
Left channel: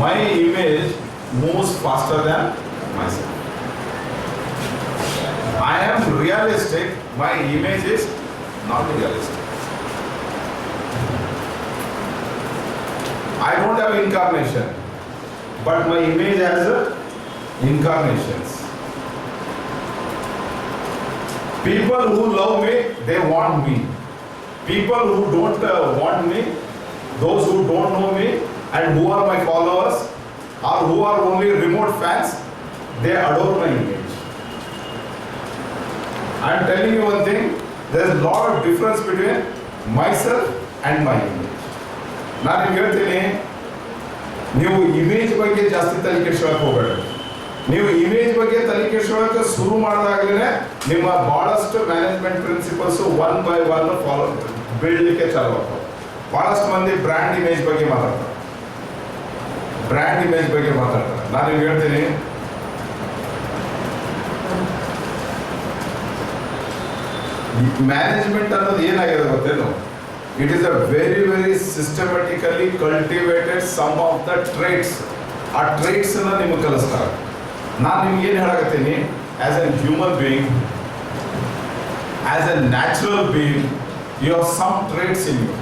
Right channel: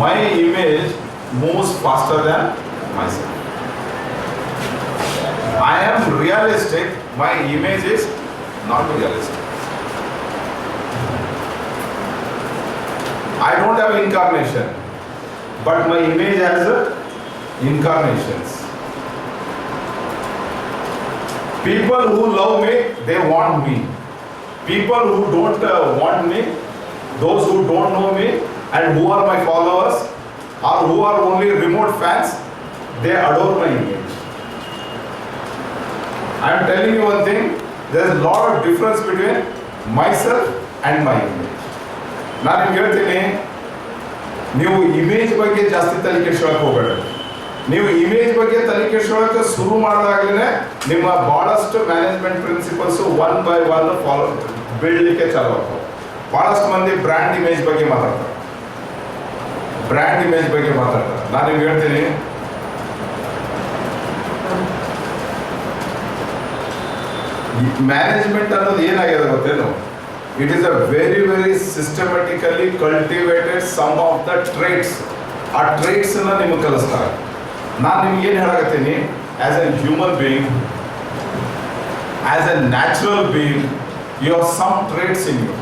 My image moves faster than myself. I am realistic, my image is not realistic. I don't have incarnation, but my image has incarnations. People who love me, they want me. People who don't want me, those who don't know me and who are my followers or who are only remote fans, they adore my image. I am telling you one thing, there is a lot of difference between myself and my image. ನಾನು ನಿಮ್ಗೆ ಹೇಳ್ತೀನಿ, ನೀವು ಇಮೇಜ್ ಬಗ್ಗೆ ಜಾಸ್ತಿ ತಲೆ ಕೆಡಿಸ್ಕೊಳಕ್ಕೆ ಹೋಗಬೇಡ. ನೀವು ಇಮೇಜ್ ಬಗ್ಗೆ ತಲೆ ಕೆಡಿಸ್ಕೊಳಕ್ಕೆ ಶುರು ಮಾಡಿದಾಗಲೇ ನಿಮ್ಮ ಬಹಳಷ್ಟು management principles one by one follow ಬೀಳಲಿಕ್ಕೆ ಚಾಲು ಆಗ್ತವೆ. ಬಹಳಷ್ಟು ಮಂದಿ ಬ್ರ್ಯಾಂಡ್ ಇಮೇಜ್ ಬಗ್ಗೆ ಮಾತಾಡ್ತಾರೆ. ನಾನು ನಿಮ್ಗೆ ಹೇಳ್ತೀನಿ, ಮ್ಯಾನೇಜ್ಮೆಂಟ್ ಅನ್ನೋದು ಏನಾಗಿದೆ ಗೊತ್ತೇನು? It is a very very systematically cultivated some of the traits ಆ ಟ್ರೇಟ್ಸನ್ನು ನಿಮಗೆ ಕಲಿಸ್ತಾರೆ. ನಾನು ನಿಮ್ಗೆ ಏನು ಹೇಳಕತ್ತೀನಿ, as a human being, as a natural being, you have some traits in you.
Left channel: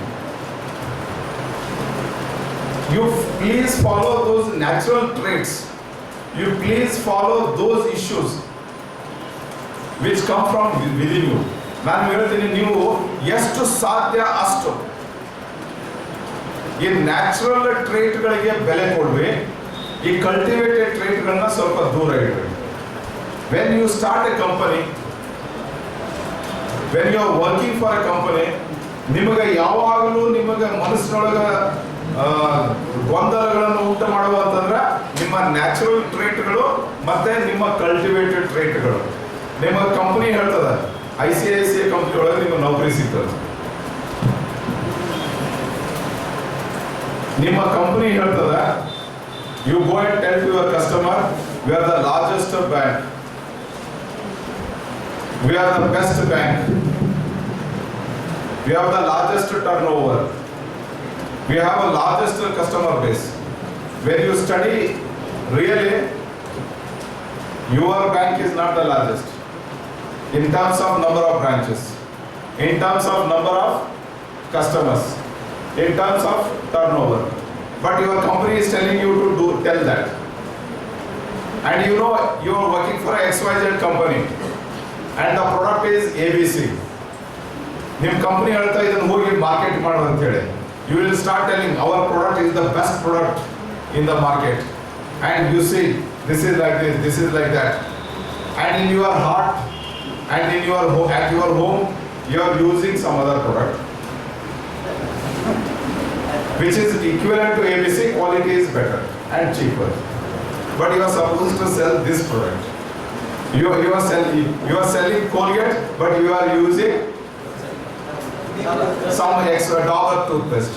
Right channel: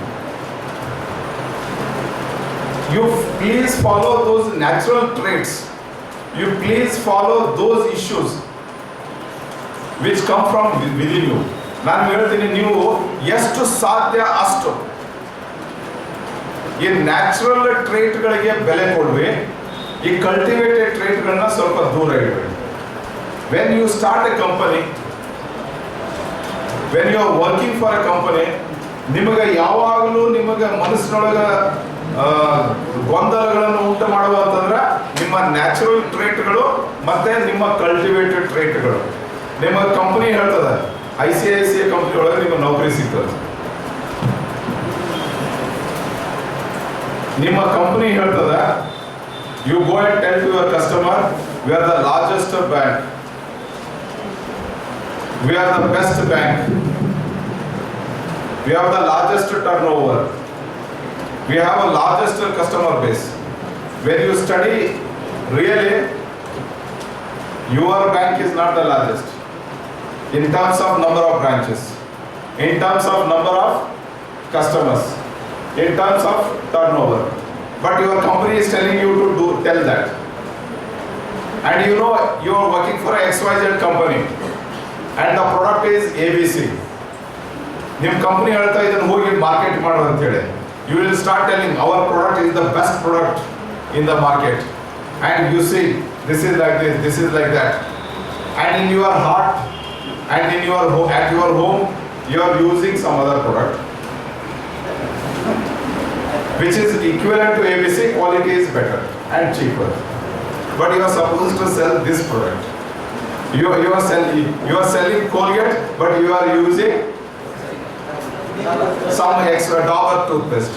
You please follow those natural traits. You please follow those issues which come from within you. ನಾನು ಹೇಳ್ತೀನಿ, ನೀವು ಎಷ್ಟು ಸಾಧ್ಯ ಅಷ್ಟು ಈ ನ್ಯಾಚುರಲ್ ಟ್ರೇಟ್ಗಳಿಗೆ ಬೆಲೆ ಕೊಡ್ರಿ, ಈ ಕಲ್ಟಿವೇಟೆಡ್ ಟ್ರೇಟ್ಗಳನ್ನ ಸ್ವಲ್ಪ ದೂರ ಇಡ್ರಿ. When you start a company, when you are working for a company, ನಿಮಗೆ ಯಾವಾಗಲೂ ನಿಮಗೆ ಮನಸ್ಸಿನೊಳಗೆ ಗೊಂದಲಗಳನ್ನು ಉಂಟು ಮಾಡುವಂತಂದ್ರೆ ನಿಮ್ಮ ನ್ಯಾಚುರಲ್ ಟ್ರೇಟ್ಗಳು ಮತ್ತೆ ನಿಮ್ಮ ಕಲ್ಟಿವೇಟೆಡ್ ಟ್ರೇಟ್ಗಳು. ನಿಮ್ಮ ಕಂಪನಿ ಹೇಳ್ತದೆ, ICICI ಕಂಪನಿ ಒಳಗೆ ನಿಮಗೆ ನೌಕರಿ ಸಿಗ್ತದೆ. ನಿಮ್ಮ ಕಂಪನಿ ಹೇಳ್ತದೆ, you go and tell to your customer, we are the largest bank, we are the best bank, we have the largest turnover, we have a largest customer base. When you study really, your bank is not the largest in terms of number of branches, in terms of number of customers, in terms of turnover, but your company is telling you to tell that, and you know you are working for a XYZ company and the product is ABC. ನಿಮ್ಮ ಕಂಪನಿ ಹೇಳ್ತಾ ಇದನ್ನು ಹೋಗಿ ಮಾರ್ಕೆಟ್ ಮಾಡು ಅಂತ ಹೇಳಿ, you will start telling our product is the best product in the market, and you see this is like this, this is like that, and in your heart and in your at your home you are using some other product which is equivalent to ABC, quality is better and cheaper, but you are supposed to sell this product. You are selling Colgate, but you are using some extra Dabur toothpaste.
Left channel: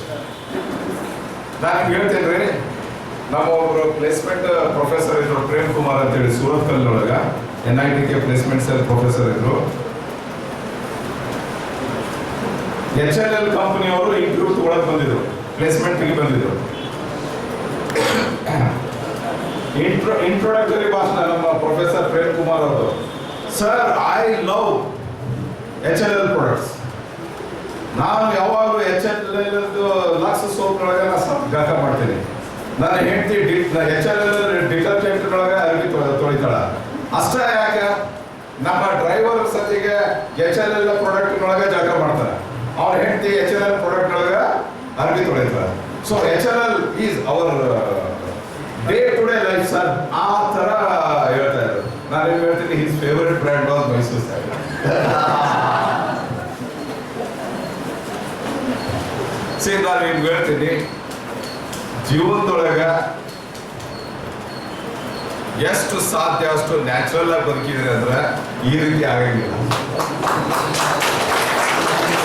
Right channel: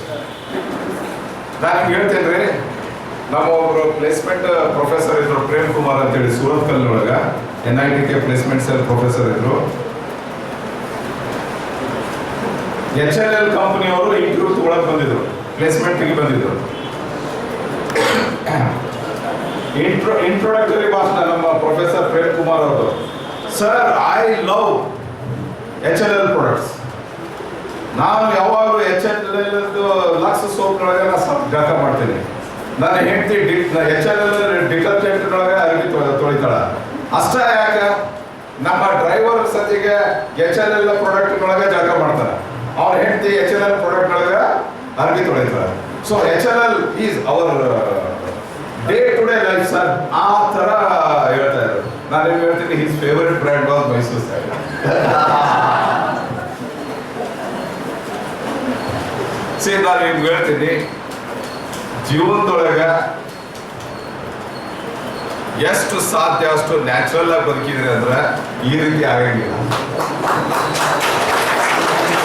ನಾನು ನಿಮ್ಗೆ ಹೇಳ್ತೇನೆ ರೀ, ನಮ್ಮ ಒಬ್ಬರು ಪ್ಲೇಸ್ಮೆಂಟ್ ಪ್ರೊಫೆಸರ್ ಇದ್ರು, ಪ್ರೇಮ್ ಕುಮಾರ್ ಅಂತೇಳಿ, ಸೂರತ್ ಕಲ್ಲಿನೊಳಗೆ NITK ಪ್ಲೇಸ್ಮೆಂಟ್ ಸೆಲ್ ಪ್ರೊಫೆಸರ್ ಇದ್ರು. HLL ಕಂಪನಿಯವರು ಇಂಟರ್ವ್ಯೂ ತಗೊಳಕ್ ಬಂದಿದ್ರು, ಪ್ಲೇಸ್ಮೆಂಟ್ಗೆ ಬಂದಿದ್ರು. ಇಂಟ್ರೊಡಕ್ಟರಿ ಭಾಷಣ ನಮ್ಮ ಪ್ರೊಫೆಸರ್ ಪ್ರೇಮ್ ಕುಮಾರ್ ಅವರು, sir I love HLL products, ನಾನು ಯಾವಾಗಲೂ HLL ಲಕ್ಸ್ ಸೋಪ್ನೊಳಗೆ ನಾನು ಸ್ವಲ್ಪ ಜಳಕ ಮಾಡ್ತೀನಿ, ನನ್ನ ಹೆಂಡತಿ HLL ಡಿಟರ್ಜೆಂಟ್ನೊಳಗೆ ಅರಿವಿ ತೊಳಿತಾಳ, ಅಷ್ಟೇ ಯಾಕೆ ನಮ್ಮ ಡ್ರೈವರ್ ಸತಿಗೆ HLL ಪ್ರಾಡಕ್ಟ್ನೊಳಗೆ ಜಳಕ ಮಾಡ್ತಾರೆ, ಅವ್ರ ಹೆಂಡತಿ HLL ಪ್ರಾಡಕ್ಟ್ನೊಳಗೆ ಅರಿವಿ ತೊಳಿತಾರೆ. So HLL is our day to day life sir, ಆ ಥರ ಹೇಳ್ತಾ ಇದ್ರು. ನಾನು ನಿಮ್ಗೆ ಹೇಳ್ತೀನಿ, his favourite brand was Mysore sandal. ನಾನು ನಿಮ್ಗೆ ಹೇಳ್ತೀನಿ, ಜೀವನದೊಳಗೆ ಎಷ್ಟು ಸಾಧ್ಯ ಅಷ್ಟು ನ್ಯಾಚುರಲ್ ಆಗಿ ಬದುಕಿದ್ರೆ ಅಂದ್ರೆ ಈ ರೀತಿ ಆಗಂಗಿಲ್ಲ.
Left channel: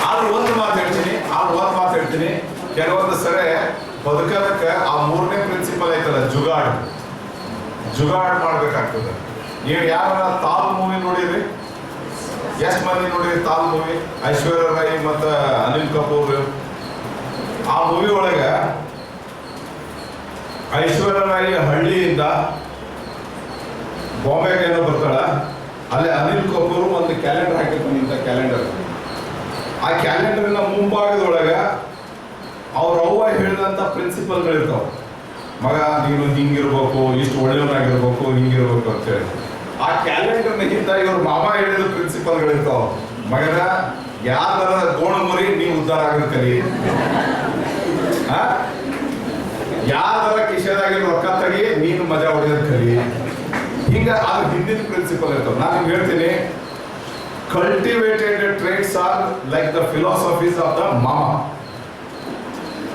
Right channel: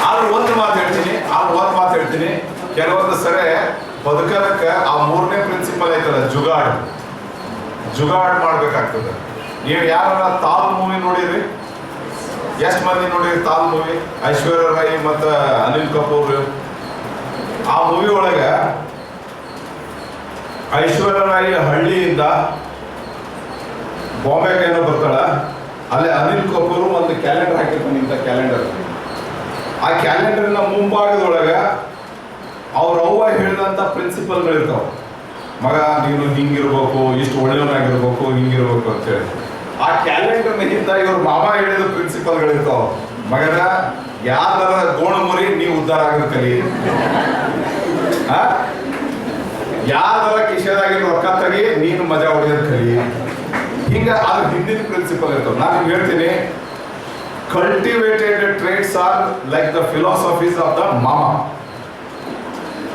ಆದ್ರೆ ಒಂದು ಮಾತು ಹೇಳ್ತೀನಿ, ಕೆಲವೊಂದು ಸರಿ ಬದುಕೋದಕ್ಕೆ ಆ 3ನೇ ಪ್ರಿನ್ಸಿಪಲ್ ಐತಲ್ಲ, ಜುಗಾಡ್ ಮಾಡ್ಬೇಕಾಗ್ತದೆ. ನೀವು ಯಾರ ತಾಲ್ ಮೂವಿ ನೋಡಿರಿ? ಎಷ್ಟು ಮಂದಿ ನೋಡಿರಿ ತಾಲ್ ಮೂವಿ? ಐಶ್ವರ್ಯ ರಾಯ್ ಮತ್ತು ಅನಿಲ್ ಕಪೂರ್. ಆ ಮೂವಿ ಒಳಗೆ ಐಶ್ವರ್ಯ ರಾಯ್ ಹಳ್ಳಿಯಿಂದ ಬಾಂಬೆಗೆ ಏನೋ ಬರ್ತಾಳ, ಅಲ್ಲಿ ಅನಿಲ್ ಕಪೂರ್ ಒಂದು ಕ್ಯಾಲೆಂಡರ್ ಹಾಕಿರ್ತಾನೆ, ಇಂಥ ಕ್ಯಾಲೆಂಡರ್. ಆ ಕ್ಯಾಲೆಂಡರ್ನ ಮುಂಭಾಗದೊಳಗೆ ಅವ್ರ ಅವ್ವ ಹೇಳಿದಂಥ ಪ್ರಿನ್ಸಿಪಲ್ಗಳಿರ್ತಾವೆ. ಮಗ ನೀನು ಹಿಂಗಿರ್ಬೇಕು, ಇಷ್ಟು ಒಳ್ಳೆಯವನಾಗಿರ್ಬೇಕು, ಹಿಂಗಿರ್ಬೇಕು ಅಂತೇಳಿ. ಆ ಕ್ಯಾಲೆಂಡರ್ನ ಹಿಂದ ಇವ್ರ ಮಾಮ ಹೇಳಿದ ಪ್ರಿನ್ಸಿಪಲ್ಗಳಿರ್ತಾವೆ. ಮಗನ ಯಾರ ಗೋಣ ಮುರಿ ನೀವು ಉದ್ಧಾರ ಆಗೋದು ಕಲಿ, ಯಾರ ಕಿಶೆದಾಗಿರೋ ರೊಕ್ಕ ತೆಗಿ ನೀನು ಮಜಾ ಹೊಡೆಯೋದು ಕಲಿ. ಹಿಂಗ ಅದ್ರ ಹಿಂದಿನ ಪ್ರಿನ್ಸಿಪಲ್ ಇರ್ತಾವೆ. ನಾನು ನಿಮ್ಗೆ ಹೇಳ್ತೀನಿ, cultivated traits are like the philosophies of the mama,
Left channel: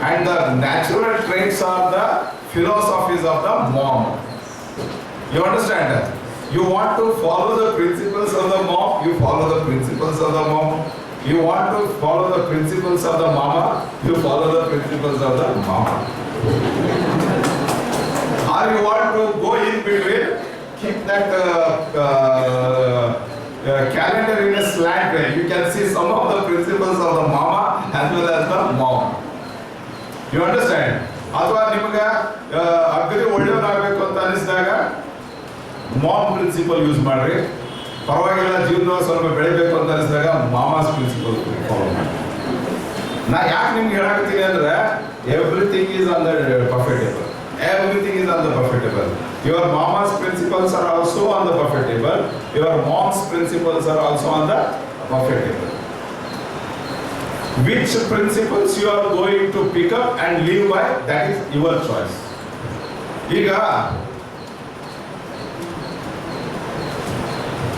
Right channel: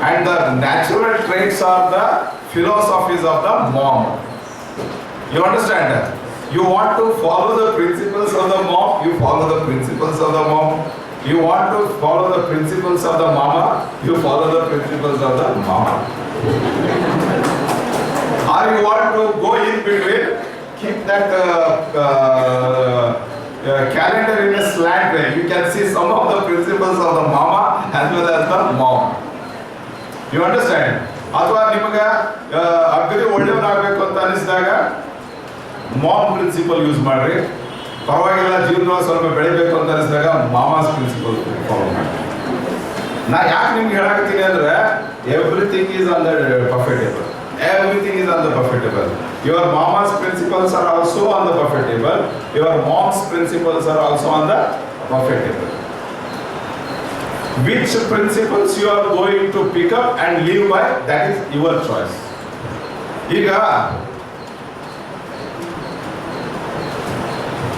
and the natural traits are the philosophies of the mom. You understand that? You want to follow the principles of the mom, you follow the principles of the mom. You want to follow the principles of the mama, you follow the principles of the mama. Or you want to go in between, keep that calendar in a slant way. You can see some of the principles of the mama as well as the mom. You understand? ಅಥವಾ ನಿಮಗೆ ಅಗ್ರಿ ಒಳ್ಳೆಯವನಾಗಬೇಕು ಅಂತ ಅನಿಸಿದಾಗ ಮಾಮ್ ಪ್ರಿನ್ಸಿಪಲ್ ಯೂಸ್ ಮಾಡ್ರಿ. ಪರವಾಗಿಲ್ಲ, ಜೀವನದಲ್ಲಿ ಸ್ವಲ್ಪ ಬೆಳಿಬೇಕು ಅಂತ ಅನಿಸಿದಾಗ ಮಾಮಾಸ್ ಪ್ರಿನ್ಸಿಪಲ್ ಫಾಲೋ ಮಾಡಿ. ನಾ ಯಾಕೆ ನಿಮ್ಗೆ ಹೇಳಾಕತ್ತೀನಿ ಅಂದ್ರೆ everything is on the Buffett table. Everything is on the buffet table. Your mama's principles are also on the buffet table. Your mom's principles are also on the buffet table. Which principles you are going to pick up and live by, that is your choice. ಈಗ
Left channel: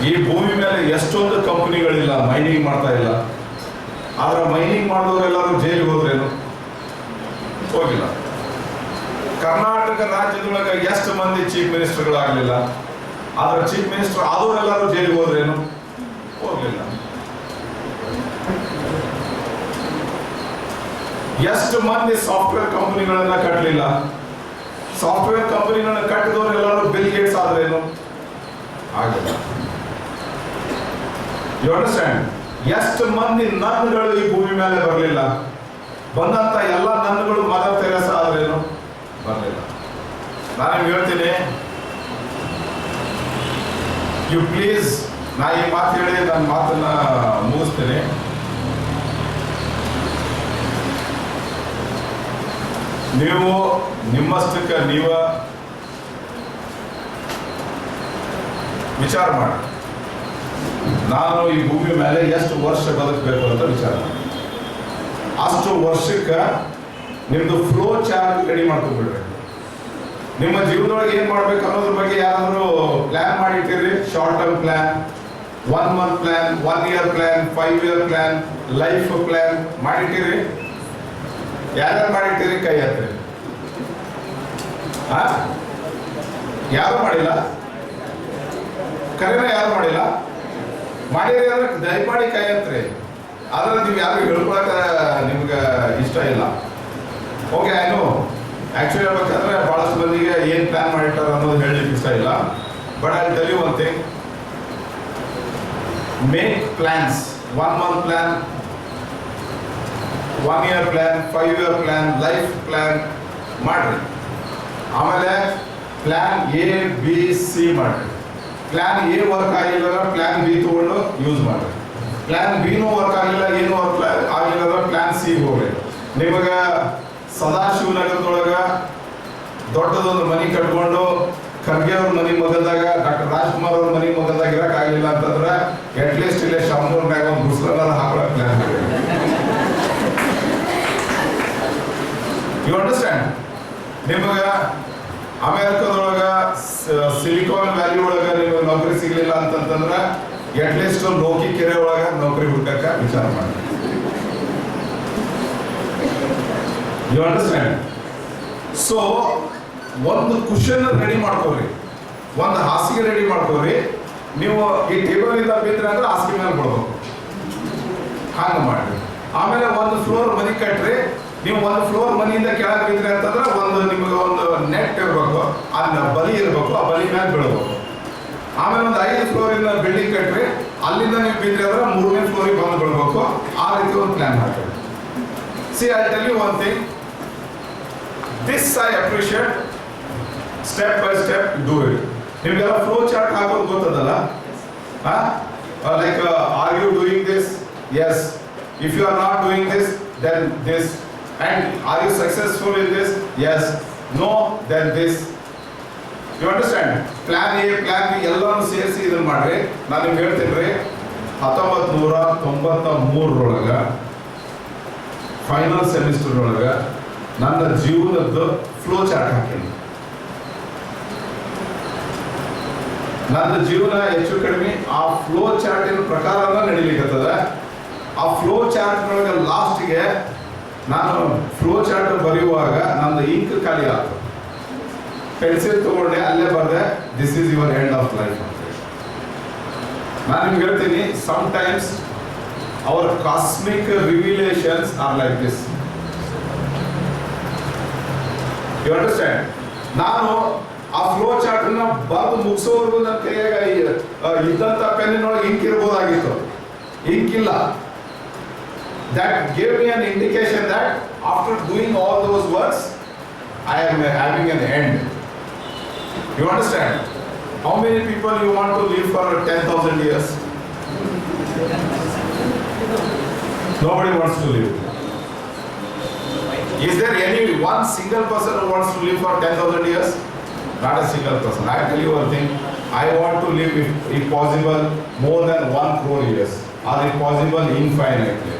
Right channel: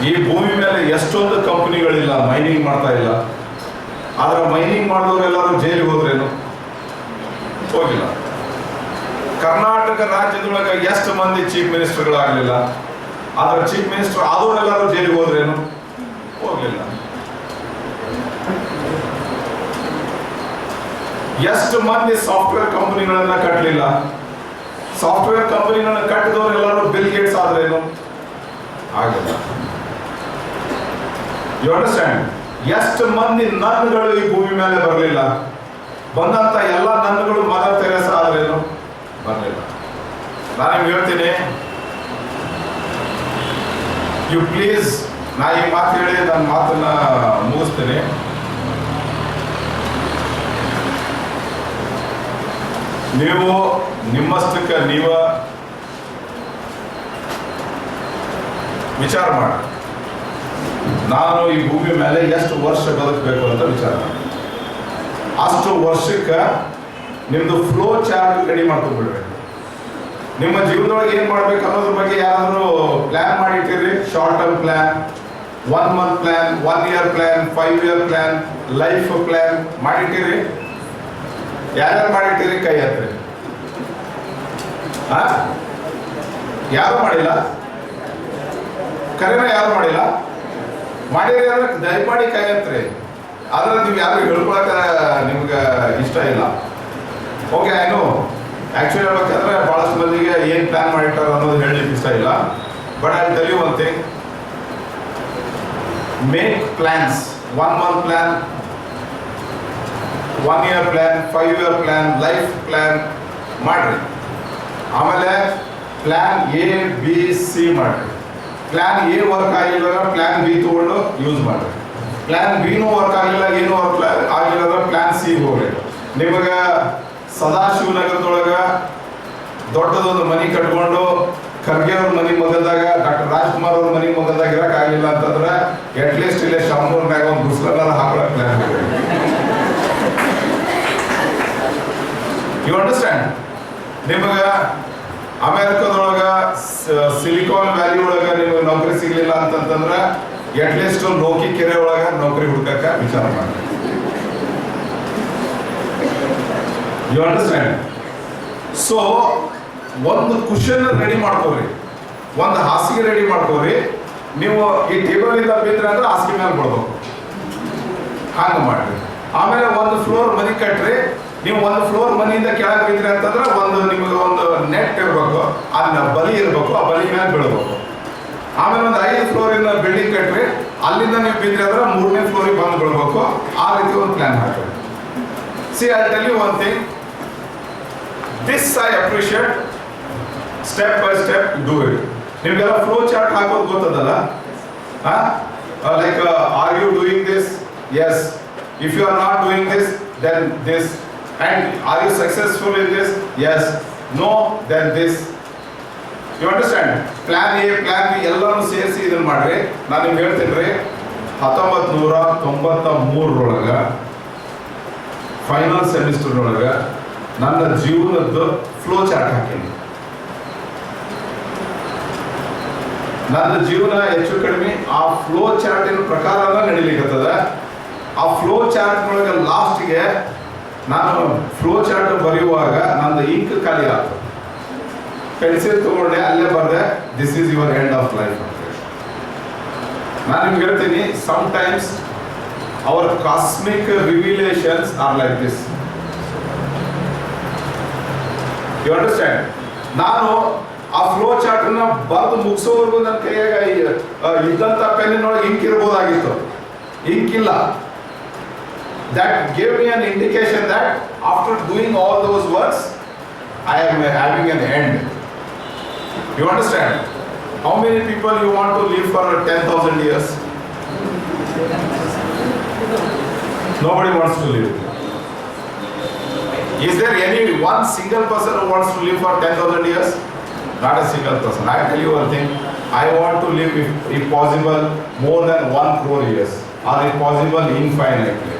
ಈ ಭೂಮಿ ಮೇಲೆ ಎಷ್ಟೊಂದು ಕಂಪನಿಗಳಿಲ್ಲ, ಮೈನಿಂಗ್ ಮಾಡ್ತಾ ಇಲ್ಲ. ಆದ್ರೆ ಮೈನಿಂಗ್ ಮಾಡಿದವರೆಲ್ಲರೂ ಜೈಲಿಗೆ ಹೋದ್ರೇನು? ಹೋಗಿಲ್ಲ. ಕರ್ನಾಟಕ ರಾಜ್ಯದೊಳಗೆ ಎಷ್ಟು ಮಂದಿ ಚೀಫ್ ಮಿನಿಸ್ಟರ್ಗಳಾಗಲಿಲ್ಲ, ಆದ್ರೆ ಚೀಫ್ ಮಿನಿಸ್ಟರ್ ಆದವರೆಲ್ಲರೂ ಜೈಲಿಗೆ ಹೋದ್ರೇನು? ಹೋಗ್ಲಿಲ್ಲ. ಎಷ್ಟು ಮಂದಿ ಸಾಫ್ಟ್ವೇರ್ ಕಂಪನಿಗಳನ್ನ ಕಟ್ಟಲಿಲ್ಲ, ಸಾಫ್ಟ್ವೇರ್ ಕಂಪನಿಗಳನ್ನ ಕಟ್ಟಿದವರೆಲ್ಲರೂ ಬಿಲ್ ಗೇಟ್ಸ್ ಆದ್ರೇನು? ಆಗಿಲ್ಲ. You understand? ಎಷ್ಟು ಮಂದಿ ನನ್ಗಳು ಈ ಭೂಮಿ ಮೇಲೆ ಬರಲಿಲ್ಲ, ಬಂದಂತ ಎಲ್ಲ ನನ್ಗಳು ಮದರ್ ತೆರೇಸಾ ಆದ್ರೇನು? ಬರಲಿಲ್ಲ. ನಾನು ನಿಮ್ಗೆ ಹೇಳ್ತೀನಿ, ಯು ಪ್ಲೀಸ್, ನಾ ಈ ಮಾತು ಹೇಳಿ ನನ್ನ ಮಾತನ್ನ ಮುಗಿಸ್ತೀನಿ. ನೀವು ನಿಮ್ಮಷ್ಟಕ್ಕೆ ನೀವ ವಿಚಾರ ಮಾಡಿ, ನಾನು ಈ ಭೂಮಿ ಮೇಲೆ ಎಷ್ಟು ವರ್ಷ ಬದುಕಬೇಕು ಅಂತ ವಿಚಾರ ಮಾಡಿ. ಅಷ್ಟು ವರ್ಷಕ್ಕೆ ನಿಮ್ದು ಫ್ಲೋ ಚಾರ್ಟ್ ರೆಡಿ ಮಾಡ್ಕೊಂಡ್ಬಿಡ್ಬೇಕು. ನಿಮ್ಮ ಜೀವನದೊಳಗೆ ಏನ್ ಮಾಡ್ಬೇಕು ಅನ್ನೋದ್ರ ಬಗ್ಗೆ ಯಾರಾದ್ರೂ ಪ್ಲಾನ್ ಮಾಡಿಟ್ಟಿರಿ? Short term plan, 1 month plan, 1 year plan, 5 year plan, life plan ಮಾಡಿಟ್ಟಿರಿ? ಯಾರ್ಯಾರು ಮಾಡಿಟ್ಟಿರಿ? ಕೈ ಹತ್ತಿರಿ. ಯಾರು ಮಾಡಿಲ್ಲ? ಕರೆನ ಯಾರು ಮಾಡಿಲ್ಲ? ಮಾಡಿರಿ ಅಂದ್ರೆ ದಯಮಾಡಿ ಕೈ ಹತ್ತಿರಿ. ಆದ್ರೆ ನೀವು ಯಾರು ಹೇಳ್ಕೊಳಕ ನಿಮ್ಗೆ ಇಷ್ಟ ಇಲ್ಲ. ಓಕೆ, ಐನು ಆಕ್ಚುಲಿ ಹೇಳ್ಬೇಕಂದ್ರೆ ಬಹಳಷ್ಟು ಮಂದಿಗೆ ಏನ್ ಪ್ಲಾನ್ ಮಾಡಿಟ್ಟಾರ ಅನ್ನೋದು ಹೇಳಲಿಕ್ಕೆ ಇಷ್ಟ ಇಲ್ಲ. But I tell you one thing, make plans. 1 month plan, 1 year plan, 5 year plan, life plan ಮಾಡ್ರಿ. ಆಮೇಲೆ ಪ್ಲಾನ್ ಎ ಬಿ ಸಿ ಮಾಡ್ರಿ. ಪ್ಲಾನ್ ಎ ವರ್ಕ್ ಆಗಿಲ್ಲ, ಪ್ಲಾನ್ ಬಿ ತಗೊಂಡು ಯೂಸ್ ಮಾಡ್ರಿ. ಪ್ಲಾನ್ ಬಿನೂ ವರ್ಕ್ ಆಗಿಲ್ಲ, ಏನು ವರ್ಕ್ ಆಗಿಲ್ಲ ಅಂದ್ರೆ ಪ್ಲಾನ್ ಸಿ ಹೋಗ್ರಿ. ನಿಮಗೆ ಸದಾಶಿವನಗರದೊಳಗ ದೊಡ್ಡದೊಂದು ಮನೆ ಕಟ್ಕೊಂಡು ಖರ್ಗೆ ಅವ್ರ ಮನೆ ಮಗದಾಗ, ಡಾಕ್ಟರ್ ರಾಜ್ಕುಮಾರ್ ಅವ್ರ ಮನೆ ಮಗದಾಗ ಇರಕ್ ಆಗಿಲ್ಲ ಅಂತಂದ್ರೆ ಅಟ್ಲೀಸ್ಟ್ ಇಲ್ಲೇ ಶಾಮೂರ್ನಾಗ ಒಂದು ಗುಸ್ಲನ್ನ ಹಾಕೊಳಕ್ ಪ್ಲಾನ್. You understand? ನಿಮಗ ಅಮೆರಿಕದೊಳಗ ಸಿಲಿಕಾನ್ ವ್ಯಾಲಿ ಒಳಗ ನಿಮಗೆ ನೌಕರಿ ಸಿಗ್ಲಿಲ್ಲ ಅಂತಂದ್ರೆ ಅಟ್ಲೀಸ್ಟ್ ಲೋಕಿ ಕೆರೆ ಒಳಗ ನೌಕರಿ ಹುಡುಕಕ್ಕ ವಿಚಾರ ಮಾಡಿ. You understand? ಸೊ ಒಂದು ಕುಶನ್ ರೆಡಿ ಮಾಡ್ಕೋರಿ, ಒಂದು ಹಾಸಿಗೆ ರೆಡಿ ಮಾಡ್ಕೋರಿ. ನೀವು ಈ ಟೇಬಲ್ ಇಂದ ಬಿದ್ರೆ ಅಂದ್ರೆ ಹಾಸಿಗೆ ಮೇಲೆ ಬಿಡ್ಬೇಕು, ಹಂಗ ಮಾಡ್ರಿ. ಆಮೇಲೆ ಒಂದು ಫ್ಲೋರ್ ಮನಿ ಕಟ್ರಿ. ನೀವು ಒಂದು ಫ್ಲೋರ್ ಮನಿಯಿಂದ ಕೆಳಗೆ ಬಿದ್ರಿ ಅಂತಂದ್ರೆ ನಿಮಗೆ ಒಂದು ನೆಟ್ ಇರ್ಬೇಕು, ಅದನ್ನ ಬಲಿ ಇರ್ಬೇಕು, ಆ ಬಲಿ ಮೇಲೆ ಬೀಳ್ಬೇಕು. ಆಮೇಲೆ ಒಂದು 5 ಫ್ಲೋರ್ ಇಂದ ಬಿಲ್ಡಿಂಗ್ ಕಟ್ರಿ, ಅಲ್ಲಿಂದ ನೀವು ಬಿದ್ರಿ ಅಂದ್ರೆ 3ನೇ ಫ್ಲೋರಿಗೆ ಬಂದು ಬೀಳ್ಬೇಕು. ಆ ರೀತಿ ಒಂದು ಪ್ಲಾನ್ ಹಾಕಿ. See, I tell you one thing, this I appreciate. Step by step do it. ನಿಮ್ಗೆಲ್ಲ ಫ್ಲೋ ಚಾರ್ಟ್ ಹಾಕೋದು ಗೊತ್ತದಲ್ಲ? Like, are you doing this? Yes. If you are not doing this, then this. And are you successful in this? Yes. No, then this. You understand? Plan A, plan B ಎಲ್ಲಾನು ಸೇರಿಸಿ ಇದನ್ನ ಮಾಡ್ರಿ. ನಾನು ನಿಮ್ಗೆ ಹೇಳ್ತೀನಿ ರೀ, 1993 ಫೈನಲ್ ಸೆಮಿಸ್ಟರ್ ಒಳಗ ನನ್ನ ಜೀವನದ್ದು ಫ್ಲೋ ಚಾರ್ಟ್ ಹಾಕೀನಿ. ನನ್ನ ಜೀವನ ಹೆಚ್ಚು ಕಡಿಮೆ ಆ ಫ್ಲೋ ಚಾರ್ಟಿನ ಪ್ರಕಾರ ನಡೀಲಿಕ್ಕತ್ತದ. ಆ ಫ್ಲೋ ಚಾರ್ಟ್ ಒಳಗೆ ಲಾಸ್ಟ್ಗೆ ನಾನು ಫ್ಲೋ ಚಾರ್ಟ್ ಬರೆಯುವಾಗ ನಂದು ಇಂಕ್ ಖಾಲಿ ಆಯ್ತು. ಪೆನ್ಸಿಲ್ ತಗೊಂಡೆ, ಅಲ್ಲೇ ಬರ್ದೆ, this is your end of life. ನಾನು ನಿಮ್ಗೆ ಹೇಳ್ತೀನಿ, sometimes our cosmic revelations are like this. You understand? ನಾನು ಆ ಫ್ಲೋ ಚಾರ್ಟ್ ನ ಬರೆದು ಮುಗಿಸೋವರೆಗೂ ನನ್ನ ಕೈಯಾಗ ಇದ್ದಂತ ಪೆನ್ನಿನೊಳಗೆ ಇಂಕ್ ಇರ್ಬೋದಾಗಿತ್ತು, ಇಂಕ್ ಇಲ್ಲ. That gave me an indication that after doing all those works, I am having an end. You understand? How many people you want to live for 10,000 years? Nobody wants to live. Is there any one single person who wants to live for 10,000 years? Not a single person. I tell you one thing. I want to live, if possible, more than 1 crore years, or if possible, infinitely.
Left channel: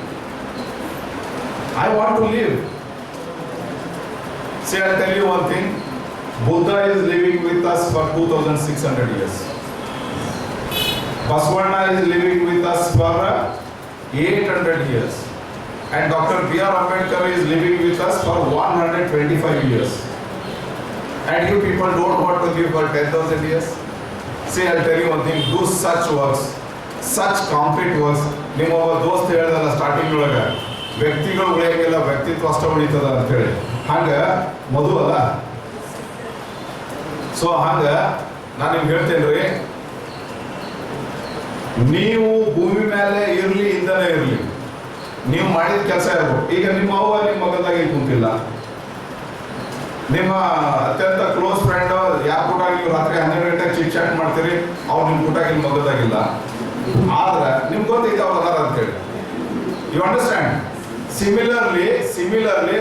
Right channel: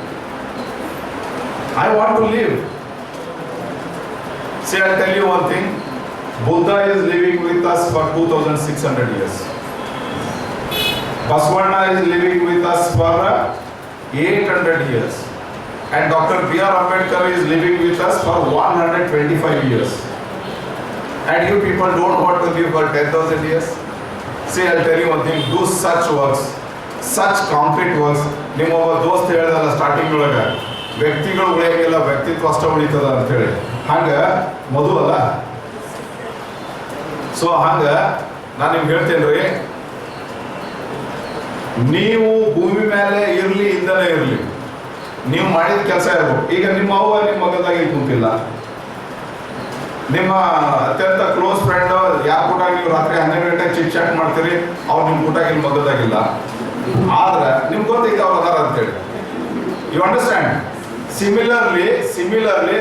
I want to live. See, I'll tell you one thing. Buddha is living with us for 2,600 years. Basavana is living with us for 800 years. And Dr. B.R. Ambedkar is living with us for 125 years. And you people don't want to live for 10,000 years? See, I'll tell you one thing. Do such works, such concrete works. ನಿಮ್ಮ ಒಬ್ಬ ದೋಸ್ತ ಹೇಳಿದಲ್ಲ ಸ್ಟಾರ್ಟಿಂಗ್ ಒಳಗೆ ವ್ಯಕ್ತಿಗಳು ಉಳಿಯಂಗಿಲ್ಲ, ವ್ಯಕ್ತಿತ್ವ ಅಷ್ಟ ಉಳಿತದ ಅಂತೇಳಿ. ಹಂಗೆ ಮಧು ಅಲ್ಲ. ಸೊ ಹಂಗೆ ನಾನು ನಿಮ್ಗೆ ಹೇಳ್ತೇನೆ ರೀ, ನೀವು ಭೂಮಿ ಮೇಲೆ ಇರಲಿ ಇಂದನೇ ಇರಲಿ, ನೀವು ಮಾಡಿದ ಕೆಲಸ ಇರ್ಬೇಕು. ಈಗ ನಿಮ್ಮ ಅವ್ವ ನಿಮ್ಮ ಮಗದಾಗಿ ಕುಂತಿಲ್ಲ, ನಿಮ್ಮ ಅತ್ಯಂತ ಕ್ಲೋಸ್ ಫ್ರೆಂಡ್ ಯಾವ ಕೂಟಾಗಿ ನೀವು ರಾತ್ರಿ 12 ಗಂಟೆಗೆ ಚಿಟ್ ಚಾಟ್ ಮಾಡ್ತೀರಿ, ಅವ್ರು ನಿಮ್ಮ ಕೂಟಾಗಿ ನಿಮ್ಮ ಮಗದಾಗಿಲ್ಲ. ಆದ್ರೆ ನಿಮ್ಗೆ ಗೊತ್ತೈತೆ ಅವ್ರು ಅದಾರ ಅಂತೇಳಿ. You understand? ಸಿಮಿಲರ್ಲಿ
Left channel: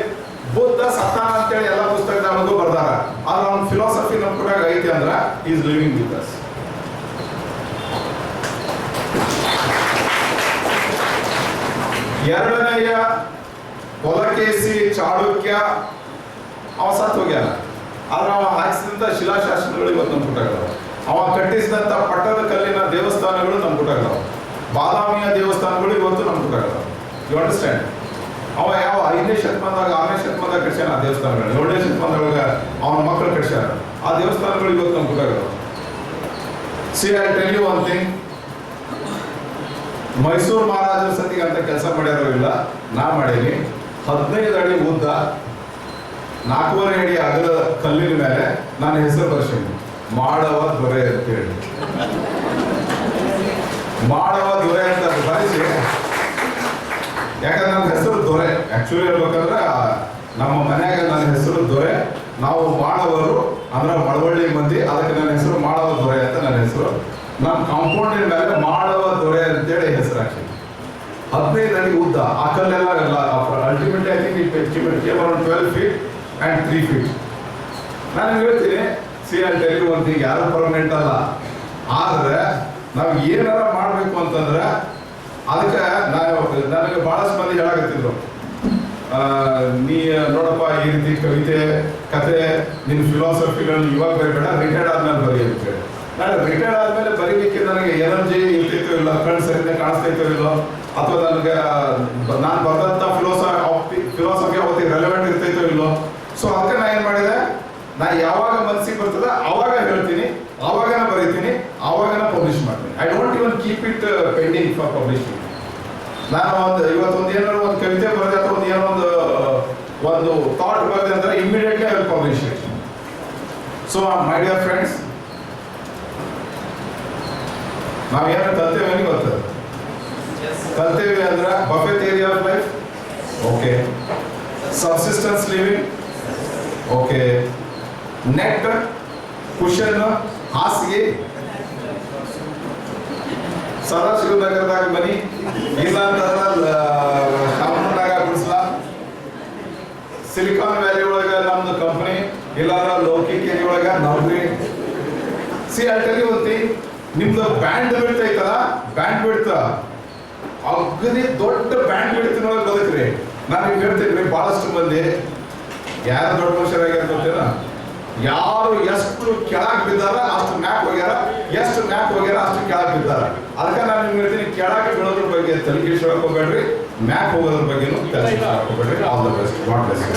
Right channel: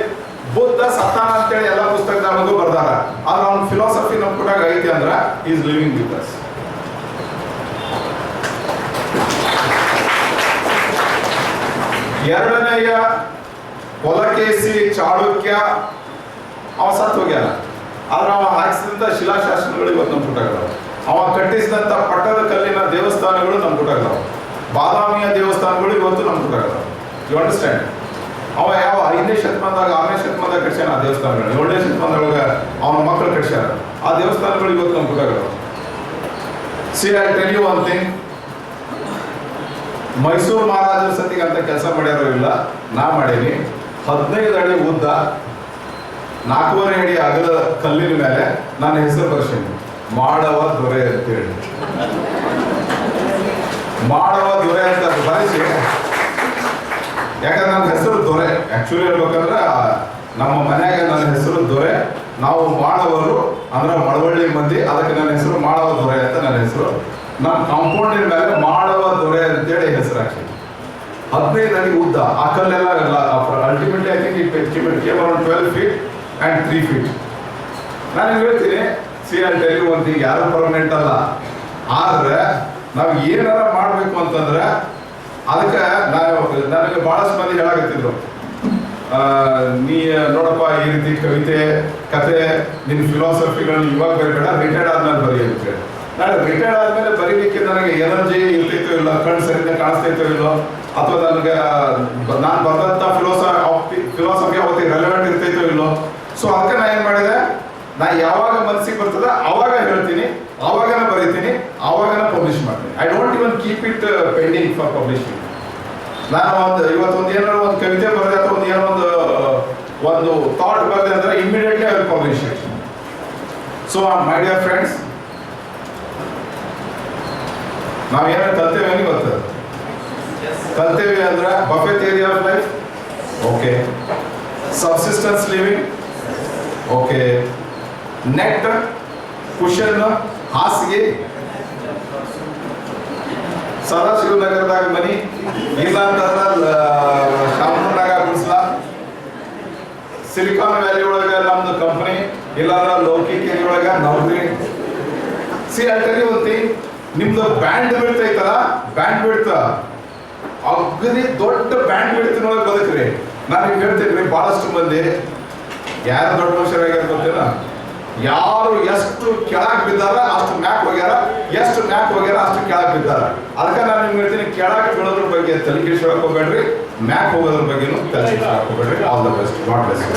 ಬುದ್ಧ ಸತ್ತಾನ ಅಂತೇಳಿ ಎಲ್ಲ ಪುಸ್ತಕದಾಗೂ ಬರ್ದಾರ. ಆದ್ರೆ ಅವ್ನ ಫಿಲಾಸಫಿ ನಮ್ಮ ಕೂಟಾಗ ಐತಿ ಅಂದ್ರೆ ಈಸ್ ಲಿವಿಂಗ್ ವಿತ್ ಅಸ್. ಎರಡನೆಯ ಪೊಲಕೇಸಿ ಚಾಳುಕ್ಯ ಅವ ಸತ್ತು ಹೋಗ್ಯಾನ. ಆದ್ರೆ ಅವ ಹಾಕಿಸಿದಂಥ ಶಿಲಾಶಾಸನಗಳು ಇವತ್ತು ನಮ್ಮ ಪುಟಗಳವ. ಅವ ಕಟ್ಟಿಸಿದಂಥ ಪಟ್ಟದ ಕಲ್ಲಿನ ದೇವಸ್ಥಾನಗಳು ನಮ್ಮ ಪುಟಗಳವ. ಬಾದಾಮಿಯ ದೇವಸ್ಥಾನಗಳು ಇವತ್ತು ನಮ್ಮ ಪುಟಗಳವ. You understand? ಅವ ಯಾವ 5ನೇ ಶತಮಾನದಾಗ 6ನೇ ಶತಮಾನದಾಗ ಕಟ್ಸ್ಯಾನ ಆ ದೇವಸ್ಥಾನಗಳು. 7ನೇ ಶತಮಾನದೊಳಗೆ ಅವನ ಮಕ್ಕಳು ಕಟ್ಸ್ಯಾರ ಆ ದೇವಸ್ಥಾನಗಳು ಇವತ್ತು ನಮ್ಮ ಪುಟಗಳವ. See I tell you one thing. Mysore ಮಹಾರಾಜರ ಸತಿಗೆ ಅಂತ ಕೆಲಸ ಮಾಡ್ಯಾರೋ ಇಲ್ಲ, ನಾ ಮಾಡೀನಿ. 15 ಅಡಿ ಉದ್ದ 4.5 ಅಡಿ ಅಗಲ ಕಲ್ಲಿನ ಮೇಲೆ ನನ್ನ ಹೆಸರು ಬರ್ಸೀನಿ, ಮಾಡವ ದೊರೆ ಅಂತೇಳಿ. ಮಾಡವ ದೊರೆ ಅಂತ ಬರೆಸಿ, ಯಾಕಂದ್ರೆ ನನ್ನ ಹೆಸರು ದೊರೆ. ಆಕ್ಚುಲಿ ಹೇಳ್ಬೇಕಂದ್ರೆ ನಮ್ಮ ಮನ್ಯಾಗ ನನ್ನ ಹೆಸರು ದೊರೆ. ನಾವು ಮಾಡವರು ಅಂದ್ರೆ ಮಳವಳ್ಳಿ ಮಂದಿ, ಅದಕ್ಕೆ ನನ್ನ ಹೆಸರು ಮಾಡವ ದೊರೆ ಅಂತ ನನ್ನ ಹೆಸರು. ನಮ್ಮ ಕಾಂಪೌಂಡಿನ ಮೇಲೆ ಮಾಡವ ದೊರೆ ಅಂತೇಳಿ ಹೆಸರು ಹಾಕಿ. 15 ಅಡಿ ಉದ್ದ ಆ ಕಲ್ಲೆಲ್ಲ ultimately I think it came around 12 feet and 3 feet. ನಾನು ಹೇಳ್ತೀನಿ, see I tell you one thing, ಯಾರು ಪರ್ಮನೆಂಟ್ ಅಲ್ಲ. ಆದ್ರೆ ನಾವು ಏನಾರ ಮಾಡಬೇಕು ಅಂತಂದ್ರೆ ಅದಕ್ಕೆ ನನಗೆ ಬಹಳಷ್ಟು ಮಂದಿ ಹೇಳಾಕತ್ತಿದ್ರು, ನೀ ನೋಡಪ್ಪ ಈ ರೀತಿ ಕವಿತೆ ಕತೆ ನಿನ್ನ ಫಿಲಾಸಫಿಗಳನ್ನ ಇವಾಗ ಬರೀಬೇಡ, ರಿಟೈರ್ಡ್ ಆದ್ಮೇಲೆ ಬರೀ ಅಂತೇಳಿ. ನಾನು ರಿಟೈರ್ಡ್ ಆದ್ಮೇಲೆ ಬರೀಲಿಕ್ಕೆ ನನಗೆ ಎನರ್ಜಿ ಇರ್ತೈತೋ ಇಲ್ಲ, ಕಣ್ಣು ಸರಿಯಿಂದ ಕಾಣಿಸ್ತೈತೋ ಇಲ್ಲೋ, ಅಥವಾ ನನಗೆ ನಾನು ಬರೆದಂಥ ಫಿಲಾಸಫಿ ಅವತ್ತಿಗೆ ರೆಲೆವೆಂಟ್ ಇರ್ತೈತೋ ಇಲ್ಲೋ. ಸೊ ಅದಕ್ಕೆ ನಾನು ಏನು ಮಾಡಿದೆ, ನಾ ಯಾವಾಗ ಮನಸ್ಸಿಗೆ ಬರ್ತದೆ ಅವಾಗ ಹೇಳ್ತೀನಿ, ಆವಾಗನ ಬರೀತೀನಿ, ಆವಾಗನ ಪಬ್ಲಿಷ್ ಮಾಡ್ತೀನಿ. I don't even keep it pending for publishing. ನಾನು ಇವತ್ತೊಂದು ಏನಾದ್ರು ಒಂದು ಕವಿತೆ ಬರೆದೆ ಅಥವಾ ಒಂದು ಥಾಟ್ ಬರೆದೆ ಅಂದರೆ immediately I will publish it. So my dear friends, ನಾವೇನು ಕಲ್ತೇವೆ ಅಂತ ಬರ್ತದೆ. ಕಲ್ತೇವೆ ಅಂದ್ರೆ buffet theory of life, okay. Subsistence living, okay. Net, cushion, ಹಾಸಿಗೆ, ಸದಾಶಿವನಗರದಾಗ ಮನಿ, ಇಲ್ಲ ಅಂತಂದ್ರೆ ಶಾಮನೂರ್ನಾಗ ಗುಡಿಸ್ಲ, ಸಿಲಿಕಾನ್ ವ್ಯಾಲಿ ಒಳಗೆ ನಮ್ದು ಕಂಪನಿ, ಇಲ್ಲಾಂದ್ರೆ ಲೌಕಿಕೇರಿ ಒಳಗೆ ನೌಕರಿ. See I tell you one thing, ನಿಮ್ದು ಬ್ಯಾಂಡ್ ಬಿಡ್ತಾ ಐತಲ್ಲ, ಬ್ಯಾಂಡ್ ಬಿಡ್ತ ಅಗದಿ ದೊಡ್ಡ ಬ್ಯಾಂಡ್ ಬಿಡ್ತಿನೊಳಗೆ ಬದುಕ್ರಿ. ನಾನು ನಿಮ್ಗೆ ಹೇಳ್ತೀನಿ, ಬಹಳಷ್ಟು ಮಂದಿ ಯಾರು ದೊಡ್ಡ ಮನುಷ್ಯರಾಗ್ಯಾರ ಗೊತ್ತಿಲ್ಲ, ಯಾರು ಎಷ್ಟು ಕೆಳಗೆ ಬಿದ್ದಾರ ಅಷ್ಟು ಮ್ಯಾಕ್ ಹೋಗ್ಯಾರ, ಎಷ್ಟು ಮ್ಯಾಕ್ ಹೋಗ್ಯಾರ ಅಷ್ಟು ಕೆಳಗೆ ಬಿದ್ದಾರ. ಅದಕ್ಕೆ ನಾನು ನಿಮ್ಗೆ ಹೇಳ್ತೀನಿ, ಕೆಳಗೆ ಬೀಳೋದ್ರ ಬಗ್ಗೆ ತಲೆ ಕೆಡಿಸ್ಕೊಳಕ್ ಹೋಗ್ಬೇಡ್ರಿ, ಮ್ಯಾಕ್ ಹೋಗೋದ್ರ ಬಗ್ಗೆನೂ ತಲೆ ಕೆಡಿಸ್ಕೊಳಕ್ ಹೋಗ್ಬೇಡ್ರಿ. All the best. God bless you.